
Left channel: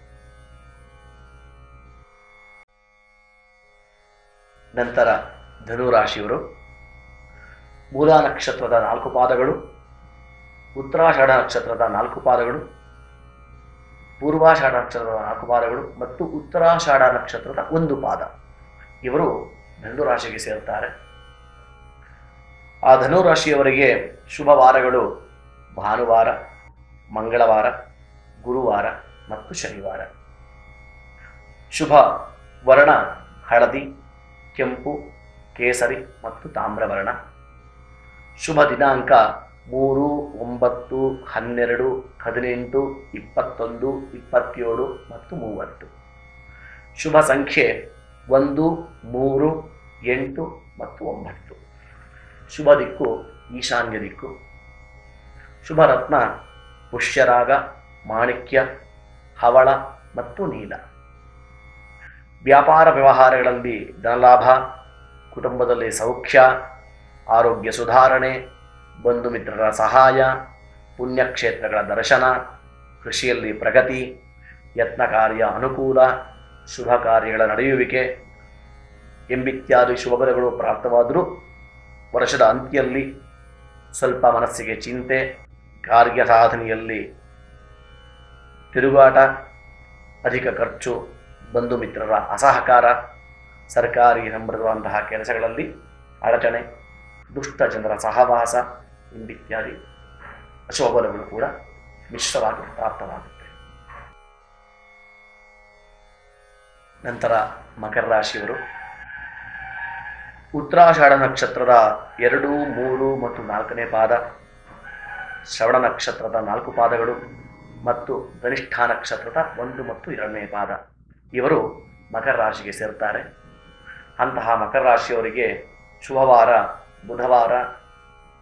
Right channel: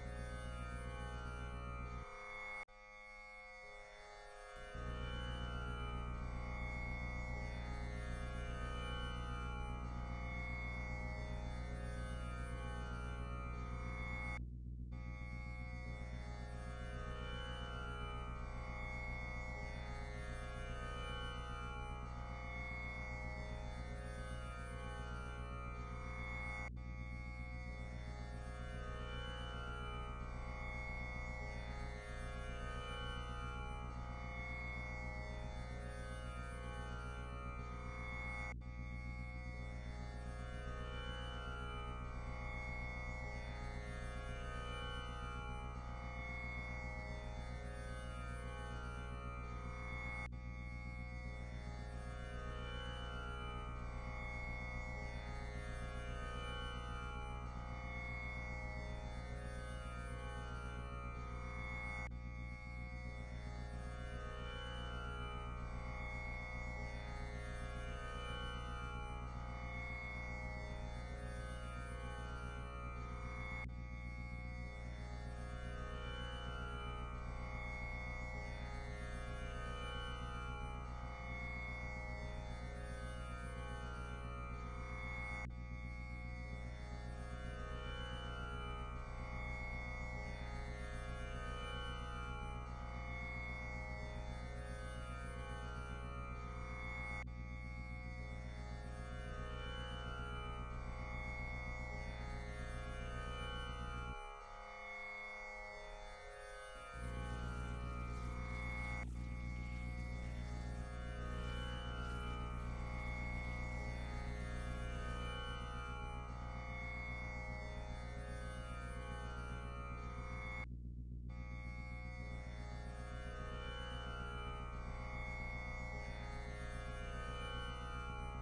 ನಂತರ ಧನುರಾಶಿಯವರು ಮೂಲ ನಕ್ಷತ್ರದ 4 ಪಾದಗಳು, ಉತ್ತರಾಷಾಢ ನಕ್ಷತ್ರದ 4 ಪಾದಗಳು, ಪೂರ್ವಾಷಾಢ ನಕ್ಷತ್ರದ 4 ಪಾದಗಳು ಮತ್ತು ಉತ್ತರಾಷಾಢ ನಕ್ಷತ್ರದ 1 ಪಾದ ಇವರು ಧನುರಾಶಿಗೆ ಸೇರುತ್ತಾರೆ. ಆ ಧನುರಾಶಿಯವರಿಗೆ ಶುಭವಾರಗಳು ಭಾನುವಾರ, ಮಂಗಳವಾರ, ಗುರುವಾರ ಮತ್ತು ಶನಿವಾರ. ಶುಭ ವರ್ಣ ಹಳದಿ, ಕೆಂಪು, ಕೇಸರಿ ಮತ್ತು ತಾಮ್ರವರ್ಣ. ಶುಭ ದಿನಾಂಕ 3, 9, 12, 18, 21, 27 ಮತ್ತು 30. ಶುಭ ಸಂಖ್ಯೆ 1, 3, 8 ಮತ್ತು 9. ಶುಭ ದಿಕ್ಕು ಈಶಾನ್ಯ ದಿಕ್ಕು. ಶುಭ ರತ್ನ ಪುಷ್ಯರಾಗ, ಮಾಣಿಕ್ಯ, ಹವಳ ಮತ್ತು ನೀಲ. ವ್ಯಾಪಾರ ವ್ಯವಹಾರಗಳಲ್ಲಿ ಧನಲಾಭ, ಕುಟುಂಬದಲ್ಲಿ ಸೌಖ್ಯ, ಆರೋಗ್ಯ ಸುಧಾರಣೆ, ಬಂಧು ಮಿತ್ರರ ಸಹಾಯ, ಪುಣ್ಯಕ್ಷೇತ್ರಗಳ ದರ್ಶನ, ಕೃಷಿಯಲ್ಲಿ ಪ್ರಗತಿ, ಯತ್ನ ಕಾರ್ಯ ಅನುಕೂಲ, ಶುಭ ಕಾರ್ಯಗಳ ನಡೆಯುವಿಕೆ ಎಂಬಿತ್ಯಾದಿ ಶುಭಫಲಗಳು ಪ್ರಾಪ್ತವಾದರೂ ವರ್ಷದ ಅಂತ್ಯದಲ್ಲಿ ಸ್ವಲ್ಪ ಮನಸ್ಸಿಗೆ ಚಿಂತೆ, ಕಾರ್ಯ ಸಾಧನೆಯಲ್ಲಿ ತಿರುಗಾಟ, ಅಧಿಕ ಖರ್ಚು, ಬಂಧು ಮಿತ್ರರ ಅಸಹಕಾರ, ಸರ್ಕಾರಿ ಸಂಬಂಧವಾದಂತಹ ಕೆಲಸಗಳಲ್ಲಿ ಅಡಚಣೆ, ದುಷ್ಟ ಜನರ ಸಹವಾಸ ಎಂಬಿತ್ಯಾದಿ ಅಶುಭಫಲಗಳು ಕೂಡ ಮಿಶ್ರವಾಗಿ ಪ್ರಾಪ್ತವಾಗುತ್ತೆ. ನಂತರ ಮಕರ ರಾಶಿಯವರು ಉತ್ತರಾಷಾಢ ನಕ್ಷತ್ರದ 2, 3 ಮತ್ತು 4ನೇ ಪಾದ, ಶ್ರವಣ ನಕ್ಷತ್ರದ 4 ಪಾದಗಳು ಮತ್ತು ಧನಿಷ್ಠ ನಕ್ಷತ್ರದ 1 ಮತ್ತು 2ನೇ ಪಾದ ಇವರು ಮಕರ ರಾಶಿಗೆ ಸೇರ್ತಾರೆ. ಅಂತಹ ಮಕರ ರಾಶಿಯವರಿಗೆ ಶುಭವಾರ ಬುಧವಾರ,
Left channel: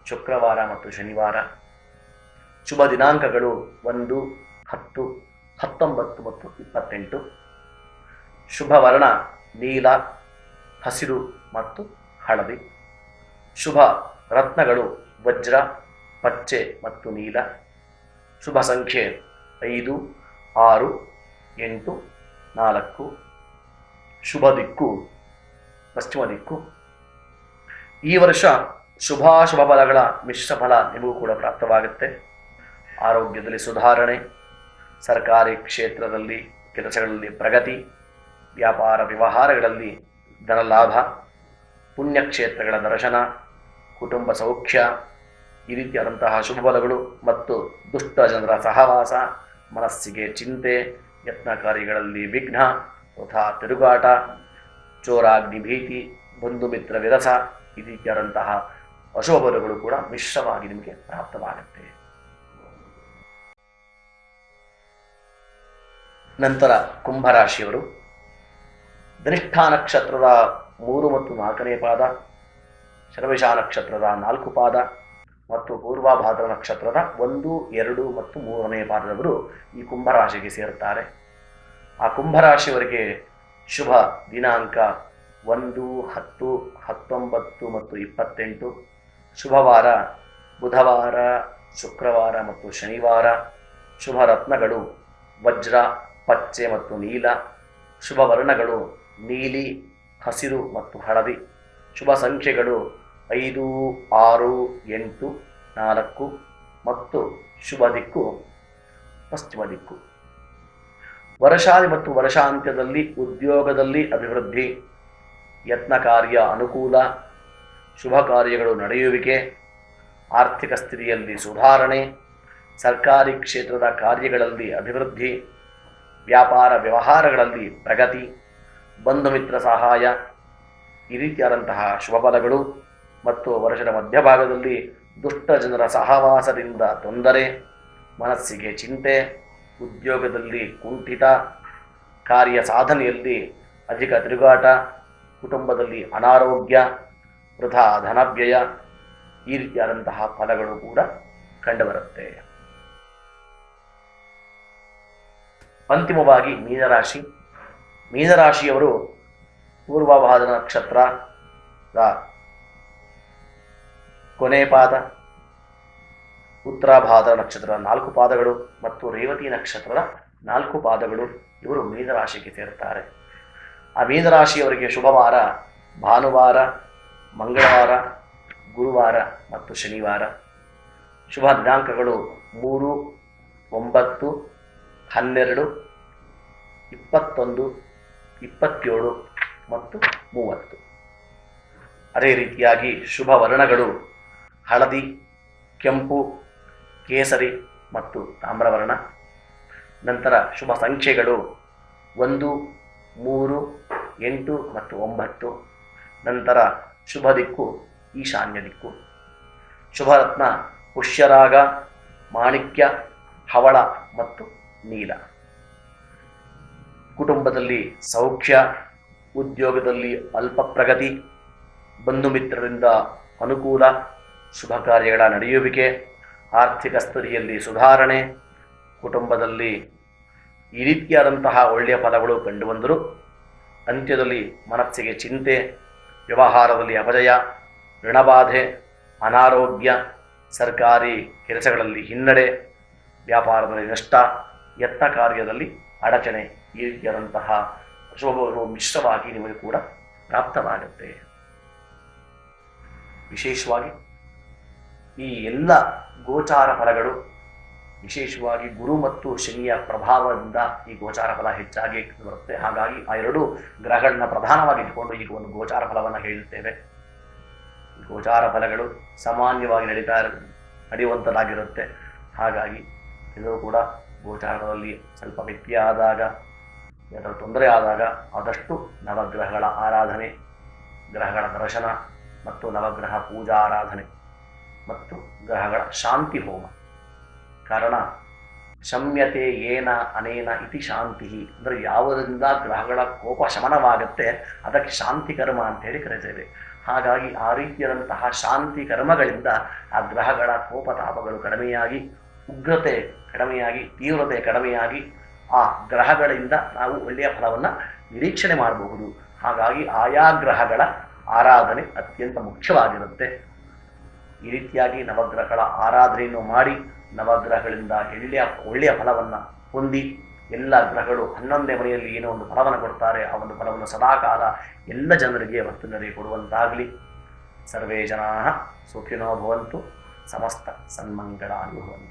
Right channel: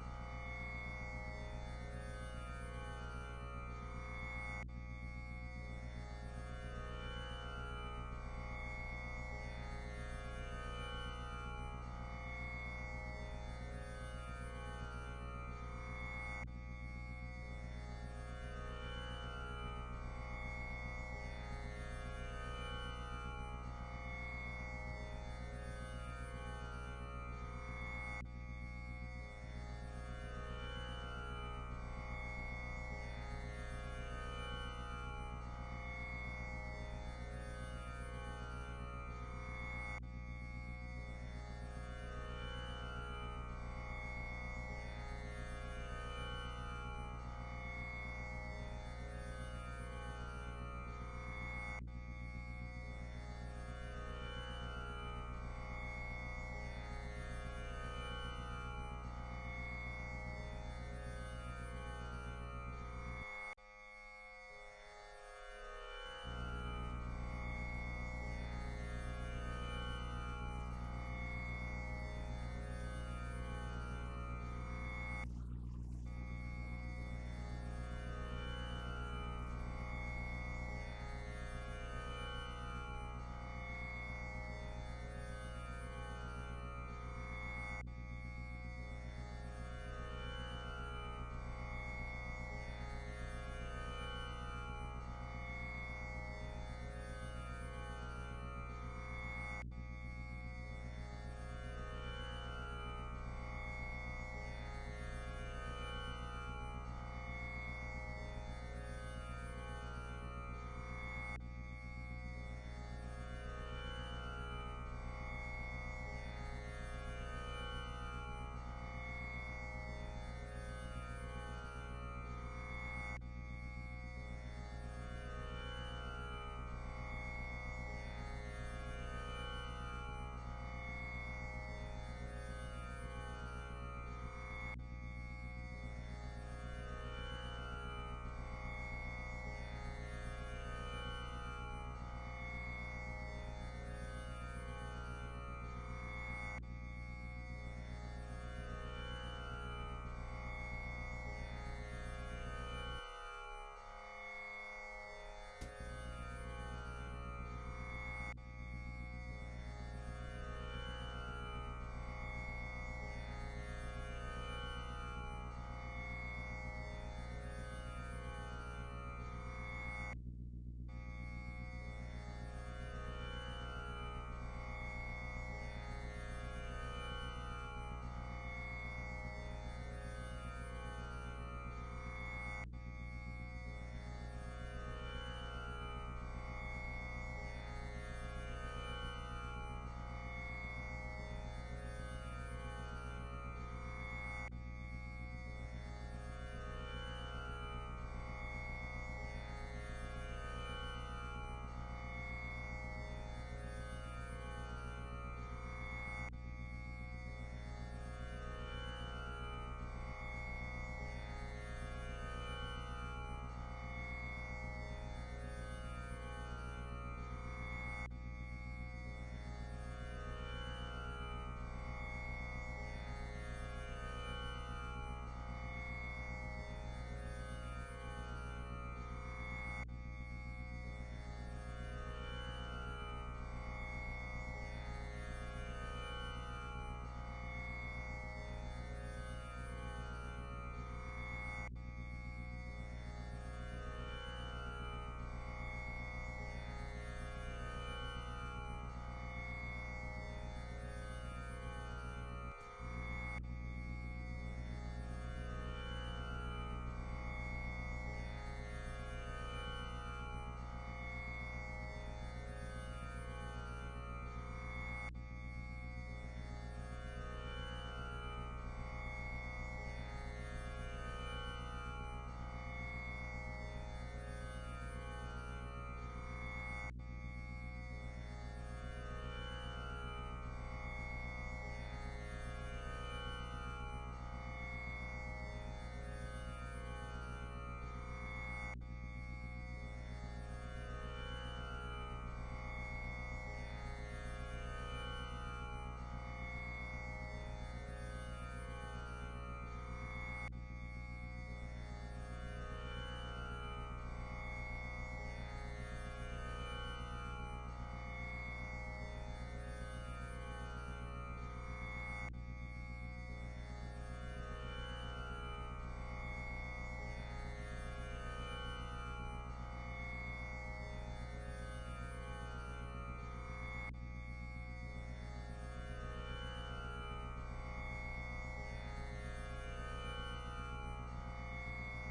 ಶುಕ್ರವಾರ ಮತ್ತು ಶನಿವಾರ. ಶುಭ ದಿನಾಂಕಗಳು 1, 10, 19 ಮತ್ತು 28. ಶುಭ ವರ್ಣ ನೀಲ, ಹಸಿರು ಮತ್ತು ಹಳದಿ. ಶುಭ ರತ್ನಗಳು ವಜ್ರ, ಪಚ್ಚೆ ಮತ್ತು ನೀಲ. ಶುಭ ಸಂಖ್ಯೆ 5, 6, 8, 4. ಶುಭ ದಿಕ್ಕು ಪಶ್ಚಿಮ ದಿಕ್ಕು. ಈ ವರ್ಷ ಶುಭಾಶುಭ ಫಲಗಳ ಮಿಶ್ರ ಫಲ ನಿಮಗೂ ಕೂಡ ಪ್ರಾಪ್ತವಾಗುತ್ತೆ. ಆರೋಗ್ಯದಲ್ಲಿ ಸುಧಾರಣೆ, ಸರ್ಕಾರಿ ಕ್ಷೇತ್ರದಲ್ಲಿ ಕೆಲಸಗಳಲ್ಲಿ ಪ್ರಗತಿ, ವ್ಯಾಪಾರ ವ್ಯವಹಾರಗಳಲ್ಲಿ ಧನಲಾಭ, ಪುಣ್ಯಕ್ಷೇತ್ರಗಳ ದರ್ಶನ, ಕುಟುಂಬ ಸೌಖ್ಯ ಈ ರೀತಿಯಾದಂತಹ ಶುಭ ಫಲಗಳು ಮತ್ತು ದುಷ್ಟ ಜನರ ಸಹವಾಸ, ಮನಸ್ಸಿಗೆ ಚಿಂತೆ, ಯತ್ನ ಕಾರ್ಯಗಳಲ್ಲಿ ವಿಘ್ನ, ವೃಥಾ ತಿರುಗಾಟ, ಚೋರಾಗ್ನಿ ಭೀತಿ, ಬಂಧು ಮಿತ್ರ ವಿರಸ ಈ ರೀತಿಯಾದಂತಹ ಅಶುಭ ಫಲಗಳು ಕೂಡ ಮಿಶ್ರವಾಗಿ ನಿಮಗೆ ಪ್ರಾಪ್ತವಾಗುತ್ತೆ. ನಂತರ ಕುಂಭರಾಶಿಯವರು ಧನಿಷ್ಠ ನಕ್ಷತ್ರದ 3 ಮತ್ತು 4ನೇ ಪಾದ, ಶರ್ವಿಷ ನಕ್ಷತ್ರದ 4 ಪಾದ ಮತ್ತು ಪೂರ್ವಭಾದ್ರ ನಕ್ಷತ್ರದ 1, 2 ಮತ್ತು 3ನೇ ಪಾದದವರು ಈ ಕುಂಭರಾಶಿಗೆ ಸೇರುತ್ತಾರೆ. ಆ ಕುಂಭರಾಶಿಯವರಿಗೆ ಶುಭ ದಿನಾಂಕ 1, 10, 19 ಮತ್ತು 28. ಶುಭವಾರ ಬುಧವಾರ, ಶುಕ್ರವಾರ ಮತ್ತು ಶನಿವಾರ. ಶುಭ ರತ್ನಗಳು ವಜ್ರ, ಪಚ್ಚೆ ಮತ್ತು ನೀಲ. ಶುಭ ವರ್ಣಗಳು ನೀಲಿ, ಹಸಿರು ಮತ್ತು ಹಳದಿ. ಶುಭ ಸಂಖ್ಯೆಗಳು 5, 6, 8, 4 ಮತ್ತು ಶುಭ ದಿಕ್ಕು ಪಶ್ಚಿಮ ದಿಕ್ಕು. ವರ್ಷಾದಿ ಮತ್ತು ವರ್ಷಾಂತ್ಯದಲ್ಲಿ ಉದ್ಯೋಗದಲ್ಲಿ ಅಭಿವೃದ್ಧಿ, ಯತ್ನ ಕಾರ್ಯ ಅನುಕೂಲ, ಶುಭ ಕಾರ್ಯಗಳು ನಡೆಯುವಿಕೆ, ಆರ್ಥಿಕ ಸ್ಥಿತಿಯಲ್ಲಿ ಸುಧಾರಣೆ, ಸರ್ಕಾರಿ ಕ್ಷೇತ್ರದ ಕಾರ್ಯಗಳಲ್ಲಿ ಅಭಿವೃದ್ಧಿ, ವ್ಯಾಪಾರ ವ್ಯವಹಾರಗಳಲ್ಲಿ ಪ್ರಗತಿ, ಬಂಧು ಮಿತ್ರ ಸಹಾಯ ಈ ರೀತಿಯಾದಂತಹ ಶುಭ ಫಲಗಳು ಮತ್ತು ವರ್ಷದ ಮಧ್ಯಭಾಗದಲ್ಲಿ ದುಷ್ಟ ಜನರ ಸಹವಾಸದಿಂದ ತೊಂದರೆ, ಮನಸ್ಸಿಗೆ ಚಿಂತೆ, ಉದ್ಯೋಗದಲ್ಲಿ ಕುಂಠಿತ, ಕಾರ್ಯ ಸಾಧನೆಯಲ್ಲಿ ಅಧಿಕ ತಿರುಗಾಟ, ಕುಟುಂಬದಲ್ಲಿ ಅನಾರೋಗ್ಯ, ವೃಥಾ ಧನವ್ಯಯ ಈ ರೀತಿಯಾದಂತಹ ಫಲಗಳು ಕೂಡ ಕಂಡುಬರುತ್ತೆ. ಅಂತಿಮವಾಗಿ ಮೀನರಾಶಿ. ಮೀನರಾಶಿಯವರು ಪೂರ್ವಭಾದ್ರ ನಕ್ಷತ್ರದ ಕೊನೆ ಪಾದ, ಉತ್ತರಾಭಾದ್ರ ನಕ್ಷತ್ರದ 4 ಪಾದಗಳು ಮತ್ತು ರೇವತಿ ನಕ್ಷತ್ರದ 4 ಪಾದಗಳು ಇವರು ಮೀನರಾಶಿಗೆ ಸೇರುತ್ತಾರೆ. ಆ ಮೀನರಾಶಿಯವರಿಗೆ ಶುಭವಾರ ಭಾನುವಾರ, ಮಂಗಳವಾರ, ಗುರುವಾರ ಮತ್ತು ಶನಿವಾರ. ಶುಭ ದಿನಾಂಕಗಳು 3, 9, 12, 21, 27 ಮತ್ತು 30. ಅದೇ ರೀತಿಯಾಗಿ ಶುಭ ವರ್ಣಗಳು ಹಳದಿ, ಕೆಂಪು, ಕೇಸರಿ ಮತ್ತು ತಾಮ್ರವರ್ಣ. ನಂತರ ಶುಭ ಸಂಖ್ಯೆಗಳು 1, 3, 8 ಮತ್ತು 9. ನಂತರ ಶುಭ ದಿಕ್ಕು ಈಶಾನ್ಯ ದಿಕ್ಕು. ಶುಭರತ್ನ ಪುಷ್ಯರಾಗ, ಮಾಣಿಕ್ಯ, ಹವಳ ಮತ್ತು ನೀಲ. ಕುಟುಂಬದಲ್ಲಿ ಸೌಖ್ಯ, ಉದ್ಯೋಗದಲ್ಲಿ ಅಲ್ಪ ಪ್ರಗತಿ, ಬಂಧು ಮಿತ್ರರಿಂದ ಅನುಕೂಲ, ಶುಭ ಕಾರ್ಯಗಳ ನಡೆಯುವಿಕೆ, ಆರ್ಥಿಕ ಸ್ಥಿತಿಯಲ್ಲಿ ಸುಧಾರಣೆ, ಕುಟುಂಬದಲ್ಲಿ ಈ ರೀತಿಯಾದಂತಹ ಒಳ್ಳೆಯ ಫಲಗಳು ಕಂಡುಬಂದರೂ ಅಂತ್ಯದಲ್ಲಿ ಮನಸ್ಸಿಗೆ ಚಿಂತೆ, ವ್ಯವಹಾರದಲ್ಲಿ ಅಪಜಯ, ಋಣಬಾಧೆ, ಅನಾರೋಗ್ಯ, ಸರ್ಕಾರಿ ಕೆಲಸಗಳಲ್ಲಿ ಹಿನ್ನಡೆ, ವ್ಯಾಪಾರದಲ್ಲಿ ನಷ್ಟ ಯತ್ನ ಕಾರ್ಯದಲ್ಲಿ ಅಡಚಣೆ ಈ ರೀತಿಯಾದಂತಹ ಶೋಭಗಳು ಮಿಶ್ರವಾಗಿ ನಿಮಗೆ ಕೂಡ ಪ್ರಾಪ್ತವಾಗುತ್ತೆ. ವಿಶೇಷವಾಗಿ ಈ ಎಲ್ಲ ಗೋಚಾರ ಫಲಗಳು ವಿಶೇಷವಾಗಿ ಗುರು ಮತ್ತು ಶನಿಯ ಪ್ರಭಾವದಿಂದ ಈ ಗೋಚಾರ ಫಲ ಹೆಚ್ಚಾಗಿ ಬರುತ್ತೆ. ಹಾಗಾಗಿ ಆ ಎರಡು ಗ್ರಹಗಳನ್ನ ಪ್ರಧಾನವಾಗಿ ಇಟ್ಟುಕೊಂಡು ಈಗ ಒಂದು ಗೋಚಾರ ಫಲವನ್ನು ಹೇಳುತ್ತೇವೆ. ಗೋಚಾರ ಫಲಗಳು ಸಾಮಾನ್ಯವಾಗಿ ನಡೆಯುವಂಥದ್ದಾಗಿರುತ್ತೆ. ಹಾಗಾಗಿ ಇದು ಕೂಡ ಗೋಚಾರದಲ್ಲಿ ಸ್ವಲ್ಪ ವ್ಯತ್ಯಯ ಆದಾಗ, ಅದರ ತೊಂದರೆ ಆದಾಗ ಆದಷ್ಟು ನವಗ್ರಹಗಳ ಆರಾಧನೆ, ಗ್ರಹಗಳ ದರ್ಶನ ಮತ್ತು ನವಗ್ರಹ ಪೂಜಾ ಆರಾಧನೆ ಮತ್ತು ಗ್ರಹಗಳ ಶಾಂತಿ ಹೋಮ. ಕಾರಣ ಶಮ್ಯತೆ ಏನ ಅನೇನ ಇತಿ ಶಾಂತಿ, ಅಂದರೆ ಯಾವುದರಿಂದ ಗ್ರಹಗಳ ಕೋಪ ಶಮನವಾಗುತ್ತೆ ಅದಕ್ಕೆ ಶಾಂತಿ ಕರ್ಮ ಅಂತೇಳಿ ಕರೀತೇವೆ. ಹಾಗಾಗಿ ಆ ರೀತಿಯಾದಂತಹ ಶಾಂತಿ ಕರ್ಮಗಳಿಂದ ಆ ಗ್ರಹಗಳ ಕೋಪತಾಪಗಳು ಕಡಿಮೆಯಾಗಿ, ಉಗ್ರತೆ ಕಡಿಮೆಯಾಗಿ, ತೀವ್ರತೆ ಕಡಿಮೆಯಾಗಿ ಆ ಗ್ರಹಗಳಿಂದ ನಾವು ಒಳ್ಳೆಯ ಫಲವನ್ನು ನಿರೀಕ್ಷಣೆ ಮಾಡಬಹುದು. ಹಾಗಾಗಿ ಆಯಾ ಗ್ರಹಗಳ ಆರಾಧನೆ ಅತ್ಯಂತ ಮುಖ್ಯವಾಗಿರುತ್ತೆ. ಈ ರೀತಿಯಾಗಿ ನವಗ್ರಹಗಳ ಆರಾಧನೆಯನ್ನು ಮಾಡಿ ನವಗ್ರಹಗಳಿಂದ ಒಳ್ಳೆಯ ಫಲವನ್ನು ಹೊಂದಿ, ಎಲ್ಲ ಗ್ರಹಗಳು 11ನೇ ಮನೆಯಲ್ಲಿ ಏನೋ ಒಂದು ಫಲವನ್ನು ಕೊಡ್ತಾರೆ, ಆ ಒಂದು ಫಲವನ್ನು ಸದಾಕಾಲ ಎಲ್ಲ ಜನರಿಗೆ ವರ್ತನೆಗೆ ಕೊಡುವಂತಾಗಲಿ. ಸರ್ವೇ ಜನಾಃ ಸುಖಿನೋ ಭವಂತು, ಸಮಸ್ತ ಸನ್ಮಂಗಳಾನಿ ಭವಂತು.